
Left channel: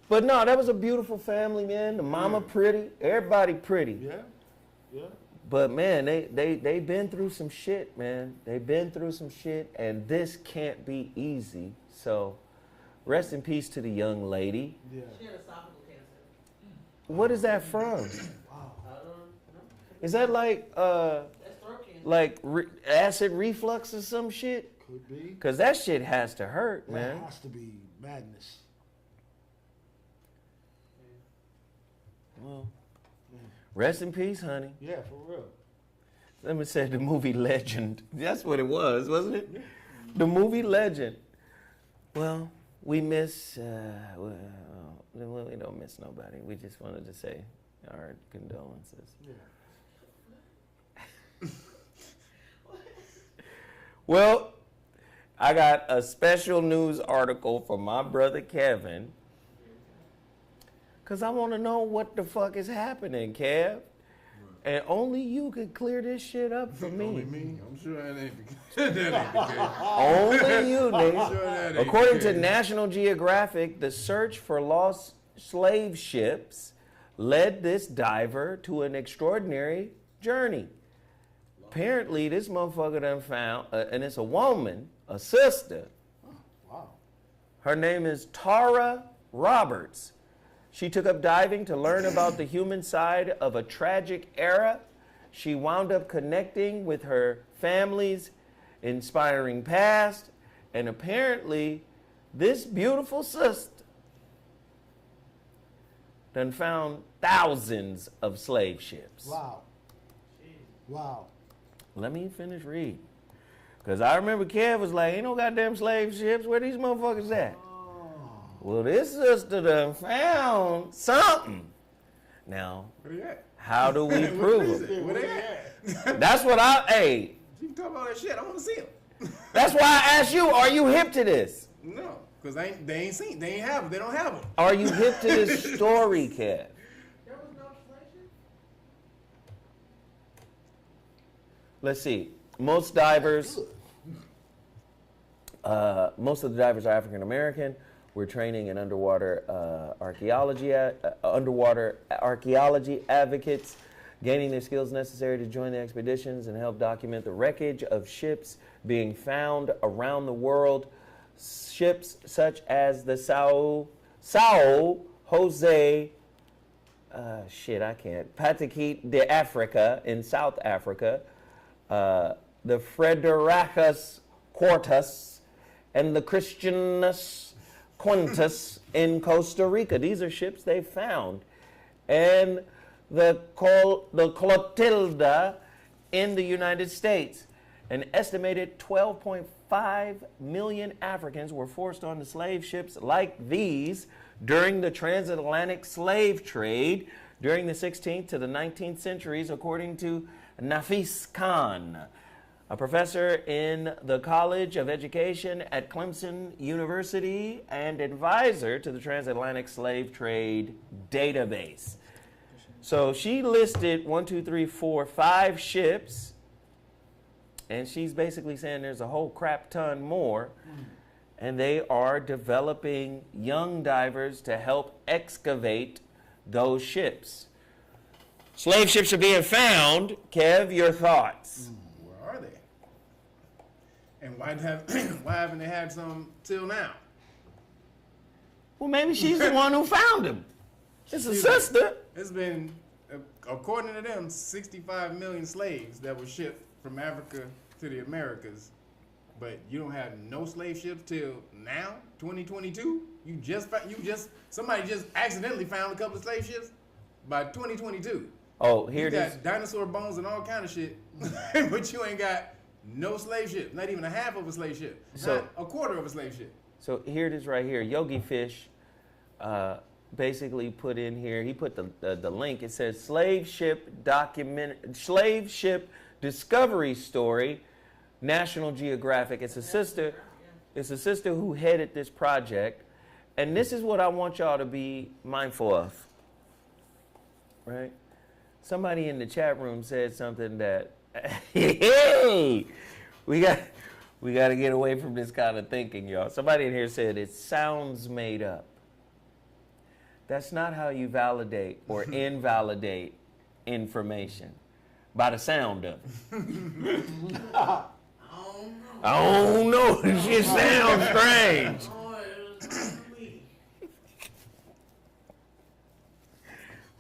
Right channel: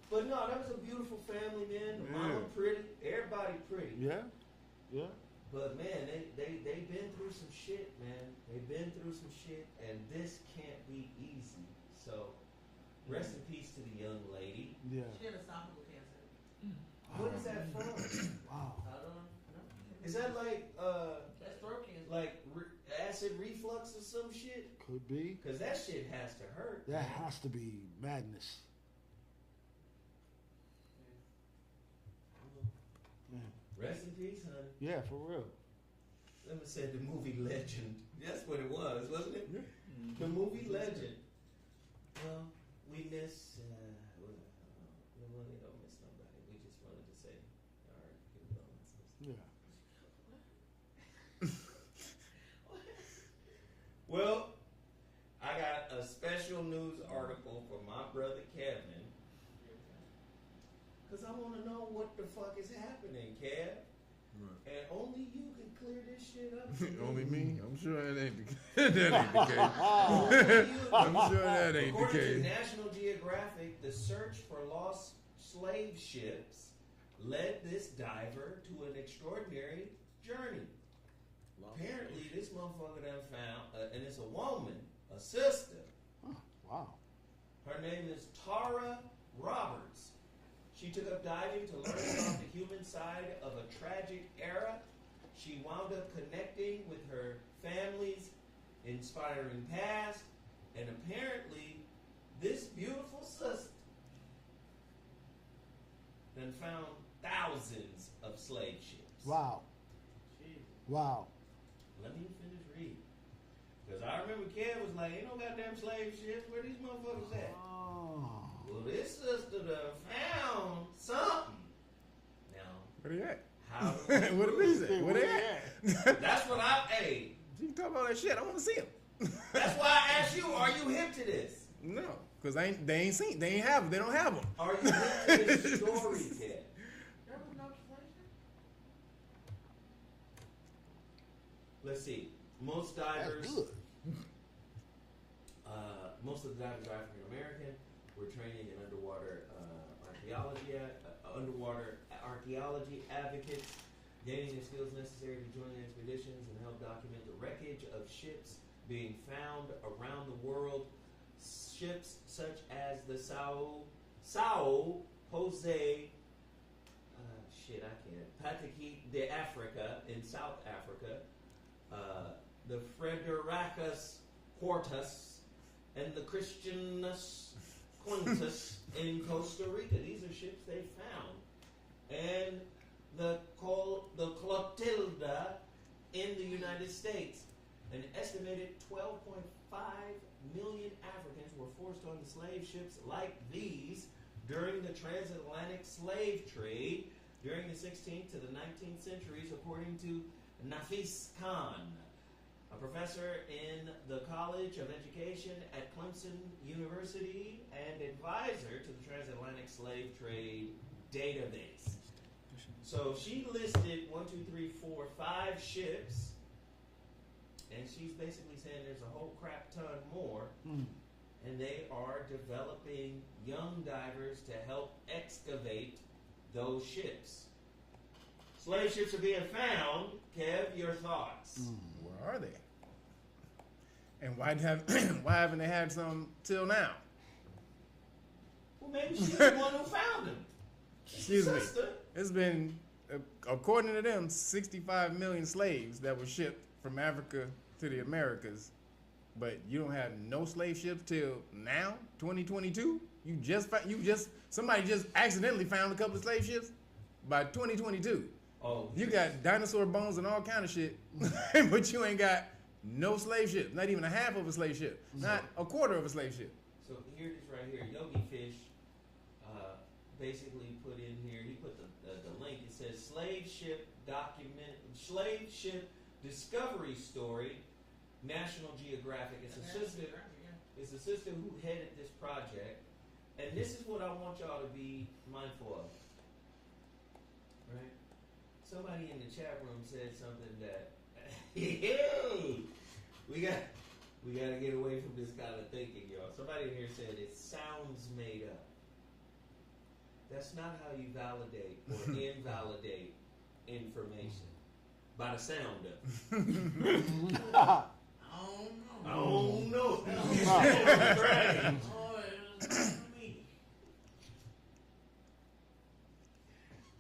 But no, that was a beautiful family, man. The mama pretty, everybody pretty. Yeah, yeah. But man, they been through some shit, man. They've been through some shit, and this can't be easy. So, rest in peace to the young lady. Yeah. She had esophageal cancer. What is that from? Wow. I don't know. Is that like That's throat cancer. like acid reflux or some shit? Could be. Cause that shit has to hurt, That man. has to be madness. Well, rest in peace, honey. Yeah, for real. Let me say the movie Legend. That's what it was, wasn't it? The movie Legend. Well, we miss. We don't miss nobody. We just wanted to say our condolences. Yeah. Well, I got a special news article for my brother Kevin. Because I want to know what the fuck is happening, Kev. Right. And only you could clear this shit up for me. Only me? I'm sure that ain't the case. That ain't the case. Only you, nigga. I'm sure that ain't According the to case. National Geographic, the search for lost slave ships led this diver to an extraordinary journey. Apparently, this motherfucker done found, and it's a woman, a sister. Oh, wow. Her name is Tara Roberts. She took up diving to learn about the human side of a tragic era. She wound up connecting with her family's inspiring past, and apparently, this beautiful sister done found thousands of slave ships. Wow. Wow. Let me finish reading. Because I remember Kev was like, ain't no goddamn slave ships. Where these motherfuckers at? Well, this sister done found something. Now, Where they at? how do we prove it? Where they at? That's what You can talk about that shit. I want to see them. that's why I asked you, are you hip to this? No, because they ain't have them. They don't have them. Are you hip to this story, Kev? There was no translation? Let's see. Most of the divers are African American. We're training in underwater archaeology advocates, gaining the skills necessary to join the expeditions and help document the wreckage of ships being found around the world. Ships such as the Sao Jose, Patakit de Africa in South Africa, the Fredericus Quartus, and the Christianus Quintus in Costa Rica. These are ships they found. And the Clotilda in the United States. An estimated 12.5 million Africans were forced onto slave ships like these during the transatlantic slave trade during the 16th to the 19th centuries, according to Nafis Khan, a professor in the College of Education at Clemson University and advisor to the Transatlantic Slave Trade Database. So she listed 5 ships, and she's basically saying there's a whole crap ton more, and they are developing young divers to help excavate those ships. Slave ships are being found. Kev, your thoughts? Where are they? And why haven't they had some till now? Well, maybe she's the one who found them. It's a sister. It's been, according to them, 65 million slaves that were shipped from Africa to the Americas. But you don't have no slave ships till now, 2022. Somebody just accidentally found a couple of slave ships by 2022. Oh, you got dinosaur bones and all kind of shit, but you ain't got no slave ship. Not even a half of a slave ship. Not a quarter of a slave ship. So here it is right here. Yogi Fish basically put in here, he put the link. It says slave ship discovery story, National Geographic. It's a sister who headed this project. And this is what I want y'all to be mindful of, right? Somebody in the chat room said something that, hey, we got to get away from this kind of thinking, y'all. Somebody in here said it sounds made up. That's not how you validate or invalidate information, by the sound of it. I don't know. It sounds strange.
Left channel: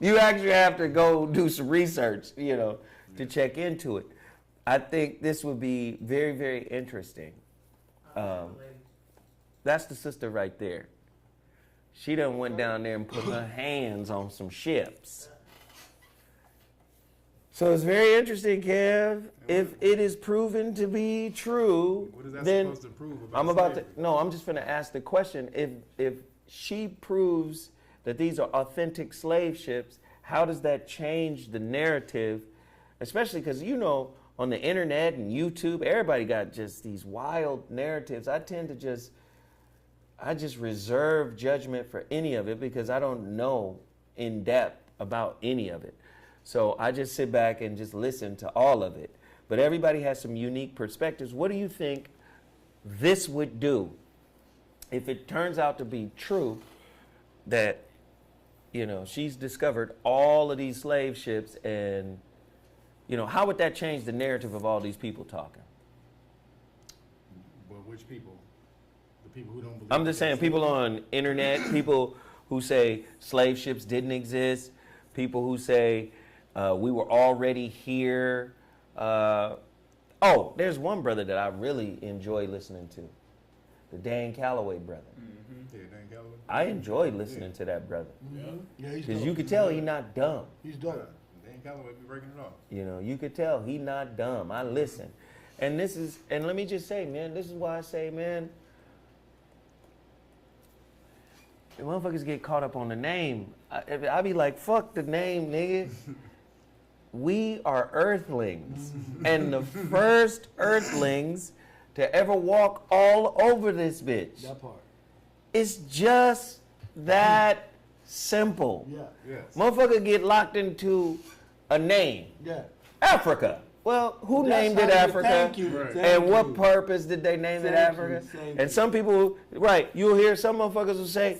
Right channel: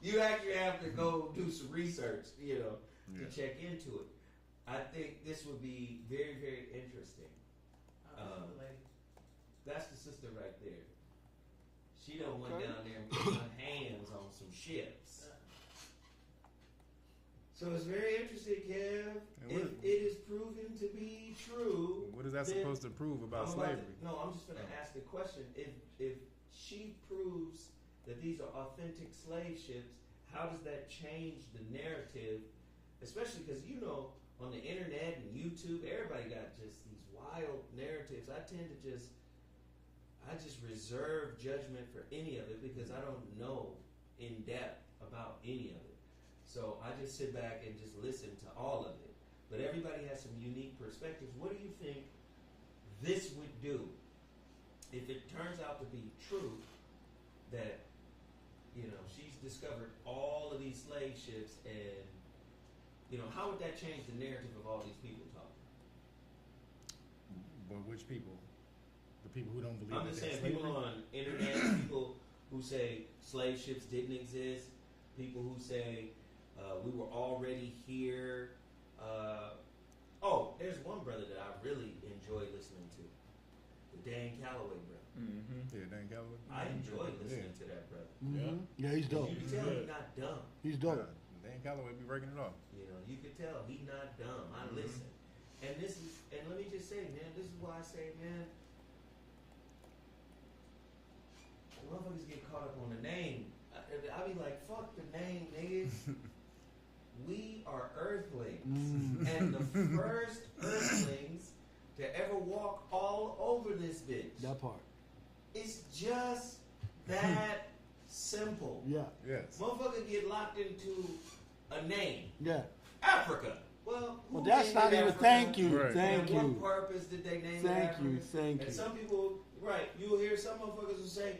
You actually have to go do some research, to check into it. I think this would be very, very interesting. That's the sister right there. She done went down there and put her hands on some ships. So it's very interesting, Kev. If it is proven to be true, what is that then supposed to prove about slavery? I'm just going to ask the question. If she proves that these are authentic slave ships, how does that change the narrative? Especially because, on the internet and YouTube, everybody got just these wild narratives. I just reserve judgment for any of it because I don't know in depth about any of it. So I just sit back and just listen to all of it. But everybody has some unique perspectives. What do you think this would do if it turns out to be true that, she's discovered all of these slave ships and, how would that change the narrative of all these people talking? Well, which people? The people who don't believe. I'm just saying, people on internet, people who say slave ships didn't exist, people who say we were already here. There's one brother that I really enjoy listening to, the Dan Calloway brother. Mm-hmm. Yeah, Dan Calloway. I enjoy listening to that brother. Mm-hmm. Yeah, he's dope. Because you can tell he's not dumb. He's dope. Dan Calloway be breaking it off. You could tell he's not dumb. I listen. And let me just say, man, this is why I say, man, the motherfuckers get caught up on the name. I be like, fuck the name, nigga. We are earthlings. And the first earthlings to ever walk all over this bitch. That part. It's just that simple. Yeah. Yes. Motherfucker get locked into a name. Yeah. Africa. Well, who That's named it not even- Africa? thank you. Right. Thank And what you. purpose did they name it Thank Africa? you, thank And you. some people, right, you'll hear some motherfuckers will say,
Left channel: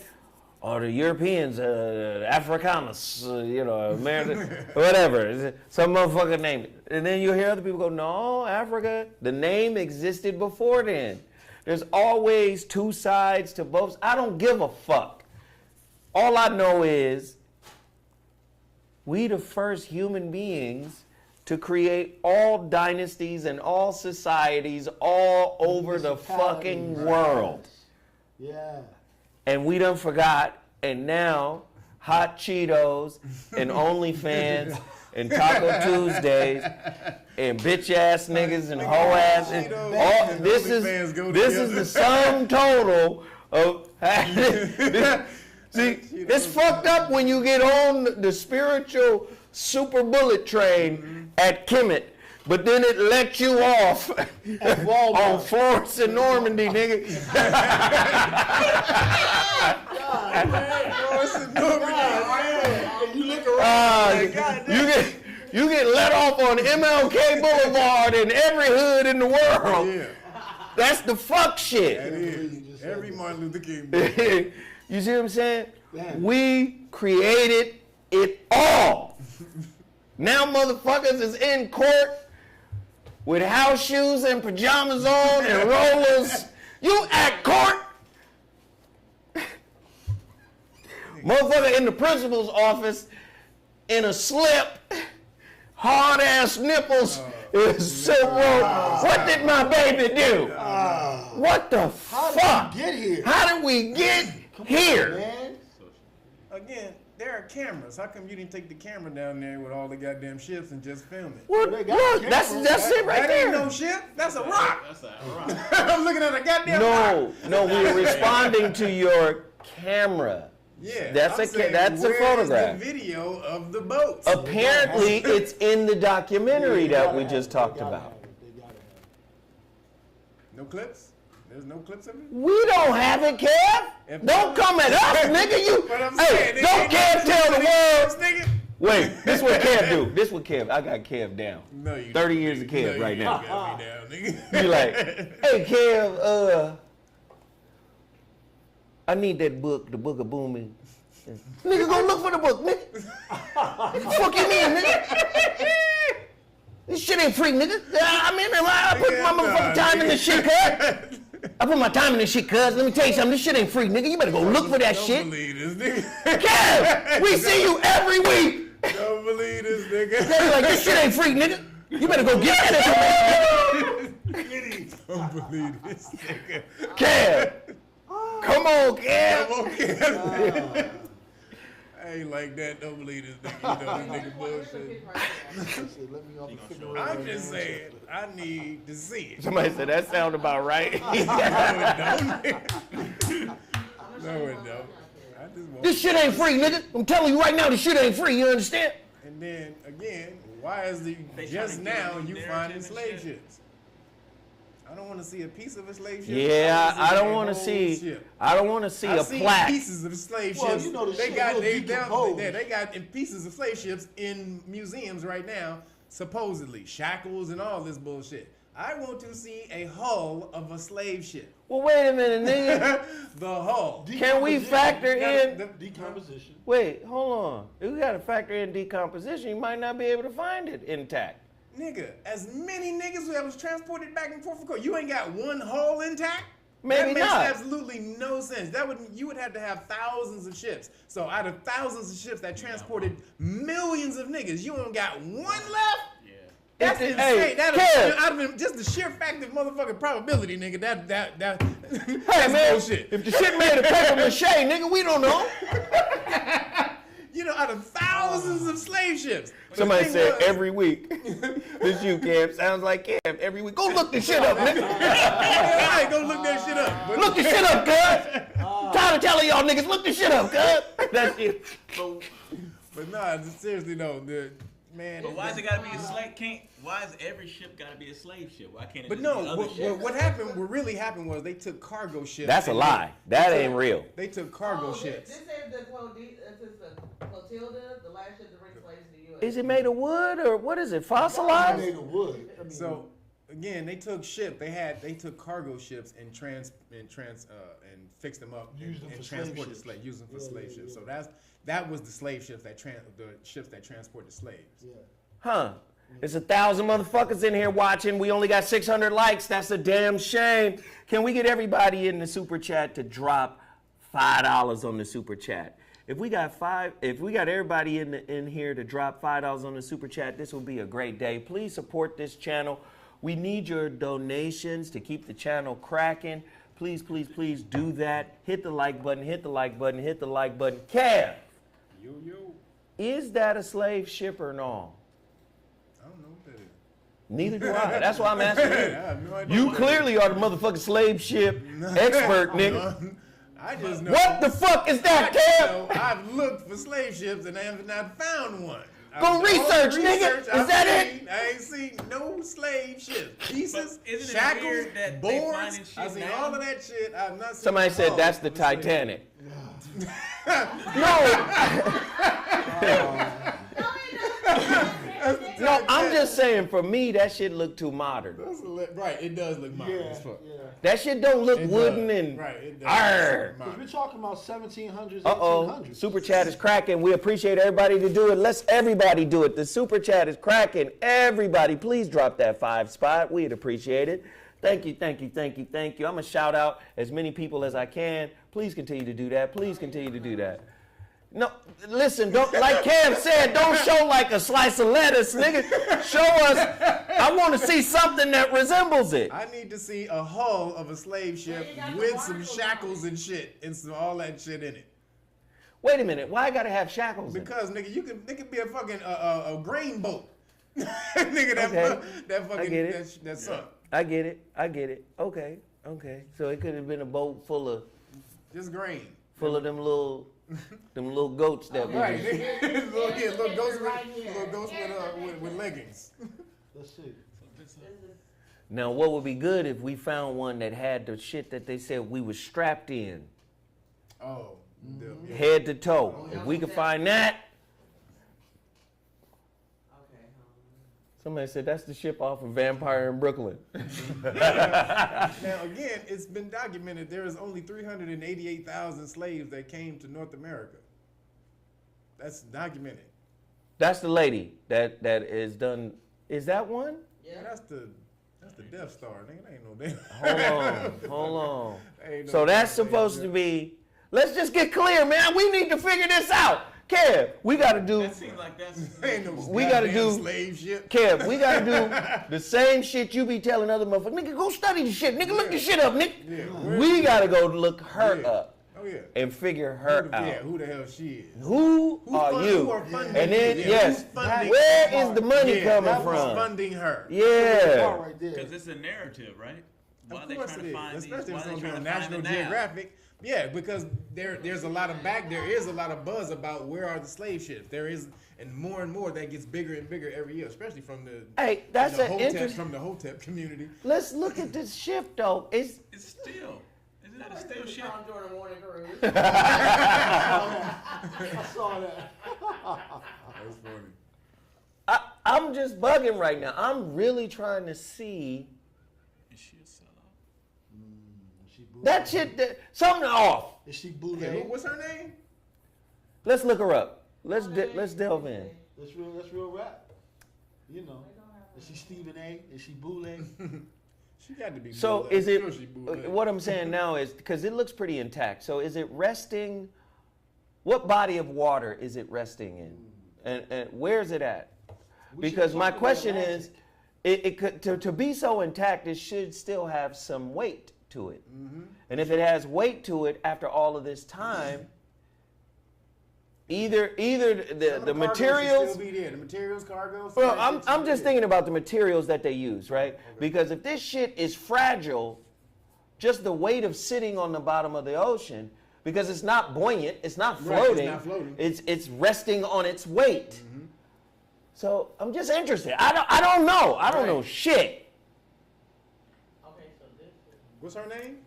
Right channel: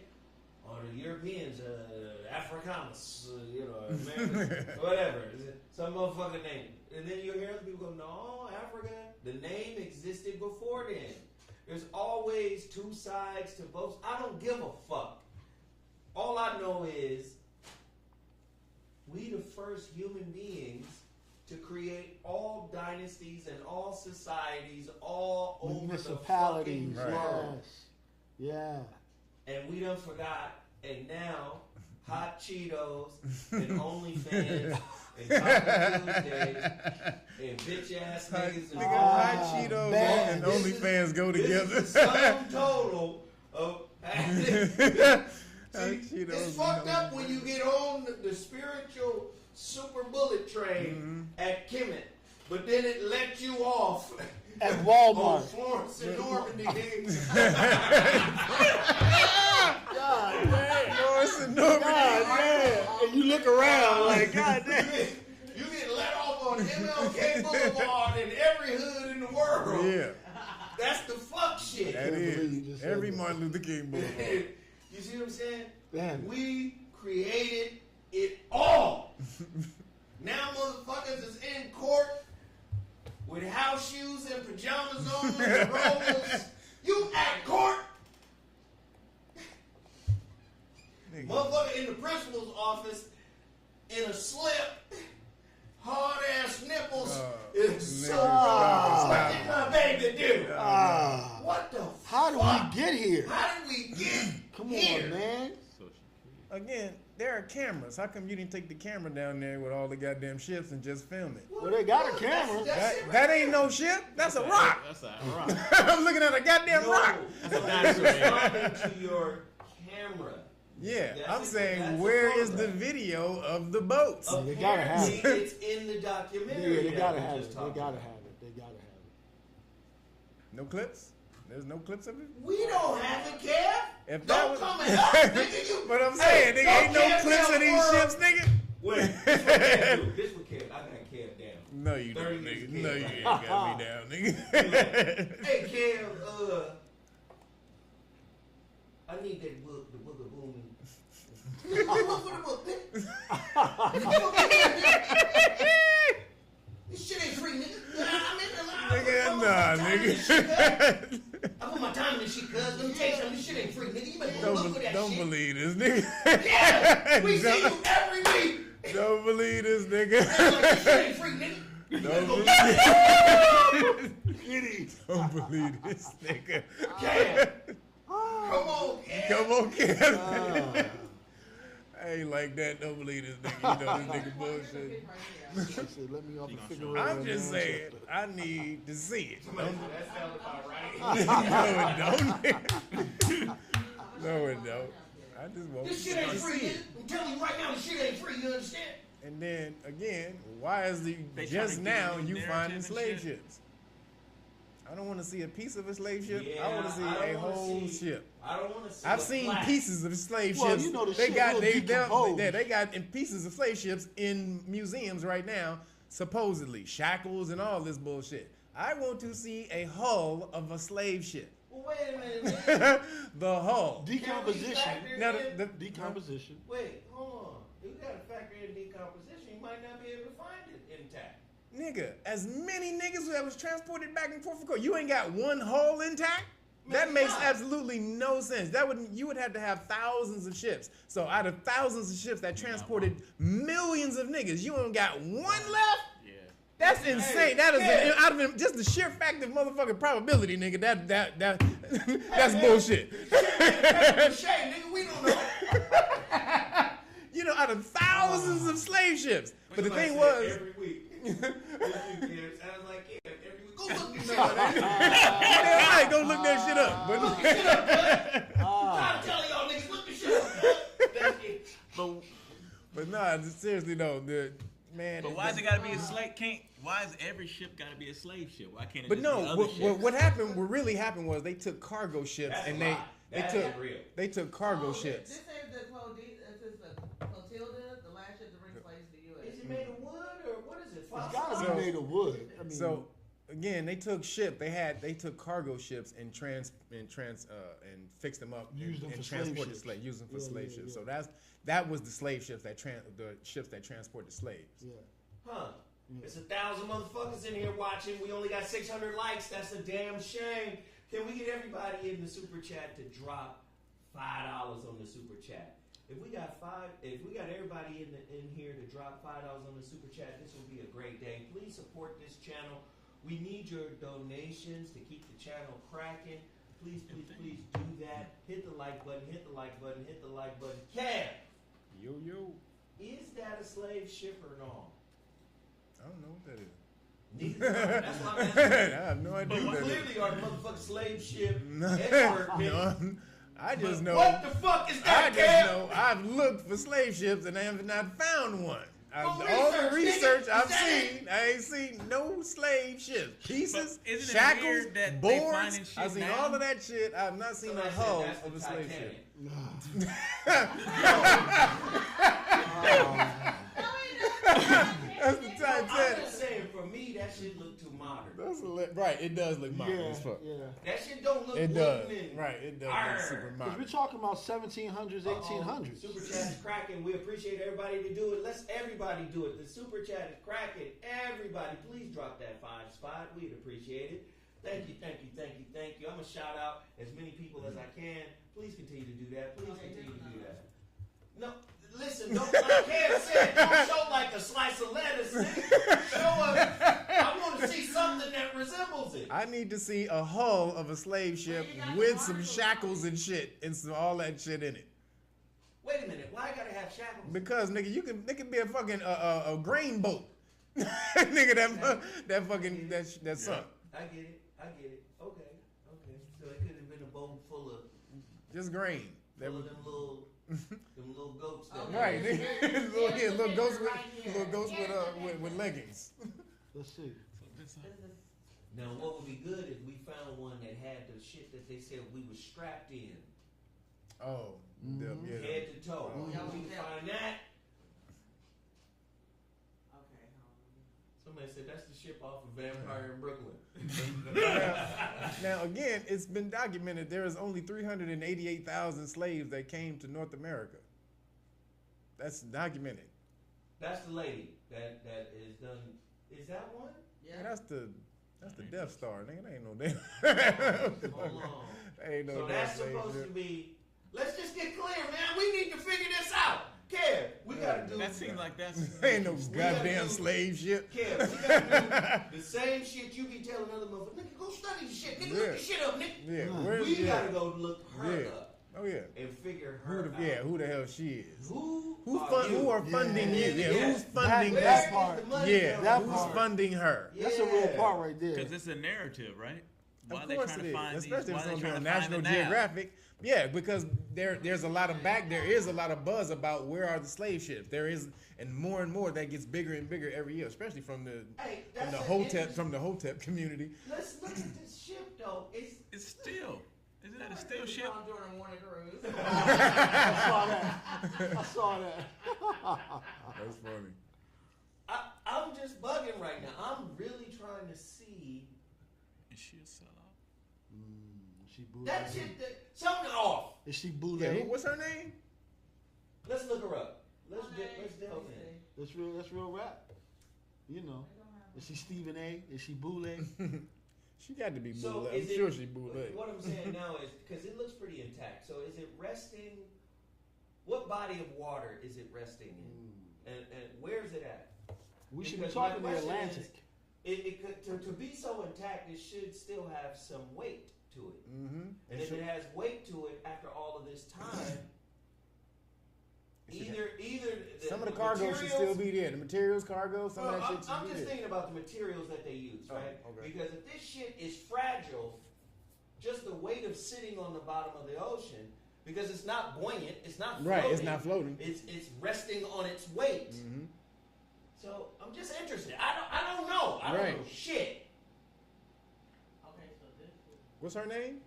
the Europeans, Africanus, American, whatever. Some motherfucker named it. And then you'll hear other people go, no, Africa, the name existed before then. There's always two sides to both. I don't give a fuck. All I know is we the first human beings to create all dynasties and all societies all over the fucking world. Yeah. And we done forgot, and now Hot Cheetos and OnlyFans and Taco Tuesdays and bitch ass niggas and hoe ass and all, this is the sum total of see, it's fucked up when you get on the spiritual super bullet train at Kemet, but then it lets you off At Walmart. on Florence and Normandy, nigga. God, man. Florence and Normandy. God, man. And you look around like, God damn. You get let off on MLK Boulevard in every hood in the world. Yeah. That's the fuck shit. That is. Every Martin Luther King book. You see what I'm saying? Damn. We created it all. Now motherfuckers is in court with house shoes and pajamas on and rollers. You at court. Motherfucker in the principal's office in a slip, hard ass nipples, so what did my baby do? What the fuck? How did we get here? How did we get here? Man. Again, there are cameras. How come you didn't take the camera down there with all the goddamn ships and just film it? Well, they got look, that's cameras. it right That there. ain't no ship. That's a rock. That's a rock. I'm looking at a goddamn rock. No, we're responding to your camera. Yeah, That's I'm a saying, that's a where is the photograph. video of the boats? Apparently, it's in the documentary that we just talked about. They gotta have it. No clips? There's no clips of it? We don't have it, Kev. Don't come at us, nigga. You. But I'm saying, Hey, don't Kev tell the world. nigga. Wait, this what Kev do. This what Kev. I got Kev down. No, you 30 don't, years nigga. of Kev No, right you now. got me down, nigga. Be like, hey Kev, I need that book, the Book of Booming. Nigga, go look for the book, nigga. What the fuck you mean, nigga? This shit ain't free, nigga. I put my motherfucking time in this shit, cuz. I put my time in this shit, cuz. Let me tell you something. This shit ain't free, nigga. You better go look for that shit. Don't believe this, nigga. Kev, we see you every week. Don't believe this, nigga. They're like, this shit ain't free, nigga. You better go get it. Don't believe this, nigga. Kev. Come on, Kev. Come on, Kev. I ain't like that. Don't believe this nigga. You know this nigga bullshit. Let me off the figure. I'm just saying, I need to see it. Somebody said that sound about right. No, it don't. No, it don't. I just want This shit ain't free, nigga. I'm telling you right now, this shit ain't free. You understand? And then again, why is the They just trying to now give you you finding narrative and slave shit. ships? I don't want to see a piece of a slave ship. Yeah, I don't want want to see. Ship. I don't want to see I've a seen plaque. pieces of slave Well, ships. you know the they shit got will they decompose. got in pieces of slave ships in museums right now, supposedly shackles and all this bullshit. I want to see a hull of a slave ship. Well, wait a minute, nigga. The hull. Can we factor in? Decomposition. Wait, hold on. We got to factor in decomposition. You might not be able to find it intact. Nigga, as many niggas that was transported back and forth from court, you ain't got one hull intact? Maybe that makes not. absolutely no sense. You would have to have thousands of ships. So out of thousands of ships that transported millions of niggas, you only got one left? Yeah. That's Hey, insane. Kev. Out of just the sheer fact of motherfucking probability, nigga. That's Man, bullshit. If the shit made of paper mache, nigga, we don't know. You know, out of thousands of slave ships. But the Somebody thing said was- every week. This you, Cam. Sounds like Cam. Every week. Go look this shit up, nigga. Yeah, right, go look that shit up. But Look this shit up, cuz. Tired of telling y'all niggas, look this shit up, cuz. That shit. But nah, seriously though, man. But why is it gotta be a slave? Why is every ship gotta be a slave ship? Why can't it But just be no, other ships? what happened? What really happened was they took cargo ships. That's a and lie. That ain't real. They took cargo ships. This is the Clotilda, the last ship to bring slaves to the U.S. Is it made of wood or what is it? It's Fossilized? made of wood. I mean, So again, they took cargo ships and fixed them up Used them and for slave transported ships. slaves, used them for Yeah, slave yeah, ships. yeah. So that was the slave ships the ships that transported slaves. yeah. Huh. There's 1,000 motherfuckers in here watching. We only got 600 likes. That's a damn shame. Can we get everybody in the super chat to drop $5 on the super chat? If we got everybody in here to drop $5 on the super chat, this will be a great day. Please support this channel. We need your donations to keep the channel cracking. Please, please, please do that. Hit the like button, hit the like button, hit the like button. Kev, Yo. is that a slave ship or no? I don't know what that is. Neither do I. That's why I'm asking I you. have no idea. You what that clearly are the motherfucking slave ship expert, nigga. is. I just know. What the fuck is I that, just Kev? know I've looked for slave ships and I have not found one. Go research, nigga. Is that it? I ain't seen no slave ships. Pieces, But isn't it shackles, weird that they boards. finding shit I've seen now? all of that shit. I've not seen. Somebody the said hull that's the of a slave ship. Titanic. That's the No, Titanic. I'm just saying, for me, that shit look too modern. Right, it does look modern Yeah, as fuck. yeah. That shit don't look It wooden does. and Right, it does. Arr. Because we're talking about 1700s, Uh-oh. 1800s. Super chat is cracking. We appreciate everybody to do it. Let's everybody do it. The super chat is cracking. Everybody, please drop that 5 spot. We'd appreciate it. Thank you, thank you, thank you, thank you. I'm going to shout out as many people as I can. Please continue to do that. Please continue to do that. No, listen, don't, like Cam said, don't show like a slice of lettuce, nigga. Show us, I want to see something that resembles it. I need to see a hull of a slave ship with some shackles and shit and some all that shit in it. Wait a minute, why I gotta have shackles? Because nigga, it could be a fucking a grain boat. Nigga, that fucking that sunk. I get it. Okay. So it could have been a boat full of just grain. Full of them little Them little goats that Right. was. Little ghosts with leggings. Let's see. Now, what would be good if we found one that had the shit that they said we was strapped in, Oh. Yeah. head to toe. If we could find that. Okay. Somebody said that's the ship off of Vampire in Brooklyn. Now, again, it's been documented there is only 388,000 slaves that came to North America. That's documented. That's the lady that is done. Is that one? Yeah. Man, that's the Death Star, nigga. That ain't no damn. Hold on. Ain't no So that's damn supposed slave to be. Let's just get clear, man. We need to figure this out. Kev, we got to do. That seems like that's. Ain't no We gotta goddamn do- slave shit. Kev, we got to do the same shit you be telling other motherfuckers. Nigga, go study the shit. Nigga, look the shit up, nigga. Yeah, where We is got to it? go look her Yeah. up Oh yeah. and figure her out. Yeah, who the hell she is? Who are you? Who are funding? And then, yeah, yes, who's funding? where that is the money yeah, coming who's from? funding her? That's the Yeah. part right there. Because it's a narrative, right? Why Of are they course trying it to is, find these? especially Why if are it's they on trying to find National it now? Geographic. Yeah, because there's a lot of there is a lot of buzz about where are the slave ships. There is, and more that gets bigger and bigger every year, especially from the Hey, that's an interest- from the Hotep community. Let's look at this ship, though. It's still. Isn't that a still ship? Tom Jordan morning cruise. I saw that. That's funny. I'm just bugging right now. I'm really trying to see Is she a sellout? She bootleg. that shit. Something off. Is she Yeah, bootleg? what's her name? Let's look her up. Let's delve in. That's real rap. You know. Is she Stephen A? Is she bootleg? She got to be. So bootleg. is I'm it? sure she bootleg. What I'm saying now is because it looks pretty intact. So is it resting? What body of water is it resting in, and where is it at? We should Because be my talking question about is, it could to be so intact, it should still have some weight to it. Mm-hmm. And if it has weight to it after all of this time, either Some of the cargo should materials. still be there. The materials, cargo. some Well, of that shit I'm should just be thinking about the materials that they use, right? Okay. Because if this shit is fragile, just the weight of sitting on the bottom of the ocean, because it's not buoyant, it's not Right, floating. it's not floating. It's resting on its weight. Mm-hmm. So I'm just interested. I don't know. I don't Right. know shit. Okay, so this is, What's her name?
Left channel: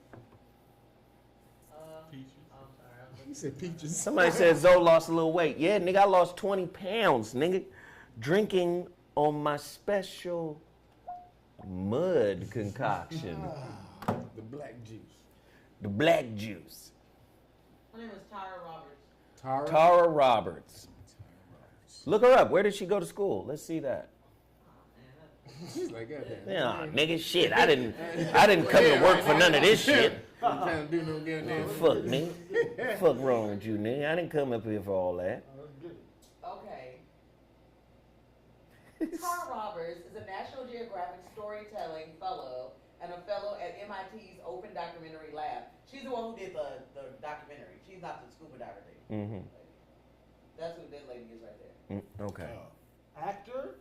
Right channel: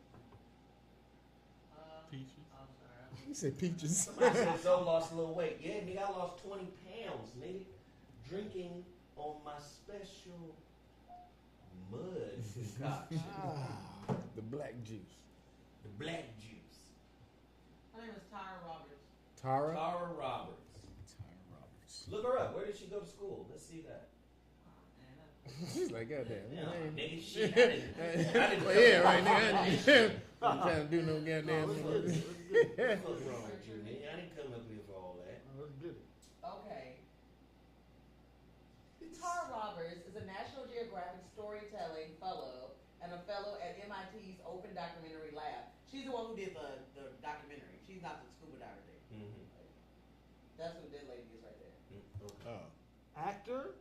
Peaches. I'm sorry. He said Peaches. Somebody said Zoe lost a little weight. Yeah, nigga, I lost 20 pounds, nigga. Drinking on my special mud concoction. The black juice. The black juice. Her name is Tyra Roberts. Tara. Tara Roberts. Look her up. Where did she go to school? Let's see that. She's like, goddamn. Yeah, nigga, shit. I didn't come to work for none of this shit. I'm trying to do no goddamn. Fuck, nigga. Fuck wrong with you, nigga? I didn't come up here for all that. Okay. Tara Roberts is a National Geographic Storytelling Fellow and a fellow at MIT's Open Documentary Lab. She's the one who did the documentary. She's not the scuba diver thing. Mm-hmm. That's who that lady is right there. Okay. Actor?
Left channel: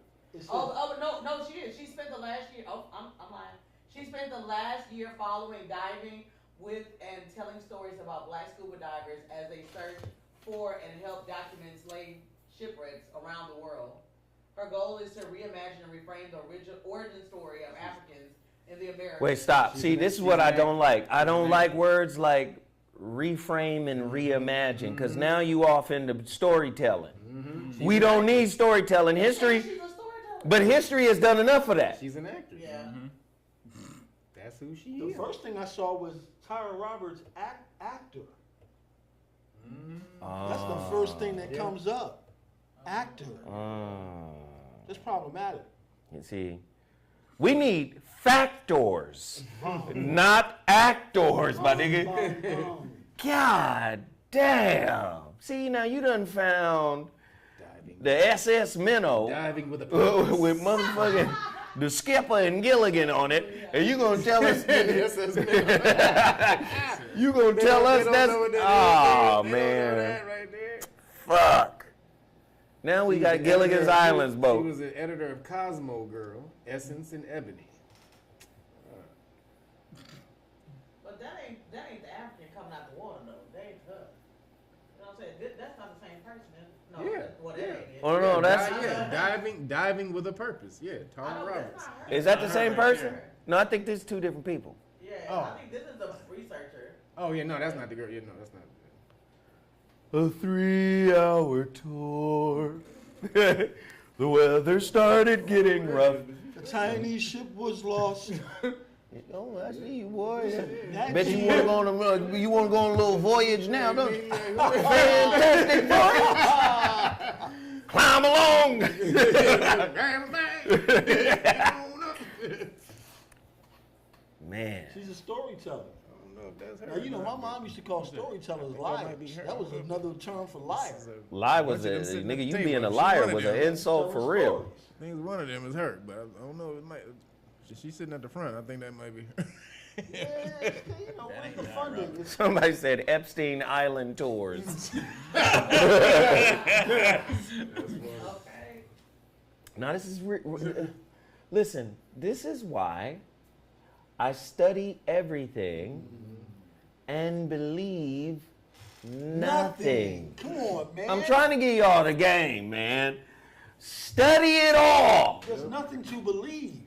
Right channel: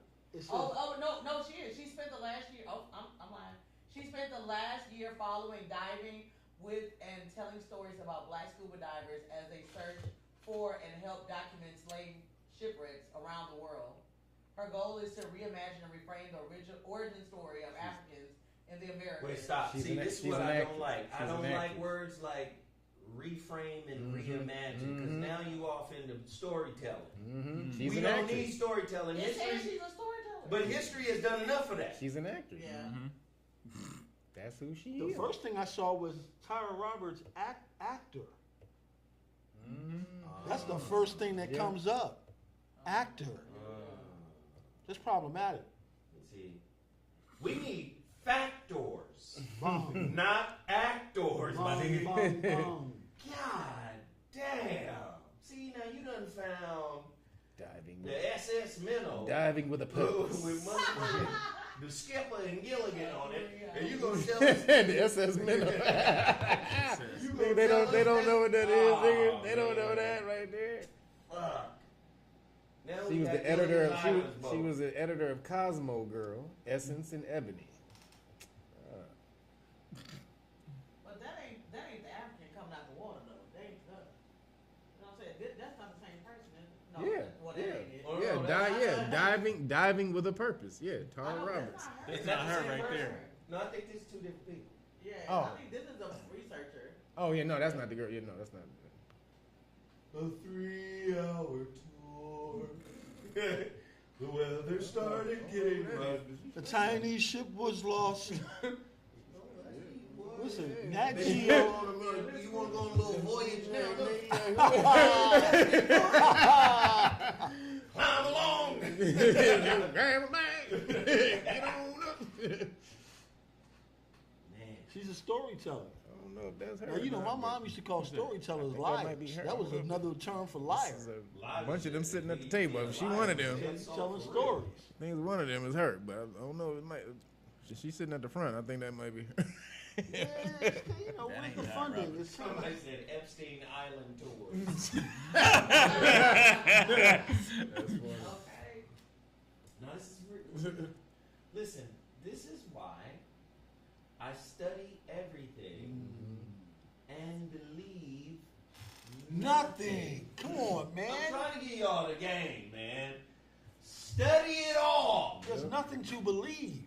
No, she is. She spent the last year. Oh, I'm lying. She spent the last year following diving with and telling stories about black scuba divers as they search for and help document slave shipwrecks around the world. Her goal is to reimagine and reframe the original origin story of Africans in the Americas. Wait, stop. See, this is what I don't like. I don't like words like reframe and reimagine, because now you off into storytelling. Mm-hmm. We don't need storytelling. History, She's a storyteller. but history has done enough of that. She's an actress. Yeah. That's who she The is. first thing I saw was Tyra Roberts actor. That's the first thing that comes up. Actor. That's problematic. You see, we need factors, not actors, my nigga. God damn. See, now you done found Diving. the SS Minnow Diving with a purpose. with motherfucking the skipper and Gilligan on it, and you gonna tell us SS Minnow. you gonna tell us They don't that's know what that is. oh They man, don't know that right there. fuck. Now we She was got the Gilligan's editor of- Islands She boat. was the editor of Cosmo Girl, Essence and Ebony. But that ain't the African coming out the water though. They ain't her. You know what I'm saying? Oh no, that's diving with a purpose. Yeah, Tom Roberts. Is that the same person? No, I think there's two different people. Yeah, Oh. I think this is a researcher. Oh yeah, no, that's not the girl. Yeah, no, that's not. A 3-hour tour. The weather started getting rough. The Chinese ship was lost. Oh, I see you, boy. That Bet shit- you want to go on a little voyage now, don't you? Climb along. Man. She's a storyteller. I don't know if that's her. Now, you know, my mom used to call storytellers that liars. might be her. That was another term for liar. Lie was a nigga. You being a liar was an insult for real. I think one of them is her, but I don't know. It might. She's sitting at the front. I think that might be her. Yeah, you know, where's the funding? Somebody said Epstein Island tours. Now this is listen. This is why I study everything and believe nothing. Come on, man. I'm trying to give y'all the game, man. Study it all. There's nothing to believe.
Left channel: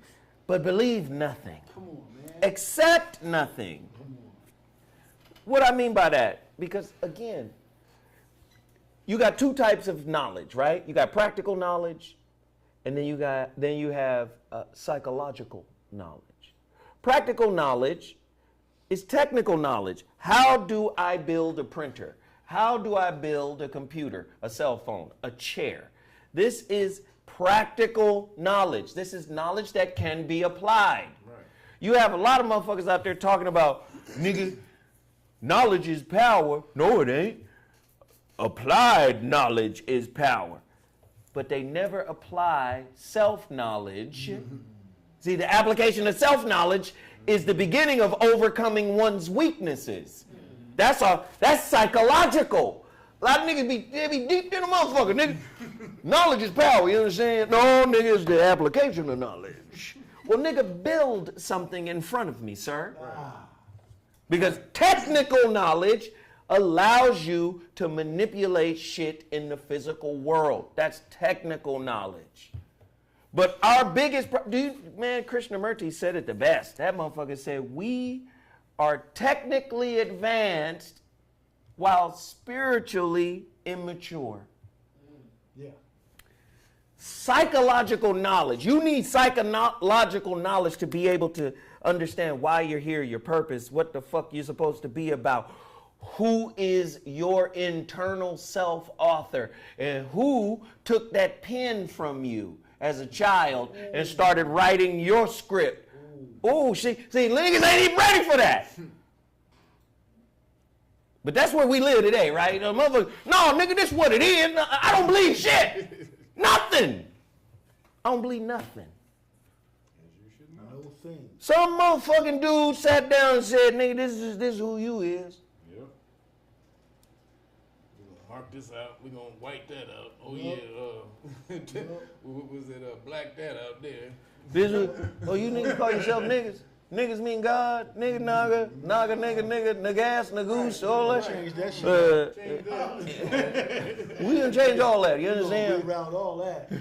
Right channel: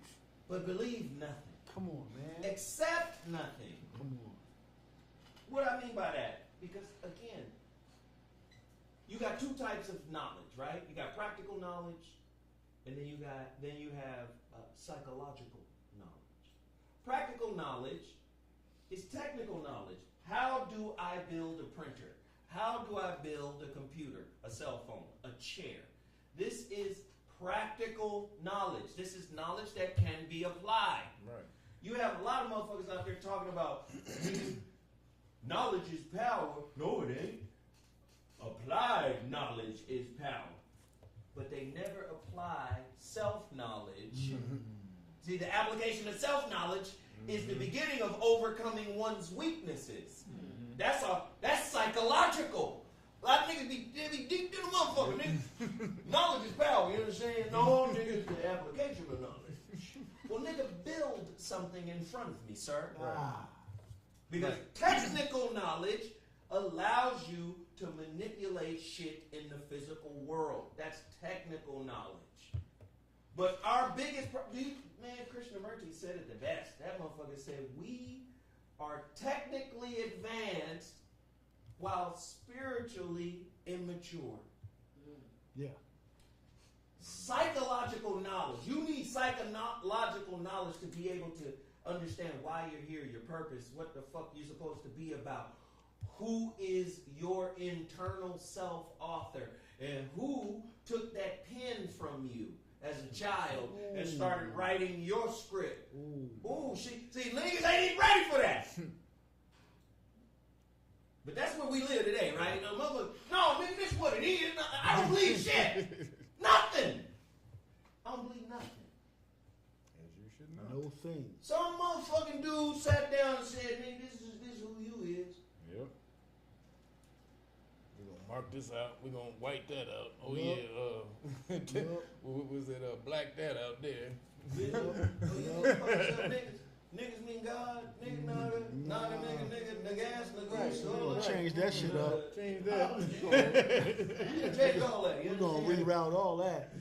But believe nothing. Come on, man. Accept nothing. Come on. What I mean by that, because again, you got two types of knowledge, right? You got practical knowledge, and then you have psychological knowledge. Practical knowledge is technical knowledge. How do I build a printer? How do I build a computer, a cell phone, a chair? This is practical knowledge. This is knowledge that can be applied. Right. You have a lot of motherfuckers out there talking about, nigga, knowledge is power. No, it ain't. Applied knowledge is power. But they never apply self-knowledge. See, the application of self-knowledge is the beginning of overcoming one's weaknesses. That's psychological. A lot of niggas be deep in a motherfucker, nigga. Knowledge is power, you understand? No, nigga, it's the application of knowledge. Well, nigga, build something in front of me, sir. Because technical knowledge allows you to manipulate shit in the physical world. That's technical knowledge. But our biggest, man, Krishnamurti said it the best. That motherfucker said, we are technically advanced while spiritually immature. Yeah. Psychological knowledge. You need psychological knowledge to be able to understand why you're here, your purpose, what the fuck you're supposed to be about. Who is your internal self-author? And who took that pen from you as a child and started writing your script? Ooh, see, niggas ain't even ready for that. But that's where we live today, right? No, nigga, this is what it is. I don't believe shit. Nothing. I don't believe nothing. As you should know. No thing. Some motherfucking dude sat down and said, nigga, this is who you is. Yep. We're going to mark this out. We're going to white that out. Oh, Yep. yeah. What was it? Black that out there. You niggas call yourself niggas? Niggas mean God, nigga, naga, nigga ass, nagoose, all that shit. Change that shit. Change that. We gonna change all that, you understand? We reroute all that.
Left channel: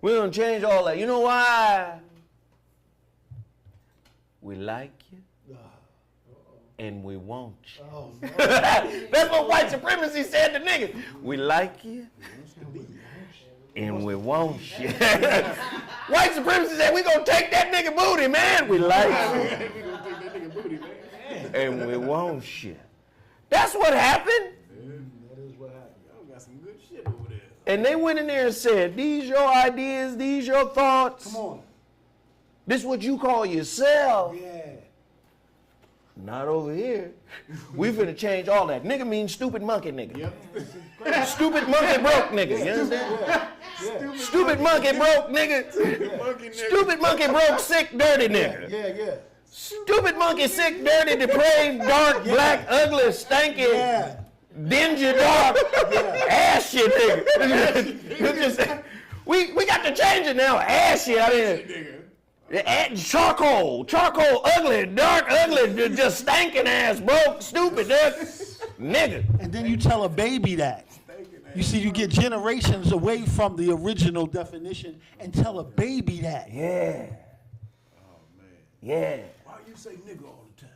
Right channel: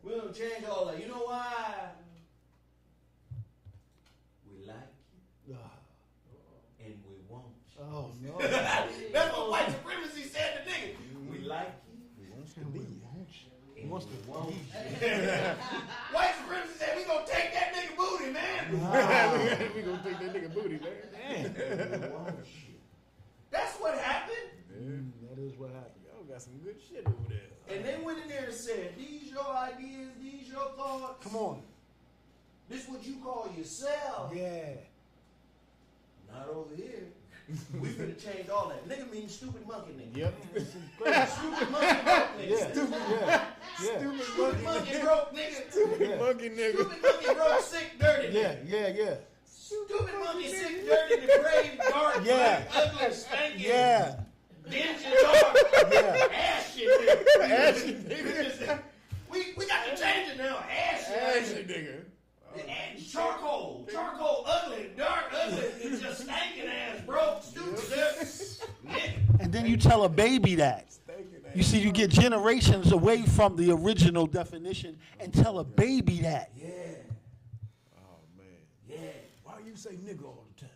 We're gonna change all that. You know why? We like you, and we want you. Oh, no. That's what white supremacy said to niggas. We like you, and we want you. White supremacy said, we gonna take that nigga booty, man. We like you. We gonna take that nigga booty, man. And we want you. That's what happened. That is what happened. Y'all got some good shit over there. And they went in there and said, these your ideas, these your thoughts. Come on. This what you call yourself. Yeah. Not over here. We finna change all that. Nigga means stupid monkey nigga. Yep. Stupid monkey broke nigga. You understand? Yeah. Stupid monkey broke nigga. Monkey nigga. Stupid monkey broke sick dirty nigga. Yeah. Stupid monkey sick dirty depraved dark black ugly stinky dingy dark ass shit nigga. We got to change it now. Ass shit. Nigga. Charcoal, ugly, dark, ugly, just stinking ass, broke, stupid, nigga. And then you tell a baby that. You see, you get generations away from the original definition and tell a baby that. Yeah. Oh, man. Yeah. Why you say nigga all the time?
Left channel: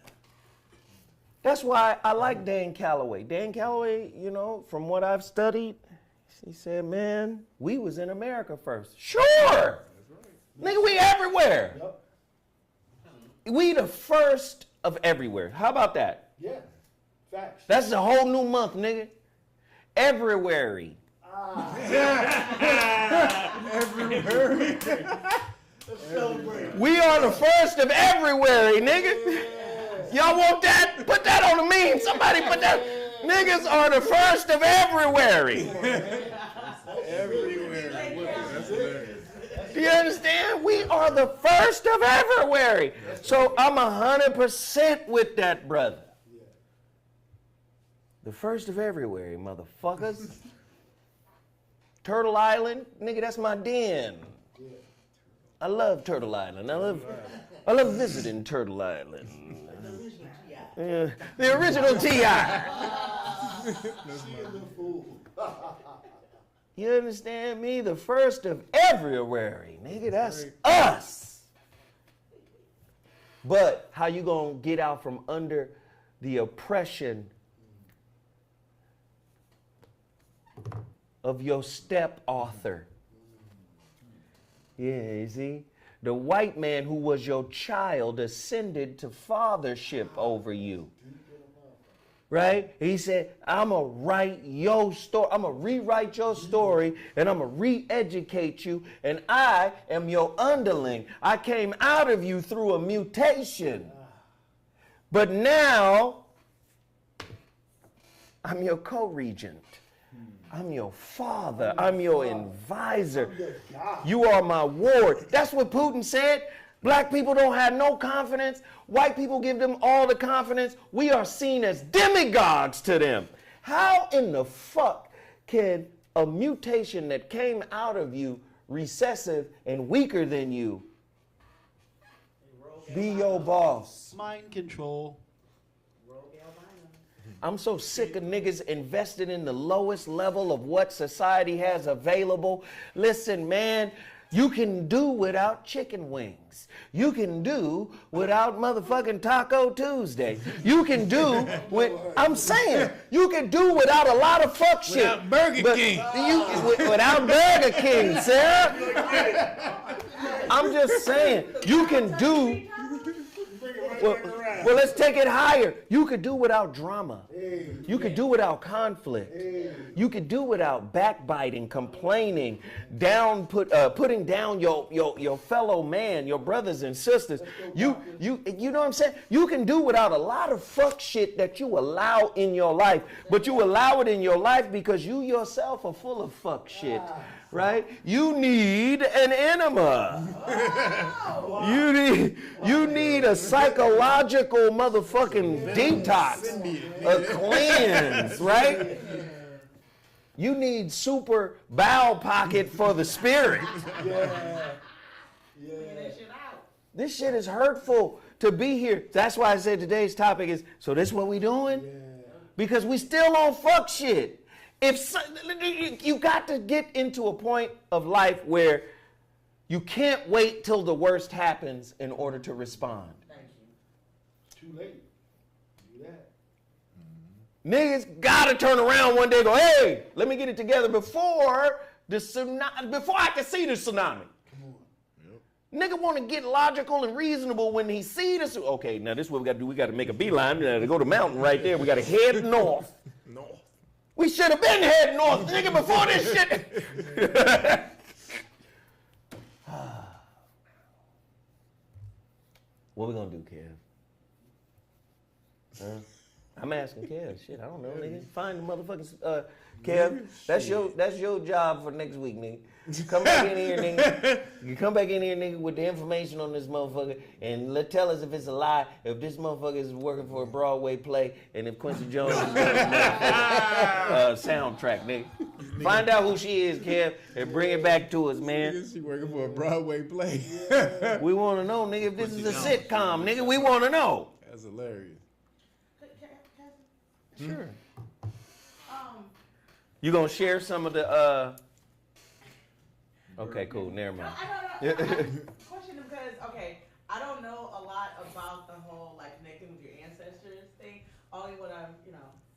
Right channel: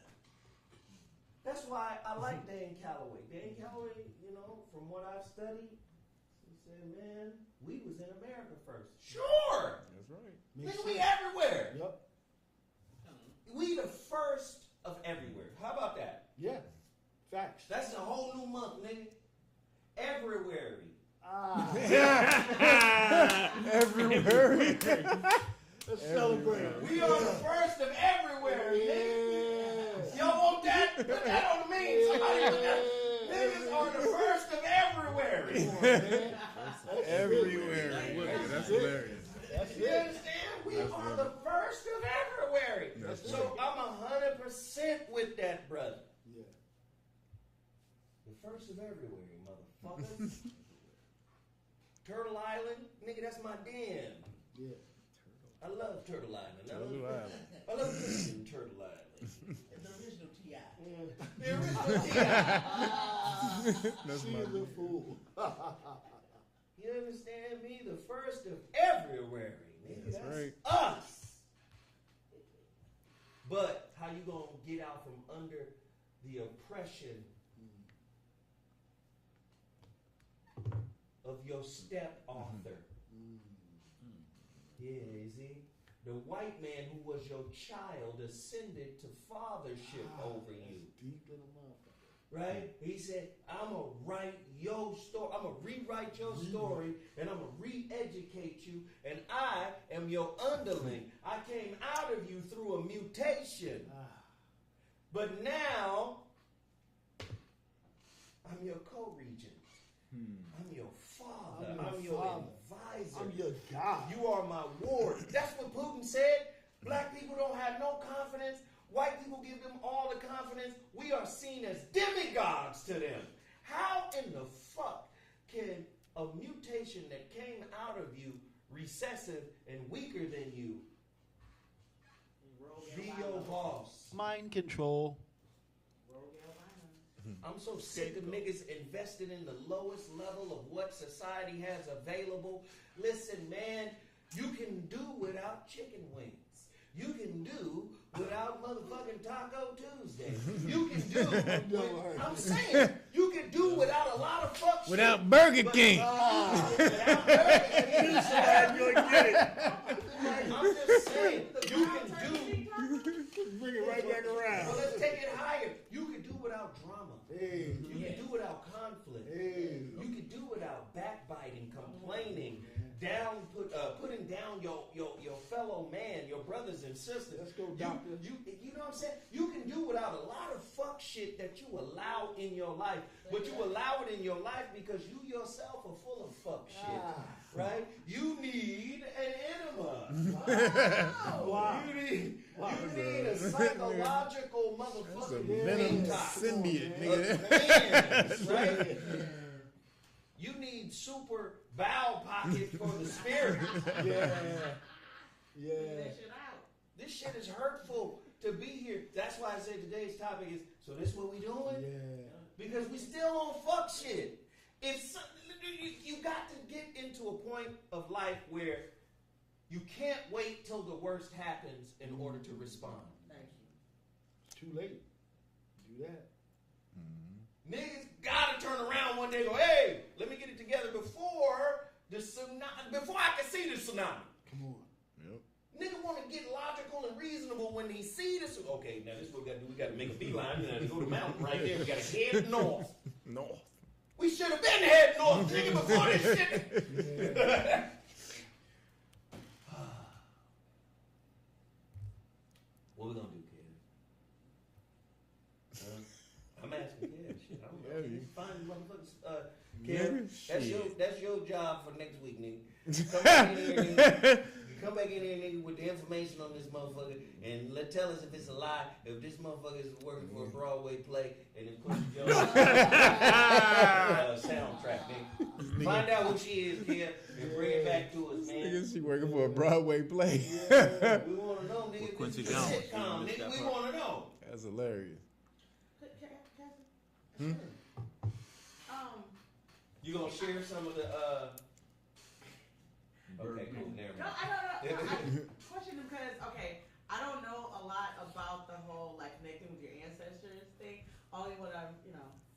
That's why I like Dan Calloway. Dan Calloway, you know, from what I've studied, he said, man, we was in America first. Sure. That's right. Nigga, we everywhere. Yep. We the first of everywhere. How about that? Yeah. Facts. That's a whole new month, nigga. Everywhere. Everywhere. Let's celebrate. We are the first of everywhere, nigga. Y'all want that? Put that on the meme. Somebody put that. Niggas are the first of everywhere. Everywhere. That's hilarious. You understand? We are the first of everywhere. So I'm 100% with that, brother. The first of everywhere, motherfuckers. Turtle Island, nigga, that's my den. I love Turtle Island. I love visiting Turtle Island. The original T.I. You understand me? The first of everywhere, nigga, that's us. But how you gonna get out from under the oppression of your step author? Yeah, you see? The white man who was your child ascended to fathership over you. Right? He said, I'm going to write your story. I'm going to rewrite your story, and I'm going to re-educate you, and I am your underling. I came out of you through a mutation. But now, I'm your co-regent. I'm your father. I'm your advisor. You are my ward. That's what Putin said. Black people don't have no confidence. White people give them all the confidence. We are seen as demigods to them. How in the fuck can a mutation that came out of you, recessive and weaker than you, be your boss? Mind control. I'm so sick of niggas invested in the lowest level of what society has available. Listen, man, you can do without chicken wings. You can do without motherfucking Taco Tuesday. You can do I'm saying, you can do without a lot of fuck shit. Without Burger King. Without Burger King, sir. I'm just saying, you can do. Well, let's take it higher. You could do without drama. You could do without conflict. You could do without backbiting, complaining, putting down your fellow man, your brothers and sisters. You know what I'm saying? You can do without a lot of fuck shit that you allow in your life, but you allow it in your life because you yourself are full of fuck shit. Right? You need an enema. You need a psychological motherfucking detox, a cleanse, right? You need super bowel pocket for the spirit. This shit is hurtful to be here. That's why I said today's topic is, so this what we doing? Because we still on fuck shit. You got to get into a point of life where you can't wait till the worst happens in order to respond. Thank you. Too late. Do that. Niggas gotta turn around one day and go, hey, let me get it together before I can see the tsunami. Come on. Nigga want to get logical and reasonable when he see this. Okay, now this is what we got to do. We got to make a beeline. We got to go to the mountain right there. We got to head north. North. We should have been heading north, nigga, before this shit. What we gonna do, Kev? I'm asking Kev. Shit, I don't know. Nigga. Find the motherfuckers. Kev, that's your job for next week, nigga. Come back in here, nigga. You come back in here, nigga, with the information on this motherfucker, and tell us if it's a lie, if this motherfucker is working for a Broadway play, and if Quincy Jones is soundtrack, nigga. Find out who she is, Kev, and bring it back to us, man. She working for a Broadway play. We want to know, nigga, if this is a sitcom, nigga. We want to know. That's hilarious. Sure. You gonna share some of the? Okay, cool. Never mind. No, question because I don't know a lot about the whole like connecting with your ancestors thing. Only what I'm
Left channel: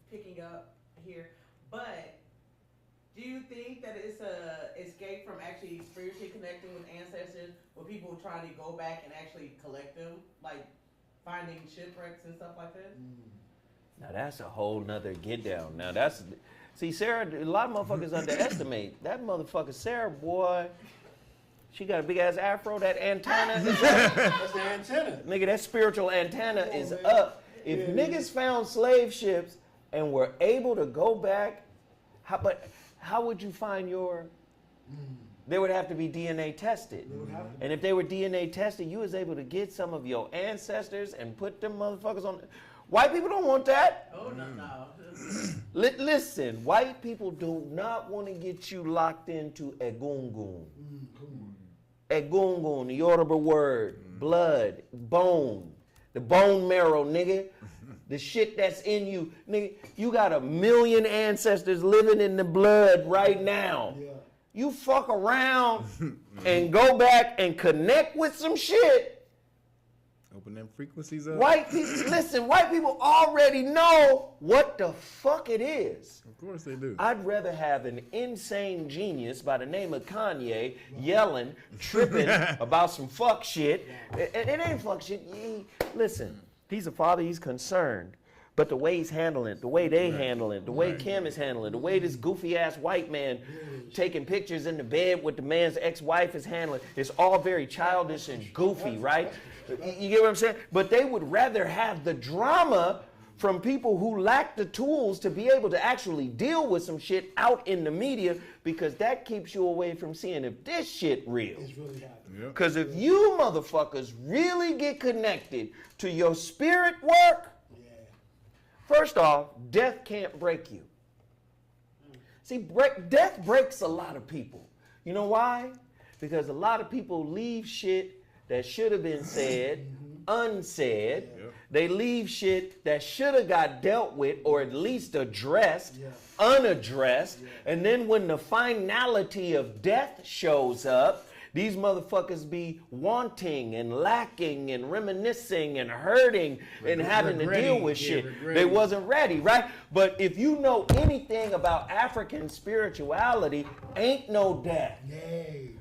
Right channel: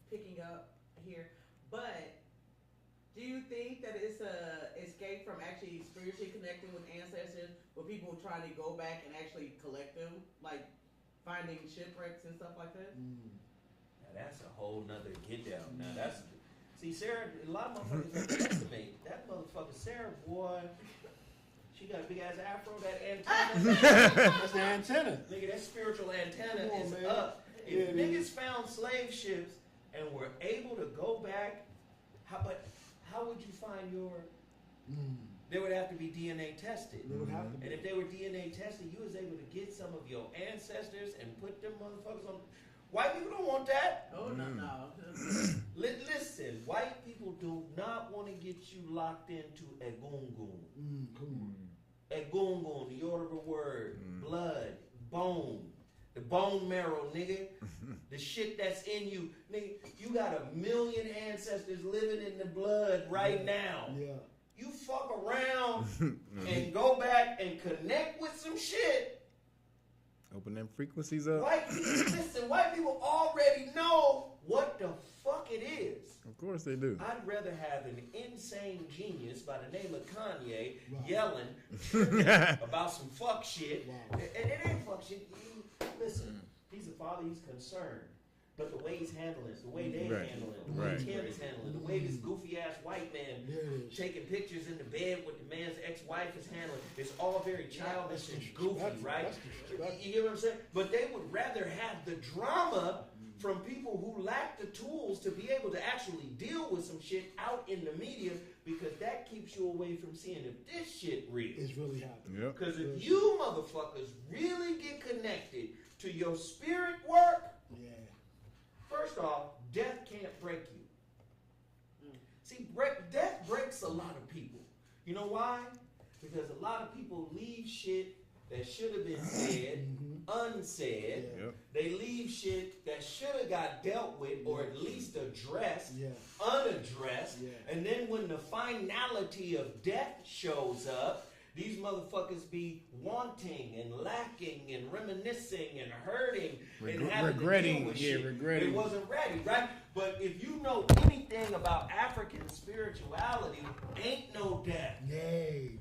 picking up here, but. Do you think that it's a escape from actually spiritually connecting with ancestors, where people try to go back and actually collect them, like finding shipwrecks and stuff like that? Now that's a whole nother get down. Now see, Sarah, a lot of motherfuckers underestimate that motherfucker Sarah, boy. She got a big ass afro, that antenna. That's the antenna. Nigga, that spiritual antenna is up. If niggas found slave ships and were able to go back, how would you find your? They would have to be DNA tested. And if they were DNA tested, you was able to get some of your ancestors and put them motherfuckers on. White people don't want that. Oh, no. Listen, white people do not want to get you locked into egungun. Egungun, the Yoruba word, blood, bone, the bone marrow, nigga. The shit that's in you, nigga. You got 1 million ancestors living in the blood right now. Yeah. You fuck around and go back and connect with some shit. Open them frequencies up. White people already know what the fuck it is. Of course they do. I'd rather have an insane genius by the name of Kanye yelling, tripping about some fuck shit. And it ain't fuck shit. Listen. He's a father, he's concerned. But the way he's handling it, the way they handle it, the way Kim is handling it, the way this goofy ass white man taking pictures in the bed with the man's ex-wife is handling it, it's all very childish and goofy, right? You get what I'm saying? But they would rather have the drama from people who lack the tools to be able to actually deal with some shit out in the media, because that keeps you away from seeing if this shit real. It's really happening. Because if you motherfuckers really get connected to your spirit work, first off, death can't break you. See, death breaks a lot of people. You know why? Because a lot of people leave shit that should have been said unsaid. They leave shit that should have got dealt with or at least addressed unaddressed. And then when the finality of death shows up, these motherfuckers be wanting and lacking and reminiscing and hurting and having to deal with shit. They wasn't ready, right? But if you know anything about African spirituality, ain't no death.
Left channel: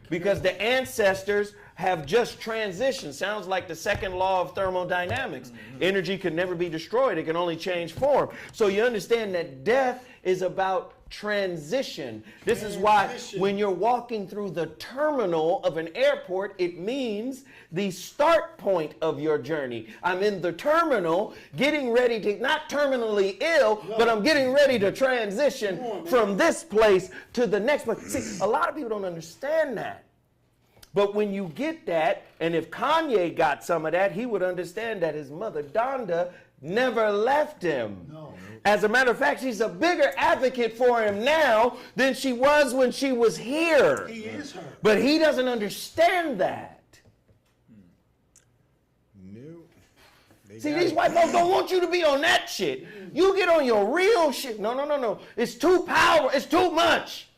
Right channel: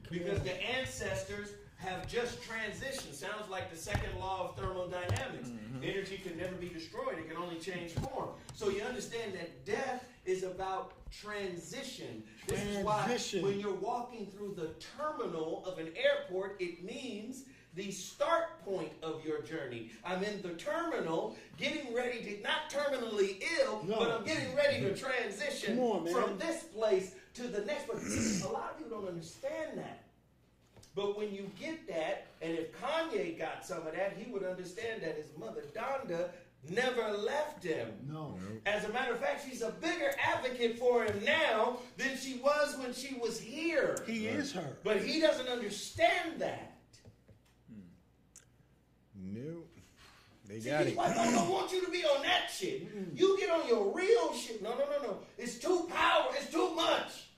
Because the ancestors have just transitioned. Sounds like the second law of thermodynamics. Energy can never be destroyed. It can only change form. So you understand that death is about transition. This is why when you're walking through the terminal of an airport, it means the start point of your journey. I'm in the terminal getting ready to, not terminally ill, but I'm getting ready to transition from this place to the next place. See, a lot of people don't understand that. But when you get that, and if Kanye got some of that, he would understand that his mother, Donda, never left him. As a matter of fact, she's a bigger advocate for him now than she was when she was here. He is her. But he doesn't understand that. No. See, these white folks don't want you to be on that shit. You get on your real shit. No. It's too powerful. It's too much.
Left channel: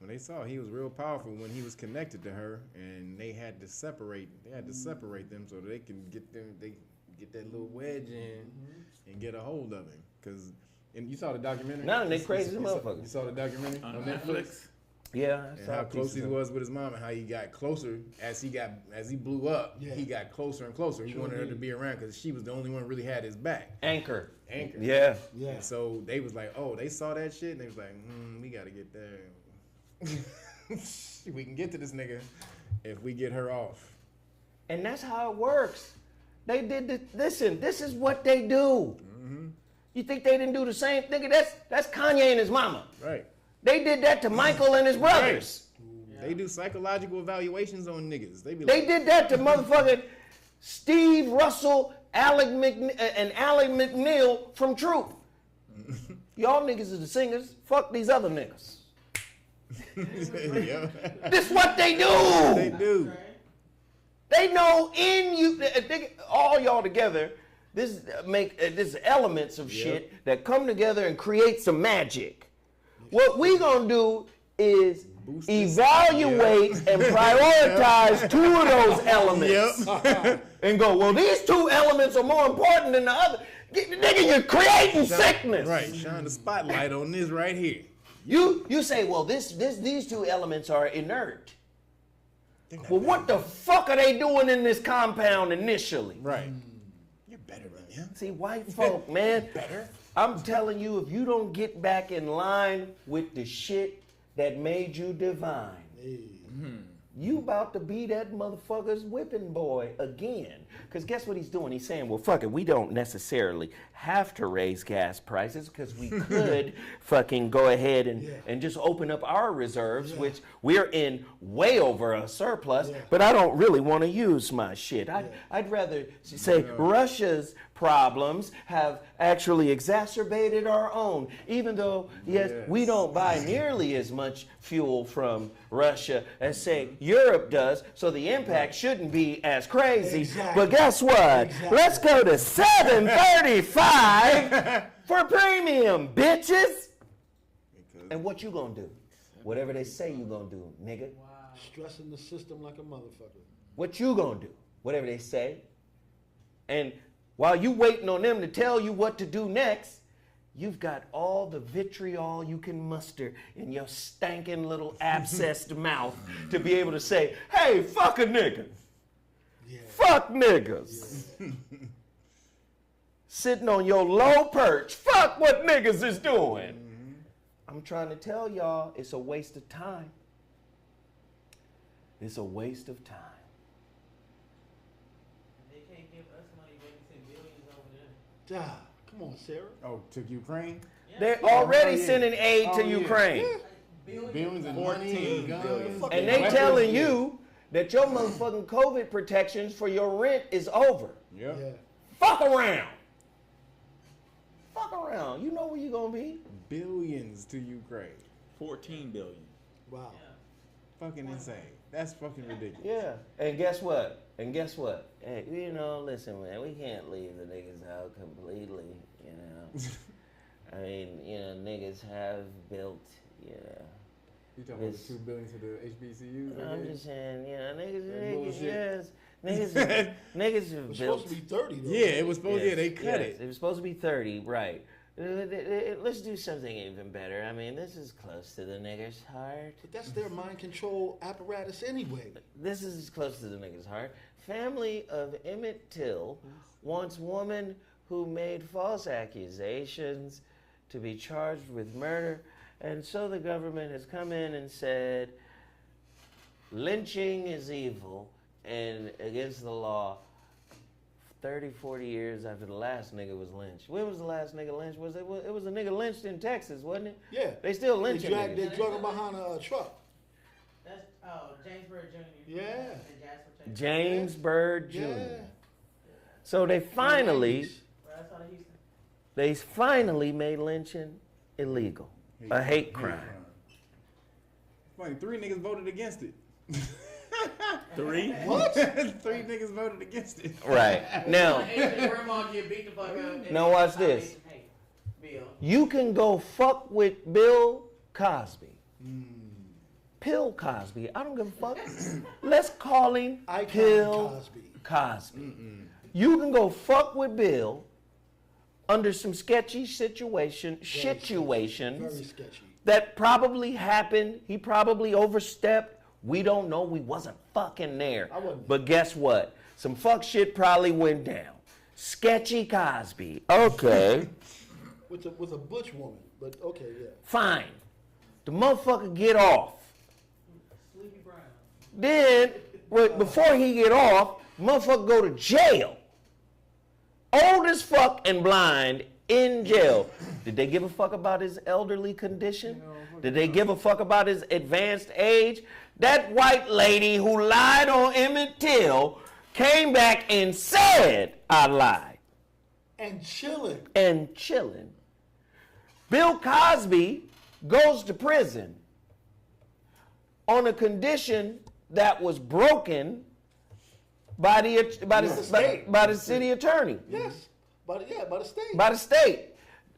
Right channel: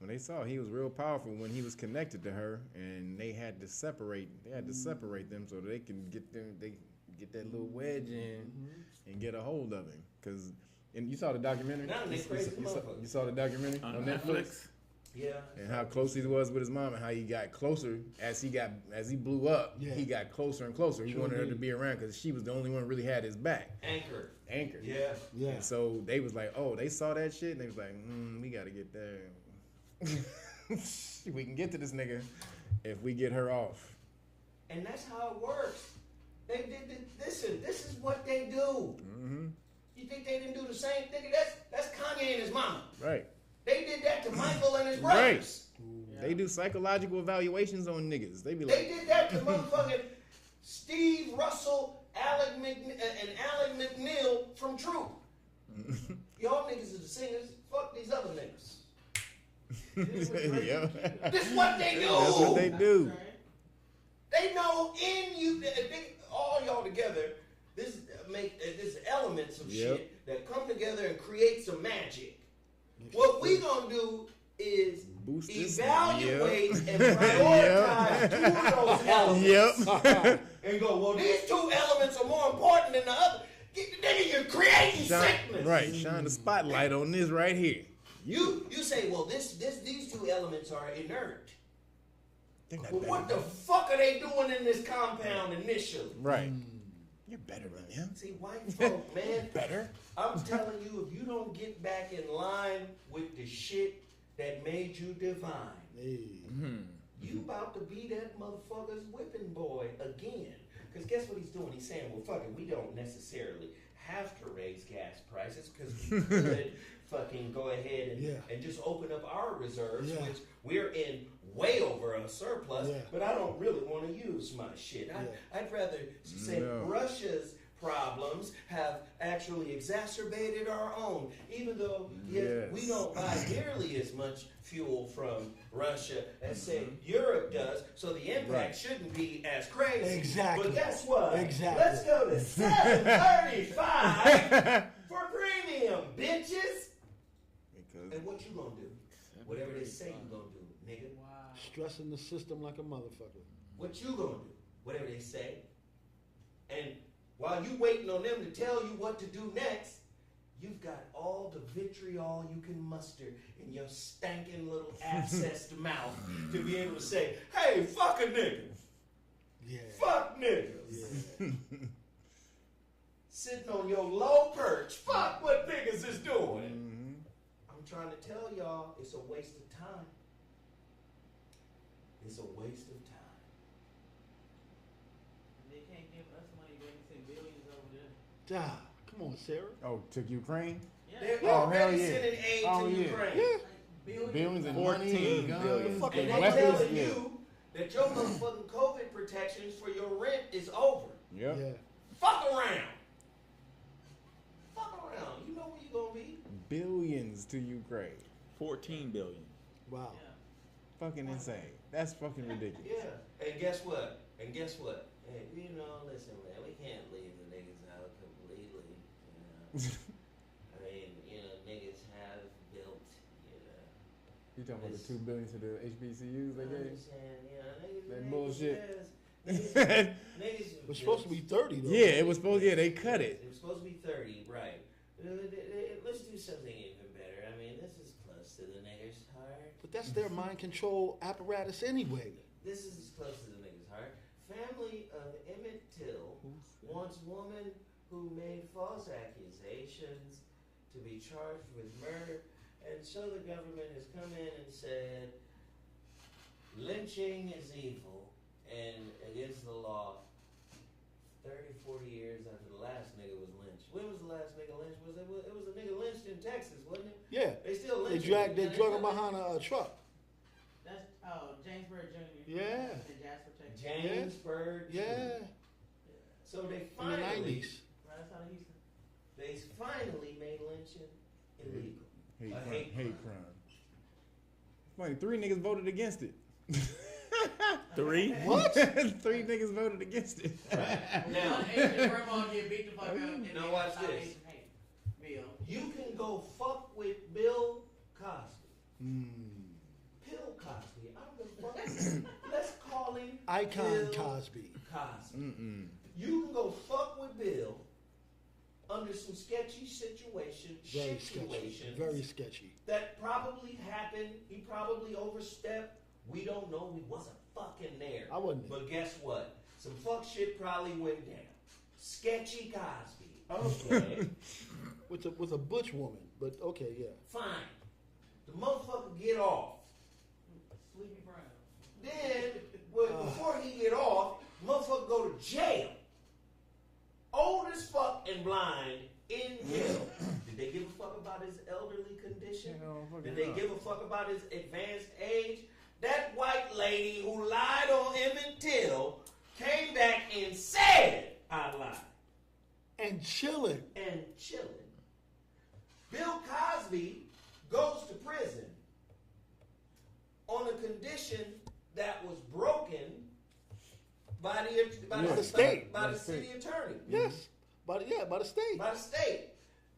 When they saw he was real powerful when he was connected to her, and they had to separate. They had to separate them so they can get them. They get that little wedge in and get a hold of him. Cause, and you saw the documentary. No, they crazy motherfuckers. You saw the documentary on Netflix. Yeah. And how close he was with his mom, and how he got closer as he blew up. Yeah. He got closer and closer. He wanted her to be around because she was the only one who really had his back. Anchor. Yeah. And so they was like, oh, they saw that shit, and they was like, we gotta get there. We can get to this nigga if we get her off. And that's how it works. They did listen, this is what they do. You think they didn't do the same thing? That's Kanye and his mama. Right. They did that to Michael and his brothers. Right. They do psychological evaluations on niggas. They did that to motherfucking Steve Russell, and Alec McNeil from Truth. Y'all niggas are the singers. Fuck these other niggas. This what they do. They do. They know in you, all y'all together. This elements of shit that come together and create some magic. What we gonna do is evaluate and prioritize 2 of those elements. And go, well, these 2 elements are more important than the other. Nigga, you're creating sickness. Right, shine the spotlight on this right here. You say, well, these 2 elements are inert. Well, what the fuck are they doing in this compound initially? Right. You're better than him. See, white folk, man. Better. I'm telling you, if you don't get back in line with the shit that made you divine, you about to be that motherfucker's whipping boy again. Because guess what he's doing? He's saying, well, fuck it, we don't necessarily have to raise gas prices because we could fucking go ahead and just open up our reserves, which we're in way over a surplus, but I don't really want to use my shit. I'd rather say Russia's problems have actually exacerbated our own, even though, we don't buy nearly as much fuel from Russia as, say, Europe does, so the impact shouldn't be as crazy. But guess what? Let's go to $7.35 for premium, bitches. And what you gonna do? Whatever they say you gonna do, nigga. Stressing the system like a motherfucker. What you gonna do? Whatever they say. And while you waiting on them to tell you what to do next, you've got all the vitriol you can muster in your stankin' little abscessed mouth to be able to say, hey, fuck a nigga. Fuck niggas. Sitting on your low perch. Fuck what niggas is doing. I'm trying to tell y'all, it's a waste of time. It's a waste of time. They can't give us money, they can send billions over there. Come on, Sarah. Oh, to Ukraine? They're already sending aid to Ukraine. Billions and 14 billions. And they telling you that your motherfucking COVID protections for your rent is over. Fuck around. Fuck around. You know where you gonna be. Billions to Ukraine. 14 billion. Wow. Fucking insane. That's fucking ridiculous. Yeah. And guess what? Hey, you know, listen, man, we can't leave the niggas out completely, you know. I mean, you know, niggas have built, you know. You talking about the $2 billion to the HBCUs? I'm just saying, you know, niggas have It was supposed to be 30, though. Yeah, it was supposed to, they cut it. It was supposed to be 30, right. Let's do something even better. I mean, this is close to the nigger's heart. But that's their mind control apparatus anyway. This is close to the nigger's heart. Family of Emmett Till wants woman who made false accusations to be charged with murder. And so the government has come in and said, lynching is evil and against the law. 30, 40 years after the last nigga was lynched. When was the last nigga lynched? It was a nigga lynched in Texas, wasn't it? Yeah. They still lynching. They drug him behind a truck. That's James Byrd Jr. Yeah. James Byrd Jr. Yeah. So they finally made lynching illegal. A hate crime. Funny, 3 niggas voted against it. 3? What? 3 niggas voted against it. Right. Now, now watch this. You can go fuck with Bill Cosby. Bill Cosby. I don't give a fuck. Let's call him Bill Cosby. You can go fuck with Bill under some sketchy situations. Very sketchy. That probably happened. He probably overstepped. We don't know. We wasn't fucking there. I wasn't. But guess what? Some fuck shit probably went down. Sketchy Cosby. Okay. with a butch woman. But okay, yeah. Fine. The motherfucker get off. Sleepy Brown. Then, before he get off, motherfucker go to jail. Old as fuck and blind in jail. Did they give a fuck about his elderly condition? Did they give a fuck about his advanced age? That white lady who lied on Emmett Till came back and said, I lied. And chilling. Bill Cosby goes to prison on a condition that was broken by the city attorney. Yes, by the state. By the state.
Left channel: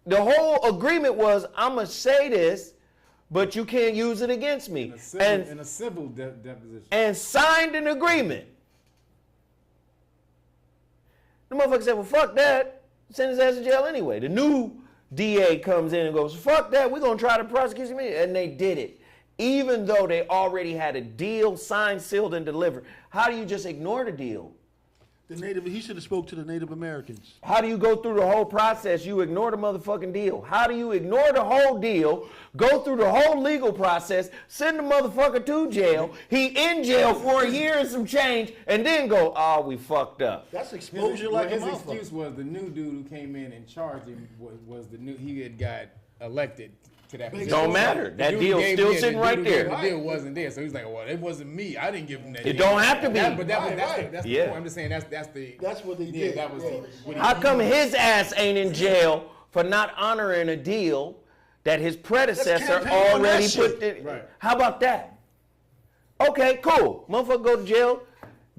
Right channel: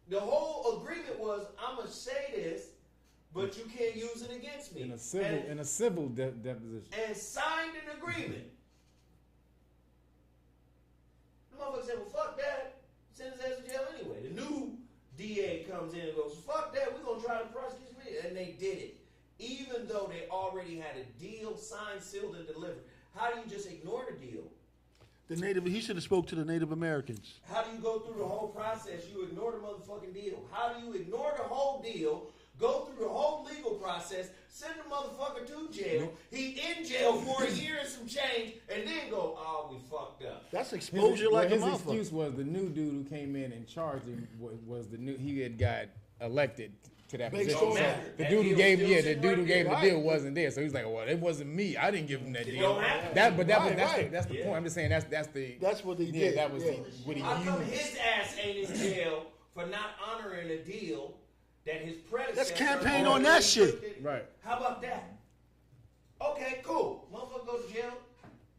The whole agreement was, I'm going to say this but you can't use it against me. In a civil deposition. And signed an agreement. The motherfucker said, well, fuck that. Send his ass to jail anyway. The new DA comes in and goes, fuck that. We're going to try to prosecute me. And they did it. Even though they already had a deal signed, sealed, and delivered. How do you just ignore the deal? He should have spoke to the Native Americans. How do you go through the whole process? You ignore the motherfucking deal. How do you ignore the whole deal, go through the whole legal process, send the motherfucker to jail, he in jail for a year and some change, and then go, oh, we fucked up. That's exposure like a motherfucker. His excuse was the new dude who came in and charged him was the new, he had got elected to that position. Don't matter. That deal still sitting right there. The deal wasn't there, so he's like, well, it wasn't me. I didn't give him that deal. It don't have to be. That's the point. I'm just saying that's what they did. That was what he How come his ass ain't in jail for not honoring a deal that his predecessor already put in? Right. How about that? Okay, cool. Motherfucker go to jail,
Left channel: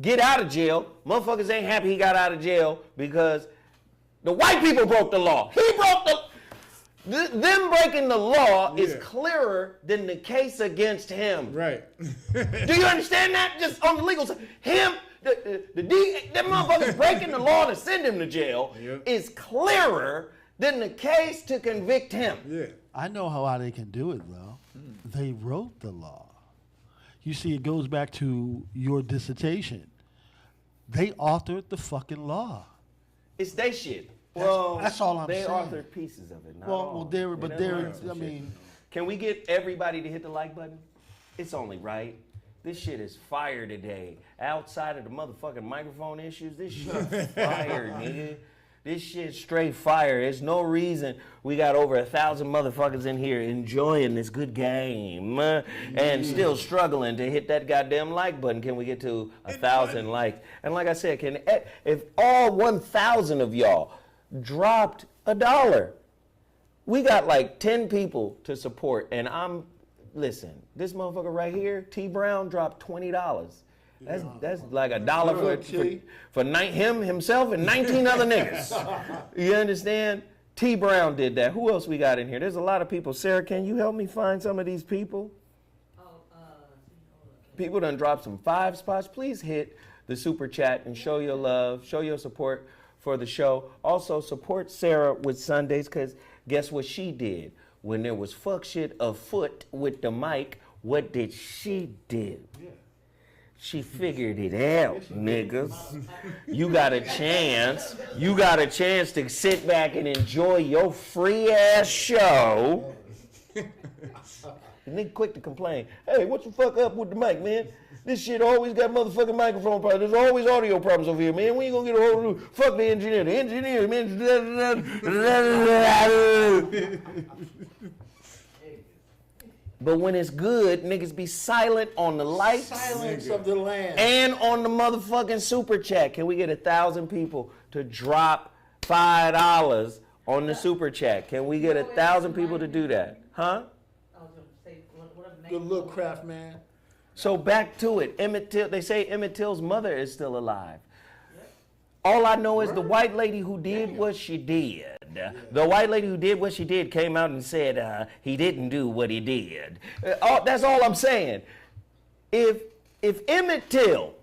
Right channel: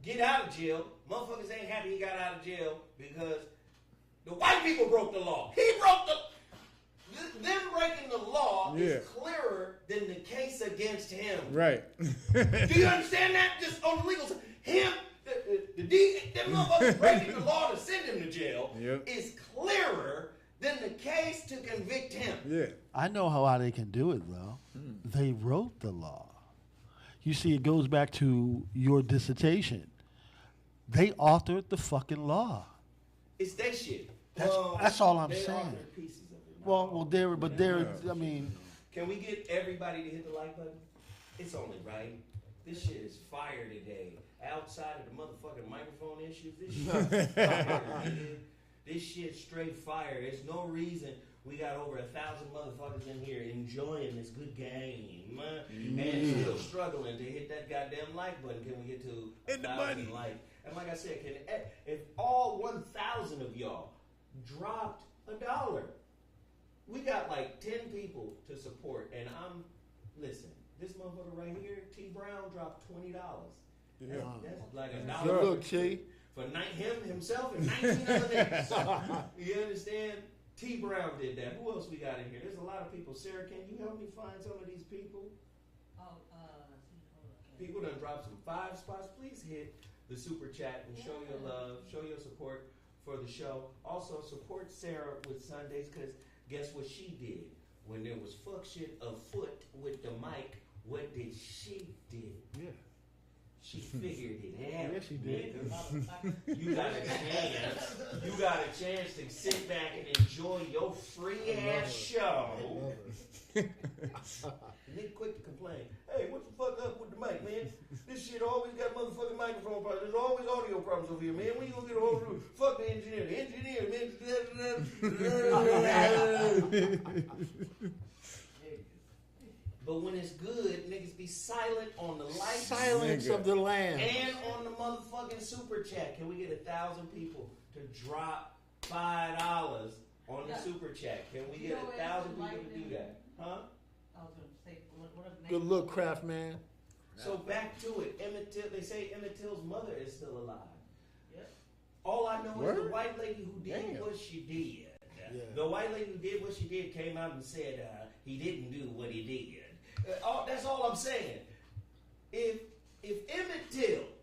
get out of jail. Motherfuckers ain't happy he got out of jail because the white people broke the law. He broke the them breaking the law is clearer than the case against him. Right. Do you understand that? Just on the legal side. That motherfucker breaking the law to send him to jail is clearer than the case to convict him. Yeah. I know how they can do it, though. They wrote the law. You see, it goes back to your dissertation. They authored the fucking law. It's their shit. That's all I'm they saying. Authored pieces of it. I mean. Can we get everybody to hit the like button? It's only right. This shit is fire today. Outside of the motherfucking microphone issues, this shit is fire, nigga. This shit straight fire. There's no reason we got over 1,000 motherfuckers in here enjoying this good game and still struggling to hit that goddamn like button. Can we get to 1,000 likes? And like I said, if all 1,000 of y'all dropped $1, we got like 10 people to support, and listen, this motherfucker right here, T Brown, dropped $20. That's like $1 for him, himself, and 19 other niggas. You understand? T Brown did that. Who else we got in here? There's a lot of people. Sarah, can you help me find some of these people? People done dropped some 5 spots. Please hit the super chat and show your love, show your support for the show. Also, support Sarah with Sundays, because guess what she did? When there was fuck shit afoot with the mic, what did she do? Yeah. She figured it out, niggas. You got a chance. You got a chance to sit back and enjoy your free ass show. The nigga quick to complain. Hey, what the fuck up with the mic, man? This shit always got motherfucking microphone problems. There's always audio problems over here, man. When you gonna get a hold of fuck the engineer? The engineer, man. But when it's good, niggas be silent on the likes. Silence of the land. And on the motherfucking super chat. Can we get 1,000 people to drop $5 on the super chat? Can we get 1,000 people to do that? Huh? Good look, Kraft man. So back to it. Emmett Till. They say Emmett Till's mother is still alive. All I know is the white lady who did what she did. The white lady who did what she did came out and said he didn't do what he did. That's all I'm saying. If Emmett Till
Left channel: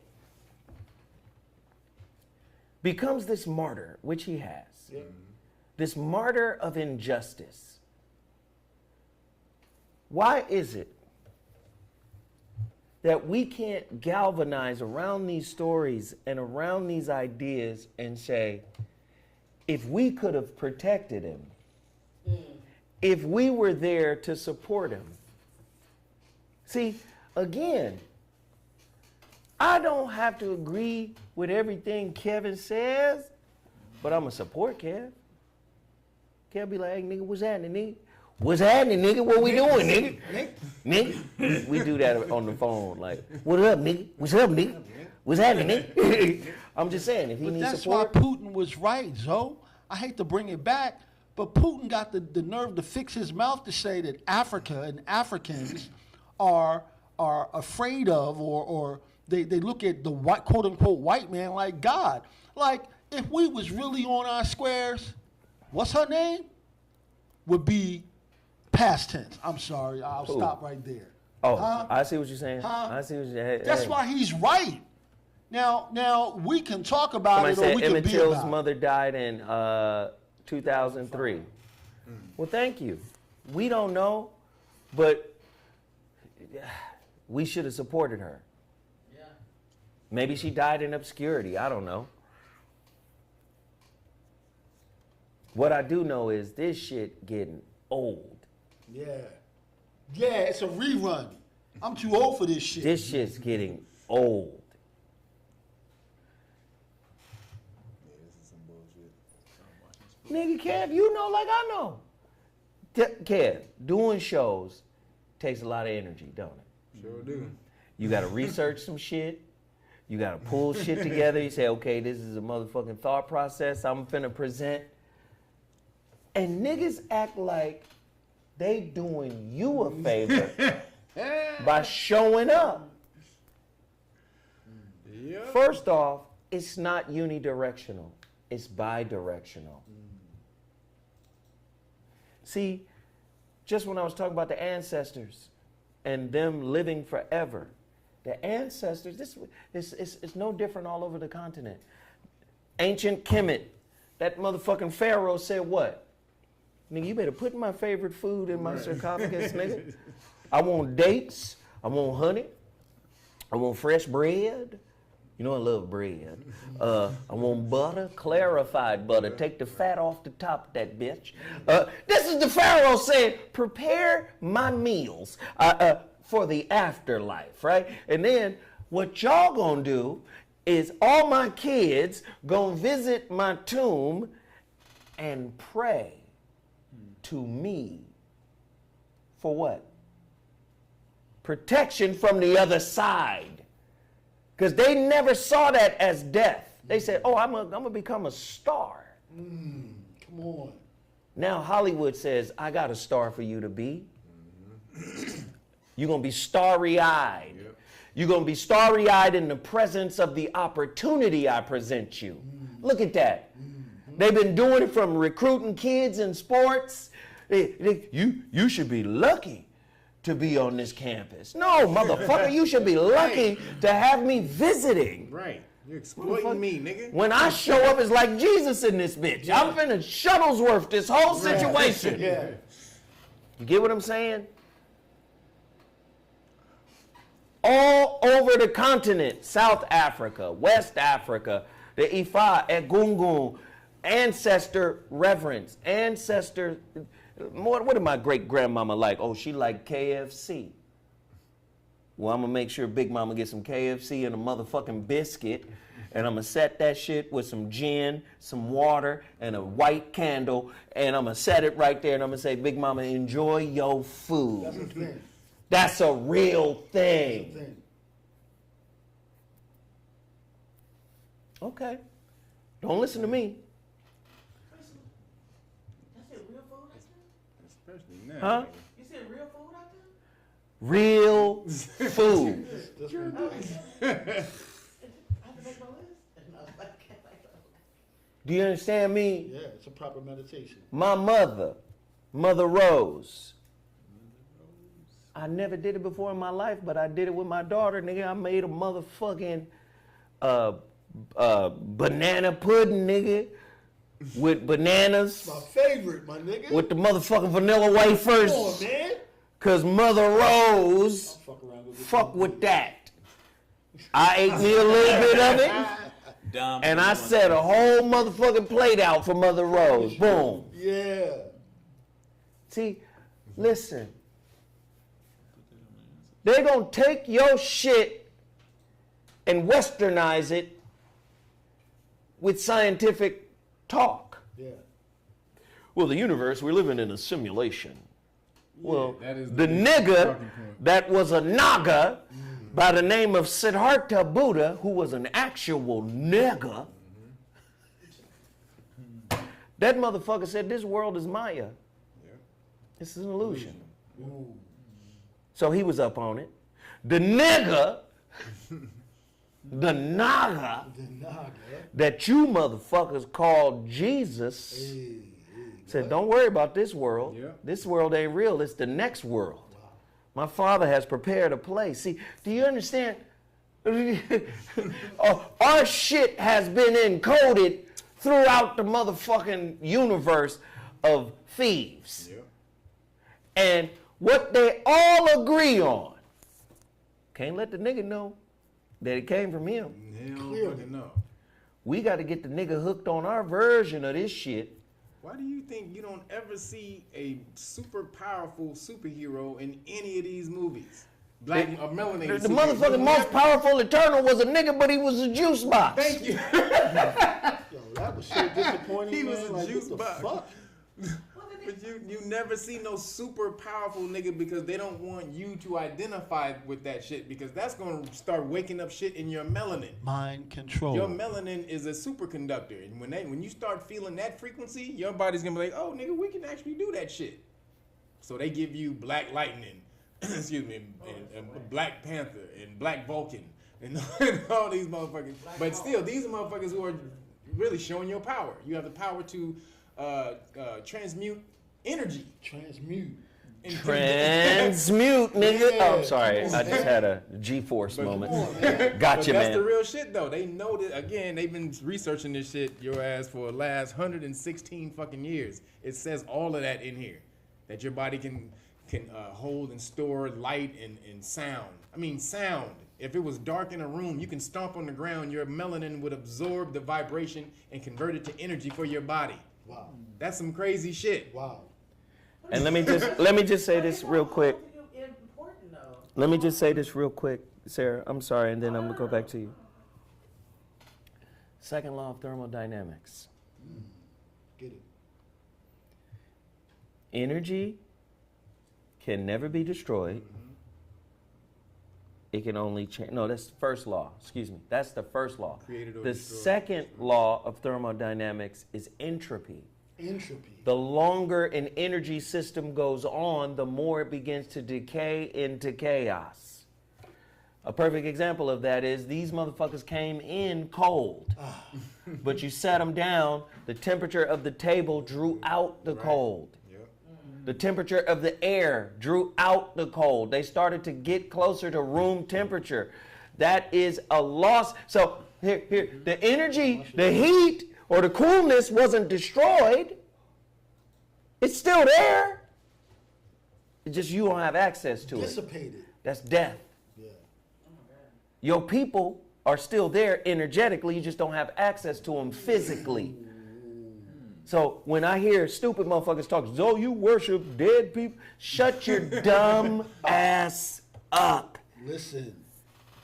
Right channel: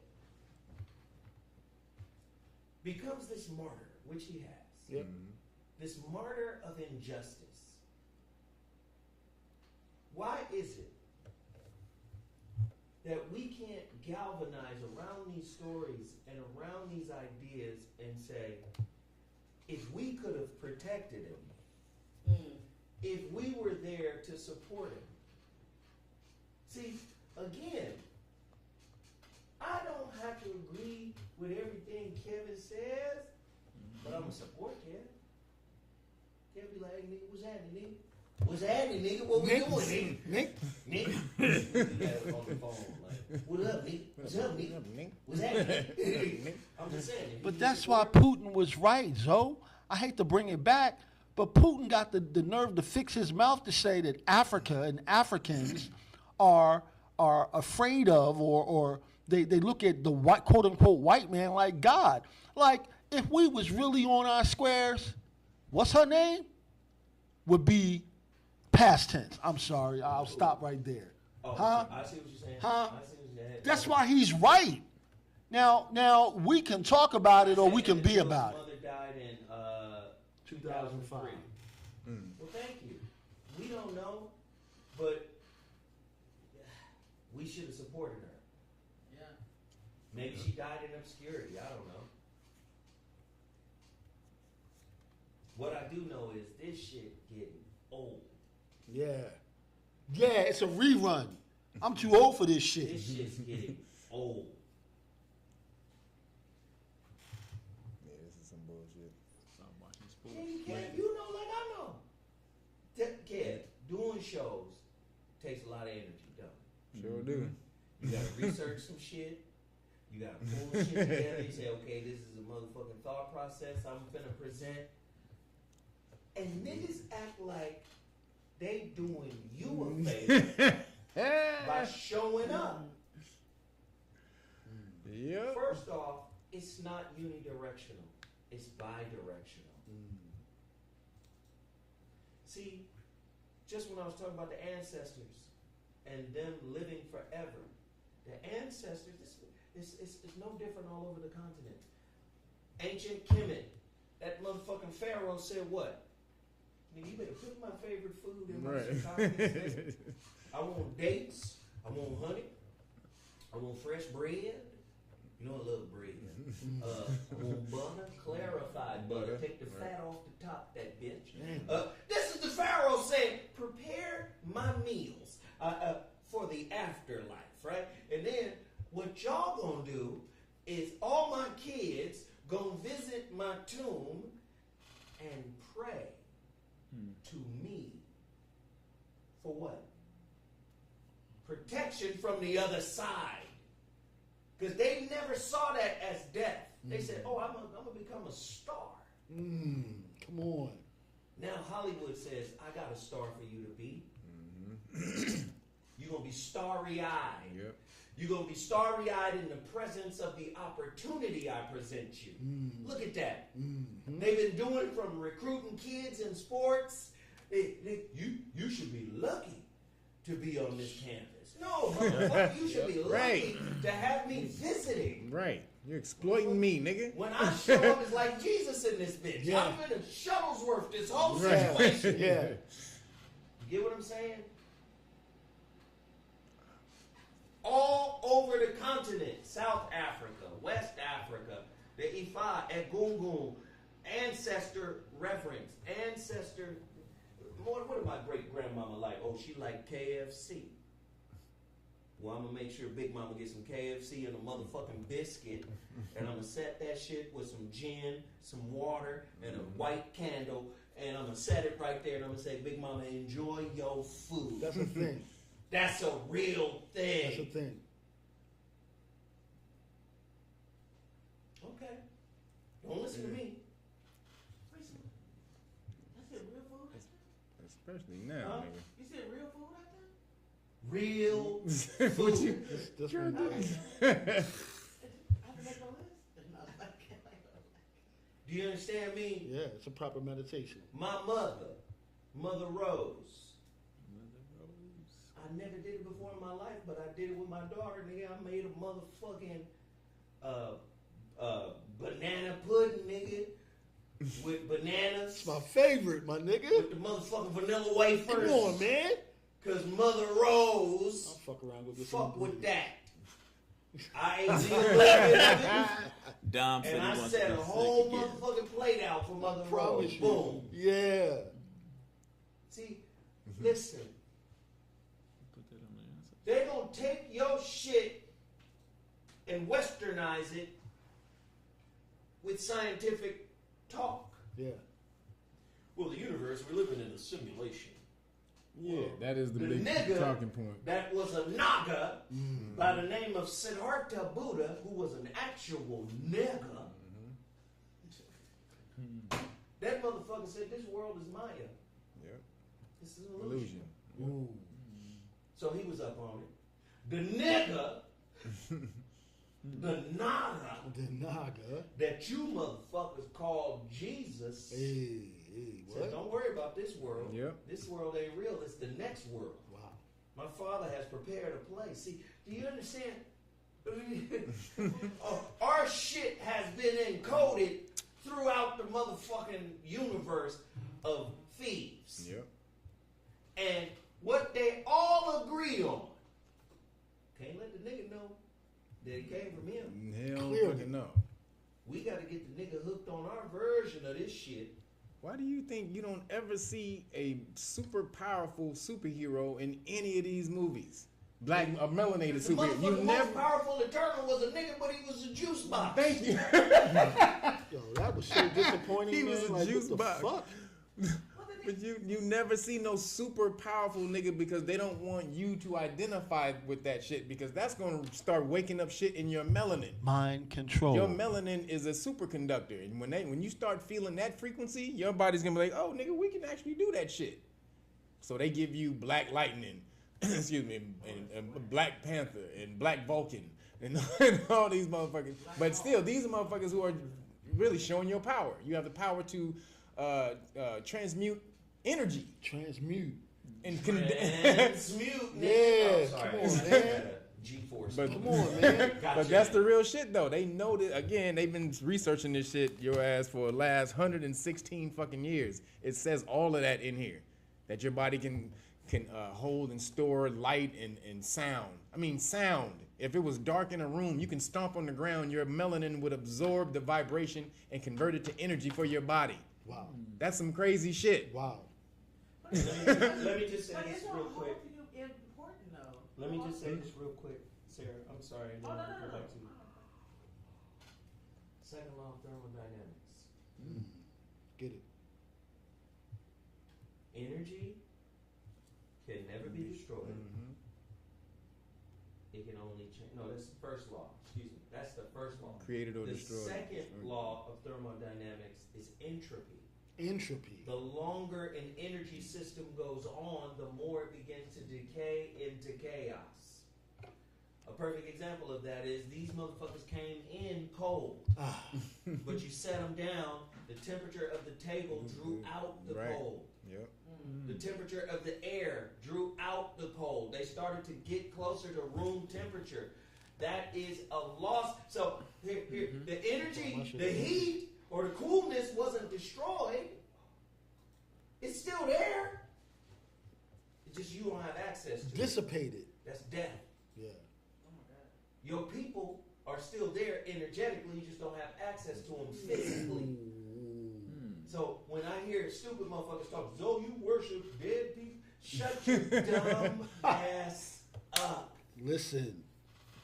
becomes this martyr, which he has, this martyr of injustice, why is it that we can't galvanize around these stories and around these ideas and say, if we could have protected him, if we were there to support him? See, again, I don't have to agree with everything Kevin says, but I'm going to support Kev. Kev be like, hey, nigga, what's happening, nigga? What's happening, nigga? What we doing, nigga? Nigga? We do that on the phone. Like, what up, nigga? What's up, nigga? What's happening, nigga? I'm just saying. If he But that's support, why Putin was right, Zo. I hate to bring it back, but Putin got the nerve to fix his mouth to say that Africa and Africans are afraid of or they look at the white, quote unquote white man like God. Like, if we was really on our squares, what's her name? Would be Past tense. I'm sorry. I'll stop right there. Oh, Huh? I see what you're saying. Huh? I see what you're saying. That's why he's right. Now we can talk about it or we can Emmett be Till's about it. mother died in 2003. Well, thank you. We don't know, but we should have supported her. Yeah. Maybe she died in obscurity. I don't know. What I do know is this shit getting old. Yeah. Yeah, it's a rerun. I'm too old for this shit. This shit's getting old. Yeah, this is some bullshit. Nigga, Kev, you know like I know. Kev, doing shows takes a lot of energy, don't it? Sure do. You gotta research some shit. You gotta pull shit together. You say, okay, this is a motherfucking thought process I'm finna present. And niggas act like they doing you a favor by showing up. Yep. First off, it's not unidirectional. It's bidirectional. See, just when I was talking about the ancestors and them living forever, the ancestors, it's no different all over the continent. Ancient Kemet, that motherfucking pharaoh said what? Nigga, you better put my favorite food in my sarcophagus, nigga. I want dates. I want honey. I want fresh bread. You know I love bread. I want butter, clarified butter. Take the fat off the top of that bitch. This is the pharaoh saying, prepare my meals for the afterlife, right? And then what y'all gonna do is all my kids gonna visit my tomb and pray to me for what? Protection from the other side. Because they never saw that as death. They said, oh, I'm gonna become a star. Come on. Now Hollywood says, I got a star for you to be. You're gonna be starry-eyed. Yep. You're gonna be starry-eyed in the presence of the opportunity I present you. Look at that. They've been doing it from recruiting kids in sports. You should be lucky to be on this campus. No, motherfucker, you should be lucky to have me visiting. Right. You're exploiting me, nigga. When I show up, it's like Jesus in this bitch. Yeah. I'm finna Shuttlesworth this whole situation. Yeah. You get what I'm saying? All over the continent, South Africa, West Africa, the Ifa, Egungun, ancestor reverence, ancestor. What did my great grandmama like? Oh, she liked KFC. Well, I'm gonna make sure Big Mama gets some KFC and a motherfucking biscuit, and I'm gonna set that shit with some gin, some water, and a white candle, and I'm gonna set it right there, and I'm gonna say, Big Mama, enjoy your food. That's a thing. That's a real thing. That's a thing. Okay. Don't listen to me. That's it, real food out there? Especially now. Huh? Nigga. You said real food out there? Real food. That's what we do. I have to make my list? Do you understand me? Yeah, it's a proper meditation. My mother, Mother Rose. I never did it before in my life, but I did it with my daughter. Nigga, I made a motherfucking banana pudding, nigga, with bananas. My favorite, my nigga. With the motherfucking vanilla wafers. Come on, man. Cause Mother Rose I'll fuck around with fuck with that. I ate me a little bit of it. Dumb. And I set a whole motherfucking plate out for Mother Rose. Boom. Yeah. See, listen. They're gonna take your shit and westernize it with scientific talk. Yeah. Well, the universe, we're living in a simulation. Well, that is the big nigga talking point. that was a Naga by the name of Siddhartha Buddha, who was an actual nigga, that motherfucker said this world is Maya. Yeah. This is an illusion. Ooh. So he was up on it. The nigga, the Naga, The Naga. that you motherfuckers call Jesus, Hey, Said, don't worry about this world. Yeah. This world ain't real. It's the next world. Wow. My Father has prepared a place. See, do you understand? Our shit has been encoded throughout the motherfucking universe of thieves. Yeah. And what they all agree on, can't let the nigga know that it came from him. Hell fucking no. We got to get the nigga hooked on our version of this shit. Why do you think you don't ever see a super powerful superhero in any of these movies? Black, a melanated The superhero. motherfucking most powerful Eternal was a nigga, but he was a juice box. Thank you. Yo, that was so disappointing. He man. was a Like, juice what the box. fuck? But you never see no super powerful nigga because they don't want you to identify with that shit because that's going to start waking up shit in your melanin. Mind control. Your melanin is a superconductor, and when you start feeling that frequency, your body's gonna be like, oh nigga, we can actually do that shit. So they give you Black Lightning, excuse me, and Black Panther and Black Vulcan and all these motherfuckers. But still, these are motherfuckers who are really showing your power. You have the power to transmute energy. Transmute. Transmute, nigga. Yeah, Oh, sorry. I just had a G-force moment. Gotcha, But that's man. the real shit, though. They know that, again, they've been researching this shit, your ass, for the last 116 fucking years. It says all of that in here. That your body can hold and store light and sound. I mean, sound. If it was dark in a room, you can stomp on the ground, your melanin would absorb the vibration and convert it to energy for your body. Wow. That's some crazy shit. Wow. And let me just say this real quick. Let me just say this real quick, Sarah. I'm sorry, and then I'm gonna go back to you. Second law of thermodynamics. Get it. Energy can never be destroyed. It can only change. No, that's the first law. Excuse me. That's the first law. Created or the destroyed. second law of thermodynamics is entropy. Entropy. The longer an energy system goes on, the more it begins to decay into chaos. A perfect example of that is these motherfuckers came in cold, but you sat them down, the temperature of the table drew out the cold. Yep. The temperature of the air drew out the cold. They started to get closer to room temperature. That is a loss. So here, the energy, the heat, or the coolness wasn't destroyed. It's still there. It's just you don't have access to it. Dissipated. That's death. Yeah. Your people are still there energetically. You just don't have access to them physically. So when I hear stupid motherfuckers talk, "Oh, you worship dead people," shut your dumb ass up. Listen.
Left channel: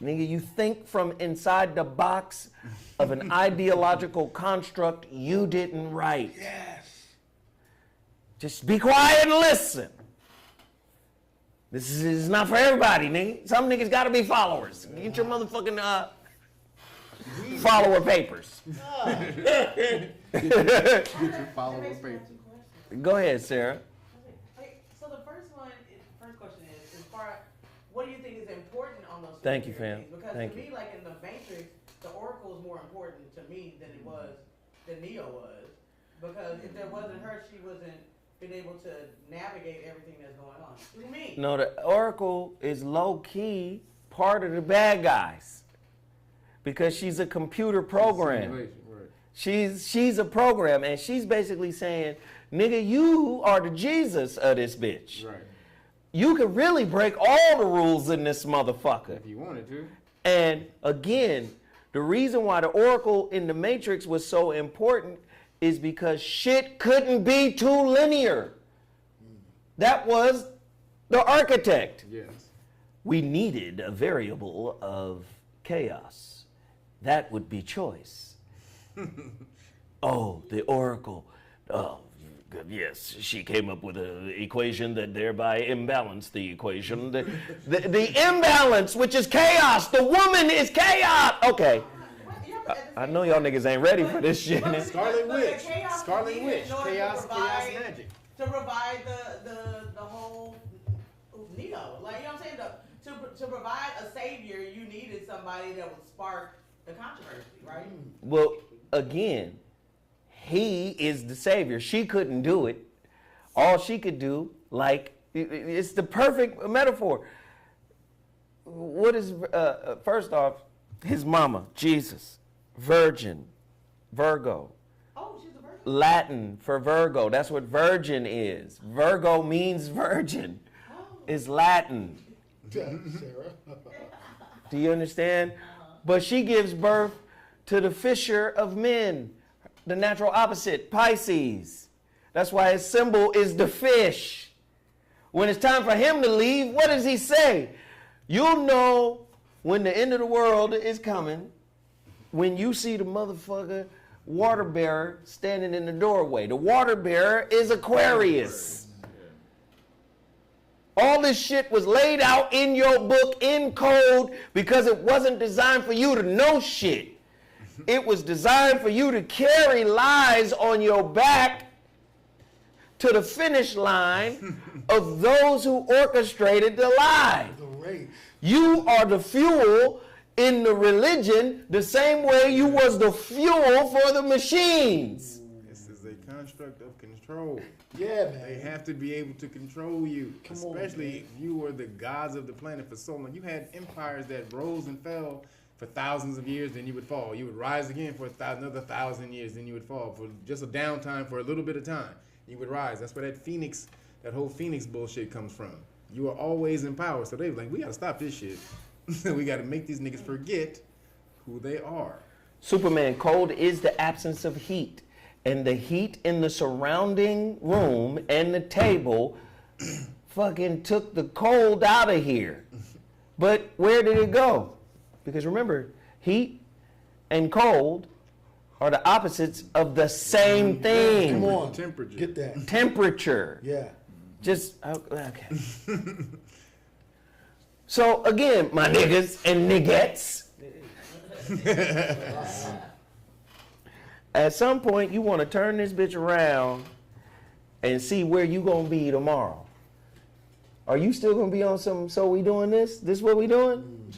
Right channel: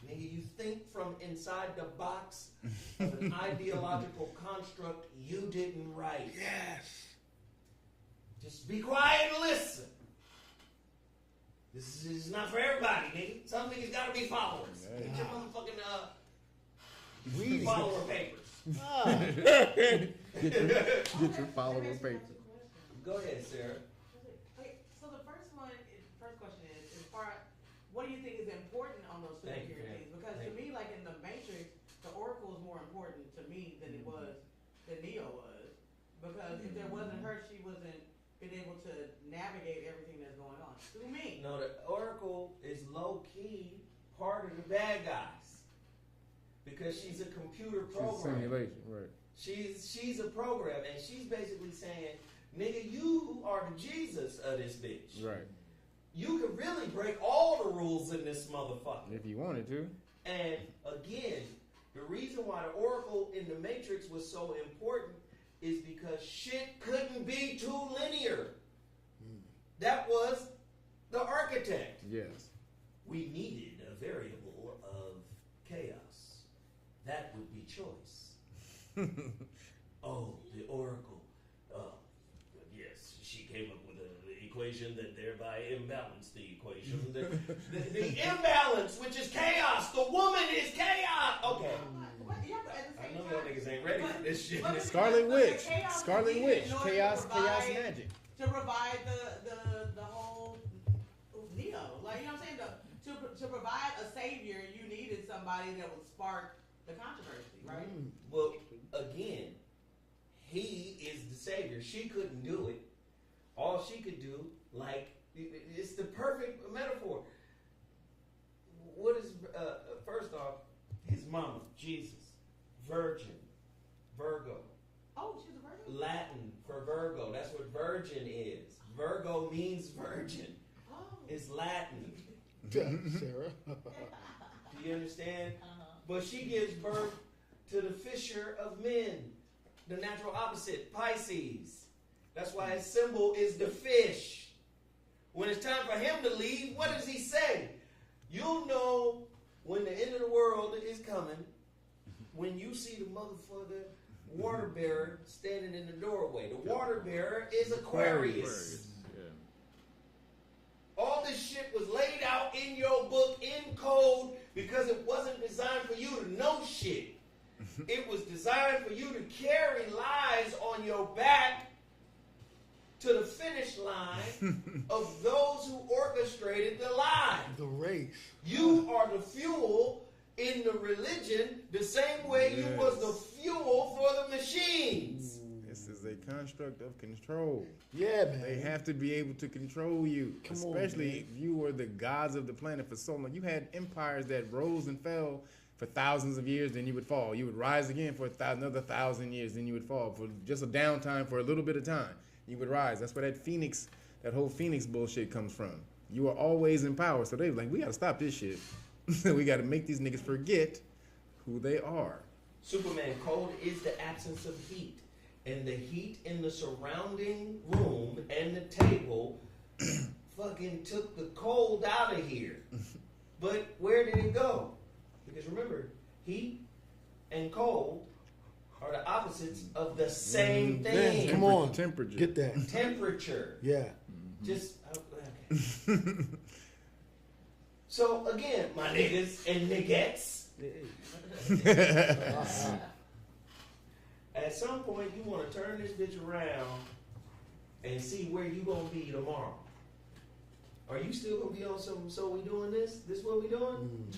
Nigga, you think from inside the box of an ideological construct you didn't write. Yes. Just be quiet and listen. This is not for everybody, nigga. Some niggas gotta be followers. Get your motherfucking follower papers. Get your follower papers. Go ahead, Sarah. Okay, so the first question is, as far what do you think is important on those? Thank you, fam. Things? Because Thank to me, like in the Matrix, the Oracle is more important to me than Neo was. Because if there wasn't her, she wasn't been able to navigate everything that's going on. Through me. No, the Oracle is low-key part of the bad guys. Because she's a computer program. Right. She's a program, and she's basically saying, nigga, you are the Jesus of this bitch. Right. You could really break all the rules in this motherfucker. If you wanted to. And again, the reason why the Oracle in the Matrix was so important is because shit couldn't be too linear. That was the architect. Yes. We needed a variable of chaos. That would be choice. Oh, the Oracle. Oh, yes, she came up with an equation that thereby imbalanced the equation. The imbalance, which is chaos. The woman is chaos. Okay. I know y'all niggas ain't ready for this shit. Scarlet Witch. Scarlet Witch. Chaos magic. To provide the whole Neo. Like, you know what I'm saying? To provide a savior, you needed somebody that would spark the controversy, right? Well, again, he is the savior. She couldn't do it. All she could do, like, it's the perfect metaphor. What is, first off, his mama, Jesus, virgin, Virgo. Oh, she's a virgin. Latin for Virgo. That's what virgin is. Virgo means virgin. It's Latin. Sarah. Do you understand? But she gives birth to the fisher of men, the natural opposite, Pisces. That's why his symbol is the fish. When it's time for him to leave, what does he say? You'll know when the end of the world is coming when you see the motherfucker water bearer standing in the doorway. The water bearer is Aquarius. All this shit was laid out in your book in code because it wasn't designed for you to know shit. It was designed for you to carry lies on your back to the finish line of those who orchestrated the lie. The race. You are the fuel in the religion the same way you was the fuel for the machines. This is a construct of control. Yeah, man. They have to be able to control you, especially if you were the gods of the planet for so long. You had empires that rose and fell for thousands of years, then you would fall. You would rise again for another 1,000 years, then you would fall for just a downtime for a little bit of time. You would rise. That's where that whole Phoenix bullshit comes from. You are always in power. So they were like, we got to stop this shit. We got to make these niggas forget who they are. Superman, cold is the absence of heat. And the heat in the surrounding room and the table fucking took the cold out of here. But where did it go? Because remember, heat and cold are the opposites of the same thing. Come on. Temperature. Get that. Temperature. Yeah. Just, okay. So again, my niggas and niggettes. At some point, you want to turn this bitch around and see where you gonna be tomorrow. Are you still gonna be on some, so we doing this? This what we doing?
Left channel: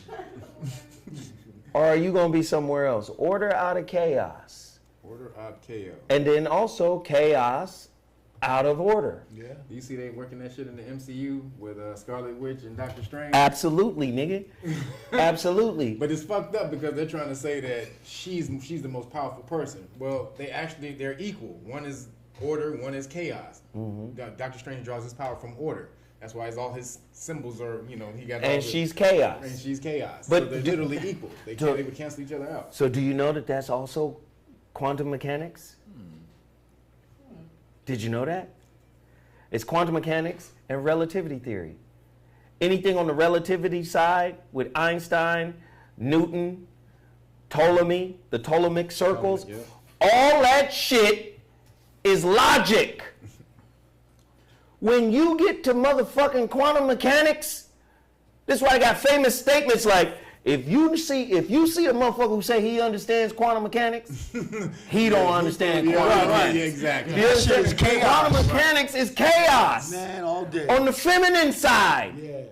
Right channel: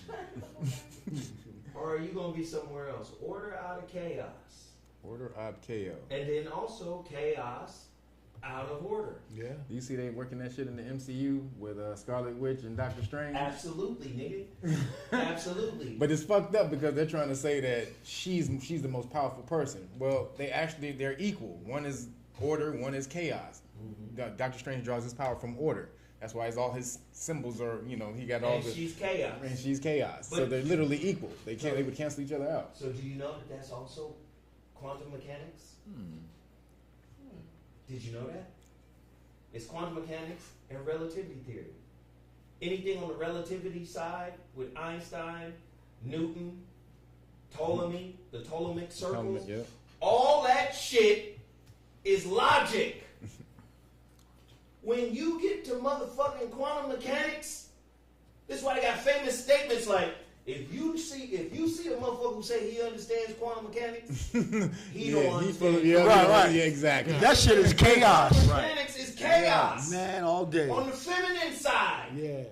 Or are you gonna be somewhere else? Order out of chaos. Order out of chaos. And then also chaos out of order. Yeah. Do you see they working that shit in the MCU with Scarlet Witch and Doctor Strange? Absolutely, nigga. Absolutely. But it's fucked up because they're trying to say that she's the most powerful person. Well, they're equal. One is order, one is chaos. Mm-hmm. Doctor Strange draws his power from order. That's why all his symbols are, he got all. And she's chaos. And she's chaos. But so they're literally equal. They would cancel each other out. So do you know that that's also quantum mechanics? Did you know that? It's quantum mechanics and relativity theory. Anything on the relativity side with Einstein, Newton, Ptolemy, the Ptolemaic circles, all that shit is logic. When you get to motherfucking quantum mechanics, this is why I got famous statements like, if you see a motherfucker who say he understands quantum mechanics, he don't understand quantum mechanics. Yeah, exactly. That shit is chaos. Quantum mechanics is chaos. Man, all day. On the feminine side. Yeah.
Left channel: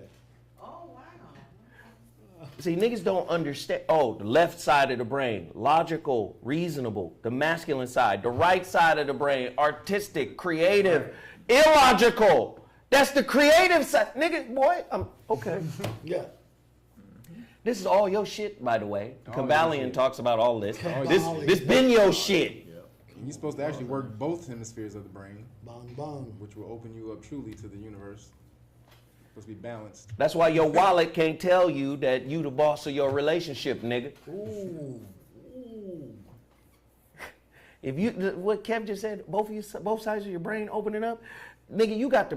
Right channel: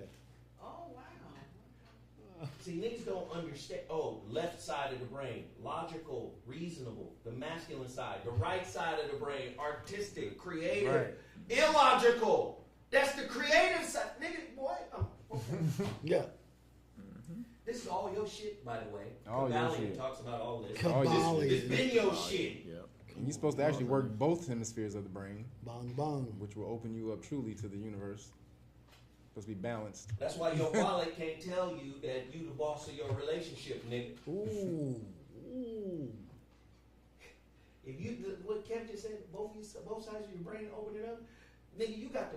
Oh, wow. See, niggas don't understand. Oh, the left side of the brain, logical, reasonable. The masculine side, the right side of the brain, artistic, creative, illogical. That's the creative side. Nigga, boy, I'm okay. Yeah. This is all your shit, by the way. All Kabbalion talks about all this. Kabbalion. This been your shit. You're supposed to actually work both hemispheres of the brain, Bong bong. which will open you up truly to the universe. Supposed to be balanced. That's why your wallet can't tell you that you the boss of your relationship, nigga. Ooh. If you, what Kev just said, both sides of your brain opening up, nigga, you got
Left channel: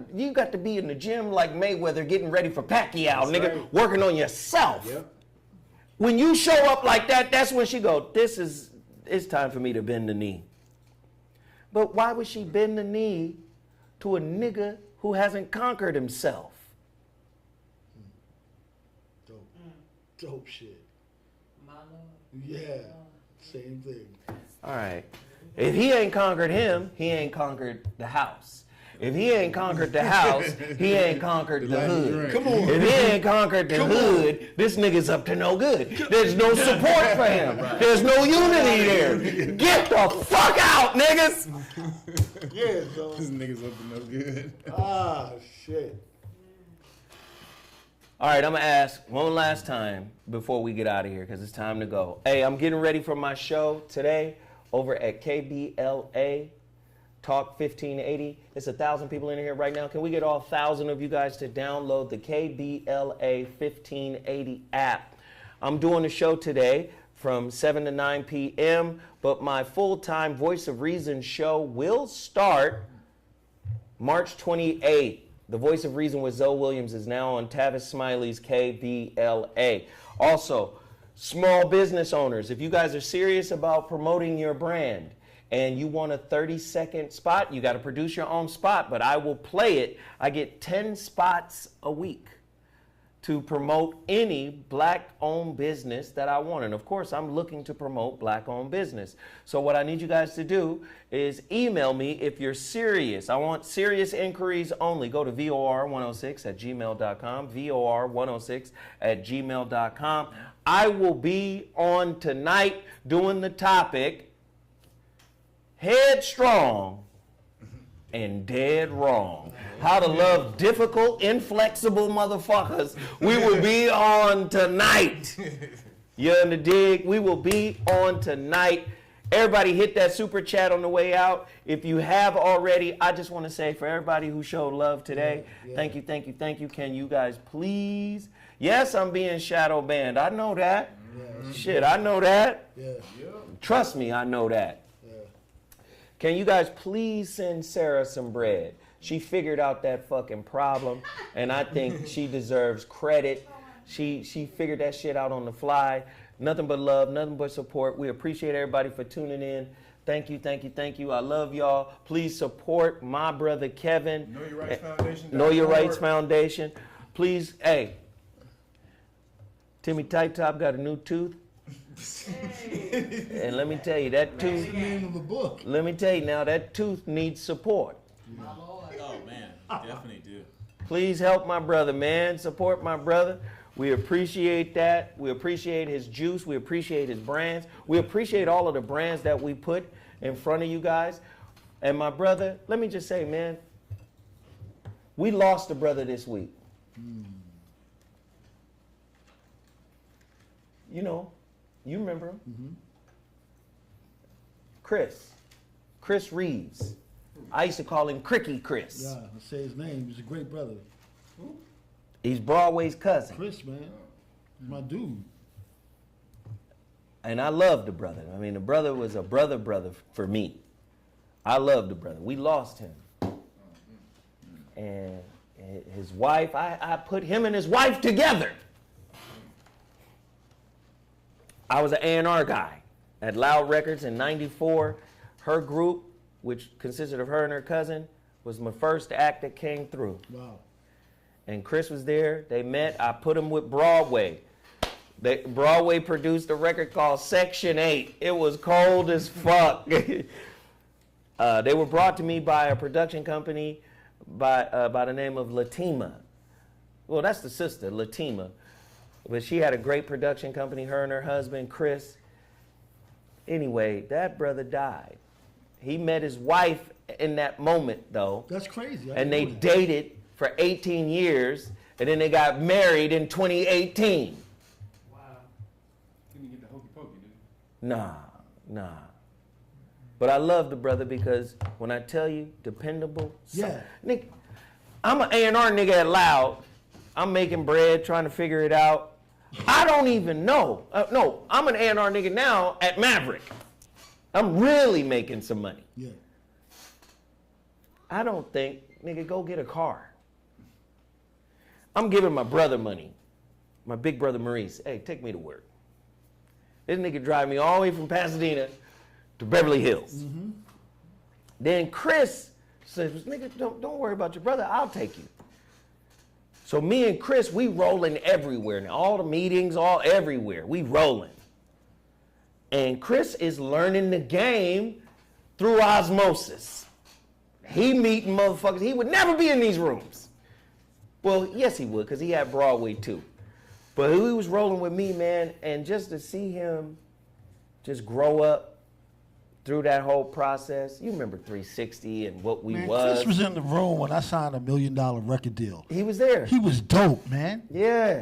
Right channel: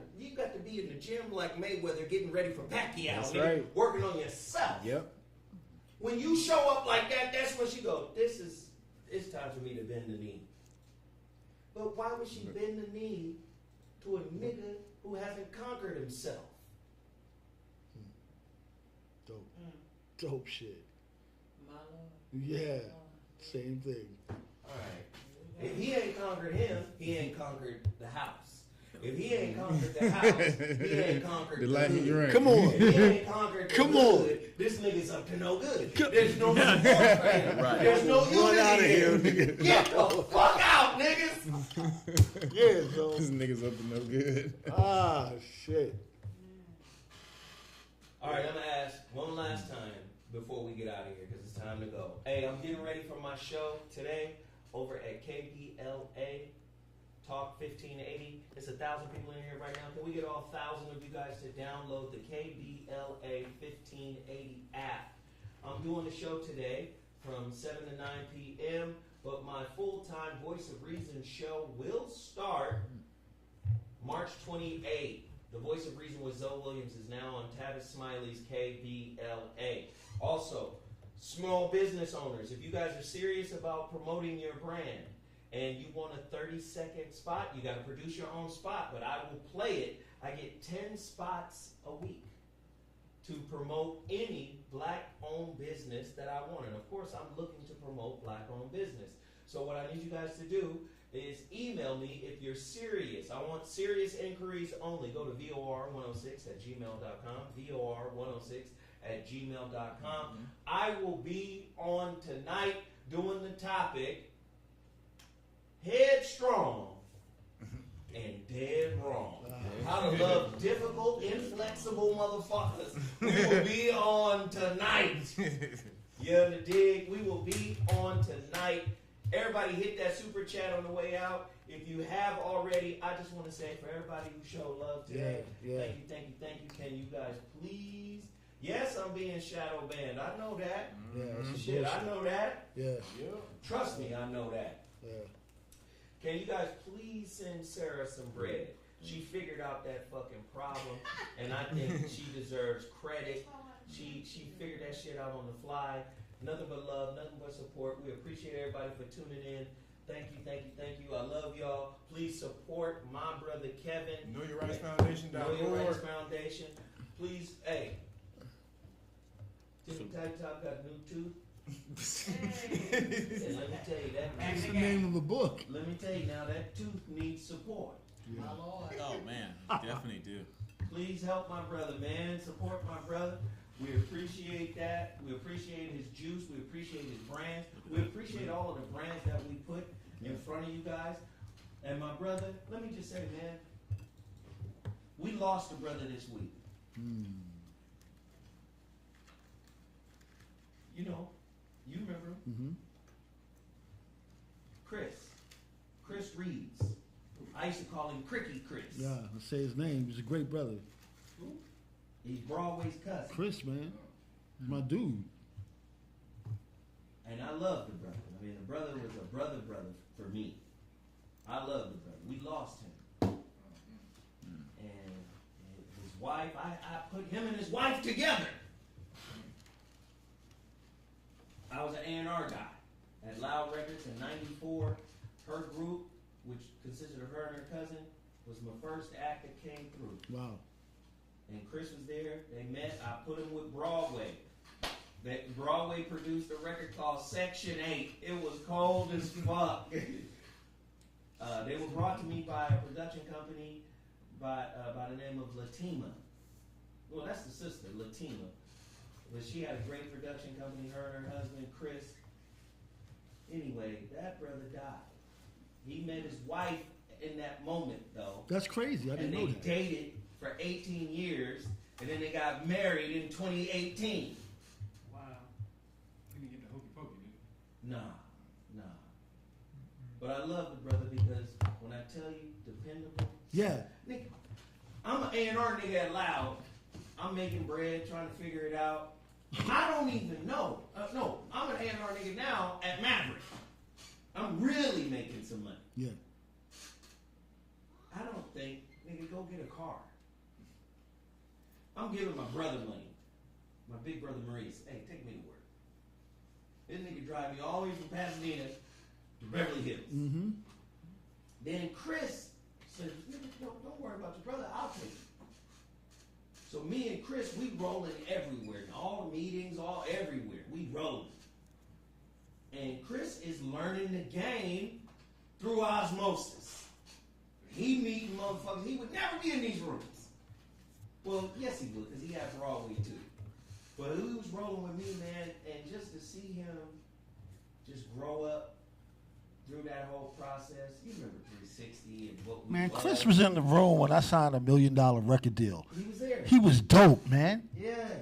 to be in the gym like Mayweather getting ready for Pacquiao, That's nigga, right. working on yourself. Yep. When you show up like that, that's when she go, it's time for me to bend the knee. But why would she bend the knee to a nigga who hasn't conquered himself? Dope shit. My love. Yeah. Same thing. All right. If he ain't conquered him, he ain't conquered the house. If he ain't conquered the house, he ain't conquered the hood. Come on. If he ain't conquered the hood, this nigga's up to no good. There's no support for him. Right. There's no unity here. Get the fuck out, niggas. Yeah, so. This nigga's up to no good. Ah, shit. All right, I'm going to ask one last time before we get out of here because it's time to go. Hey, I'm getting ready for my show today over at KBLA Talk 1580. It's 1,000 people in here right now. Can we get all 1,000 of you guys to download the KBLA 1580 app? I'm doing a show today from 7 to 9 p.m., but my full-time Voice of Reason show will start March 28th. The Voice of Reason with Zoe Williams is now on Tavis Smiley's KBLA. Also, small business owners, if you guys are serious about promoting your brand, and you want a 30-second spot, you got to produce your own spot, but I will play it. I get 10 spots a week to promote any black-owned business that I want. And of course, I'm looking to promote black-owned business. So what I need you guys to do is email me if you're serious. I want serious inquiries only. Go to VOR106@gmail.com, VOR106@gmail.com. I will be on tonight doing the topic, Headstrong and Dead Wrong. How to love difficult, inflexible motherfuckers. We will be on tonight. You in the dig? We will be on tonight. Everybody hit that super chat on the way out. If you have already, I just want to say for everybody who showed love today, thank you, thank you, thank you. Can you guys please? Yes, I'm being shadow banned. I know that. Shit, I know that. Trust me, I know that. Can you guys please send Sarah some bread? She figured out that fucking problem, and I think she deserves credit. She figured that shit out on the fly. Nothing but love, nothing but support. We appreciate everybody for tuning in. Thank you, thank you, thank you. I love y'all. Please support my brother Kevin. Know Your Rights Foundation. Know Your Rights Foundation. Please, hey, Timmy Tight Top got a new tooth. And let me tell you, that tooth. That's the name of the book. Let me tell you now, that tooth needs support. Oh man, definitely do. Please help my brother, man. Support my brother. We appreciate that. We appreciate his juice. We appreciate his brands. We appreciate all of the brands that we put in front of you guys. And my brother, let me just say, man, we lost a brother this week. You know, you remember him. Chris Reeves. I used to call him Cricky Chris. Yeah, I say his name. He's a great brother. He's Broadway's cousin. Chris, man. He's my dude. And I love the brother. I mean, the brother was a brother for me. I love the brother. We lost him. And his wife, I put him and his wife together. I was an A&R guy at Loud Records in '94. Her group, which consisted of her and her cousin, was my first act that came through. Wow. And Chris was there. They met. I put him with Broadway. Broadway produced a record called Section 8. It was cold as fuck. They were brought to me by a production company by the name of Latima. Well, that's the sister, Latima. But she had a great production company, her and her husband, Chris. Anyway, that brother died. He met his wife in that moment, though. That's crazy. And they dated for 18 years, and then they got married in 2018. Wow. Couldn't get the hokey pokey, dude. Nah. But I love the brother because when I tell you, dependable. Yeah. Nigga, I'm an A&R nigga at Loud. I'm making bread, trying to figure it out. I don't even know. No, I'm an A&R nigga now at Maverick. I'm really making some money. Yeah. I don't think, nigga, go get a car. I'm giving my brother money. My big brother Maurice. Hey, take me to work. This nigga drive me all the way from Pasadena to Beverly Hills. Mm-hmm. Then Chris says, nigga, don't worry about your brother. I'll take you. So me and Chris, we rolling everywhere now. All the meetings, all everywhere. We rolling. And Chris is learning the game through osmosis. He meeting motherfuckers. He would never be in these rooms. Well, yes, he would, because he had Broadway too. But he was rolling with me, man, and just to see him just grow up through that whole process. You remember 360 and what we was. Chris was in the room when I signed a $1 million record deal. He was there. He was dope, man. Yeah.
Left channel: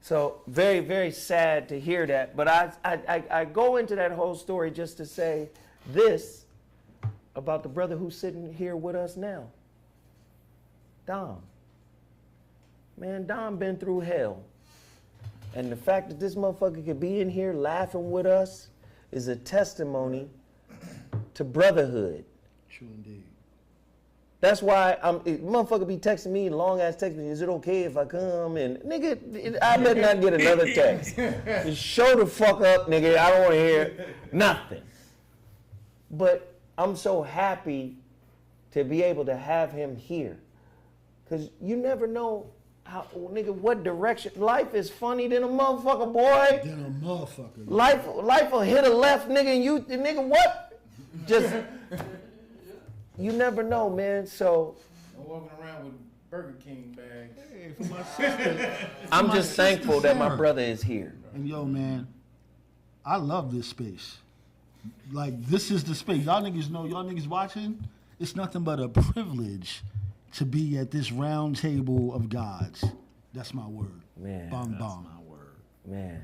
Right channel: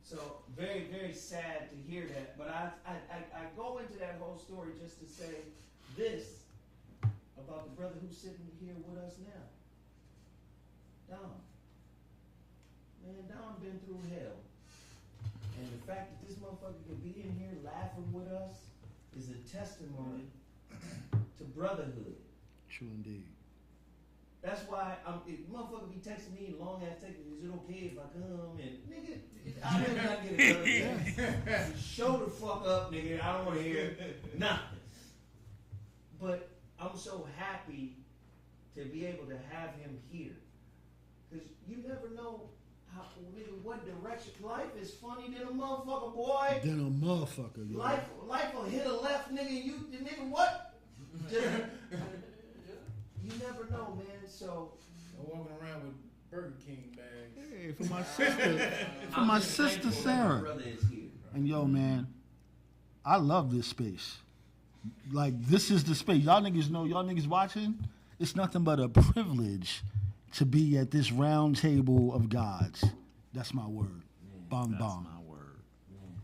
So very, very sad to hear that. But I go into that whole story just to say this about the brother who's sitting here with us now. Dom. Man, Dom been through hell. And the fact that this motherfucker could be in here laughing with us is a testimony to brotherhood. True indeed. That's why motherfucker be texting me, long ass texting me, is it okay if I come? And nigga, I better not get another text. Just show the fuck up, nigga. I don't want to hear nothing. But I'm so happy to be able to have him here. Because you never know how, nigga, what direction. Life is funny than a motherfucker, boy. Than a motherfucker. Life will hit a left, nigga, and you, nigga, what? Just, you never know, man. So I'm walking around with Burger King bags. Hey, for my sister. I'm just thankful that my brother is here. And yo, man, I love this space. Like, this is the space. Y'all niggas know, y'all niggas watching, it's nothing but a privilege to be at this round table of gods. That's my word. Man, bong, That's bong. my word. Man.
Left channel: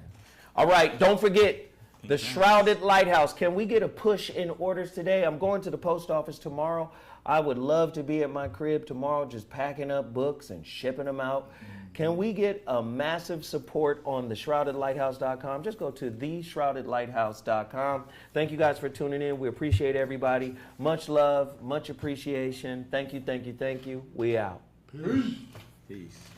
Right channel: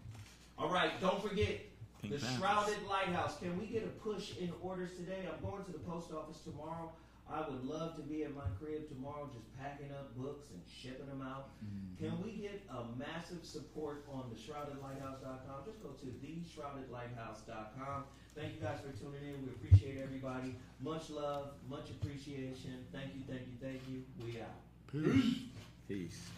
All right, don't forget the Shrouded Lighthouse. Can we get a push in orders today? I'm going to the post office tomorrow. I would love to be at my crib tomorrow just packing up books and shipping them out. Mm-hmm. Can we get a massive support on theshroudedlighthouse.com? Just go to theshroudedlighthouse.com. Thank you guys for tuning in. We appreciate everybody. Much love, much appreciation. Thank you, thank you, thank you. We out. Peace. Peace.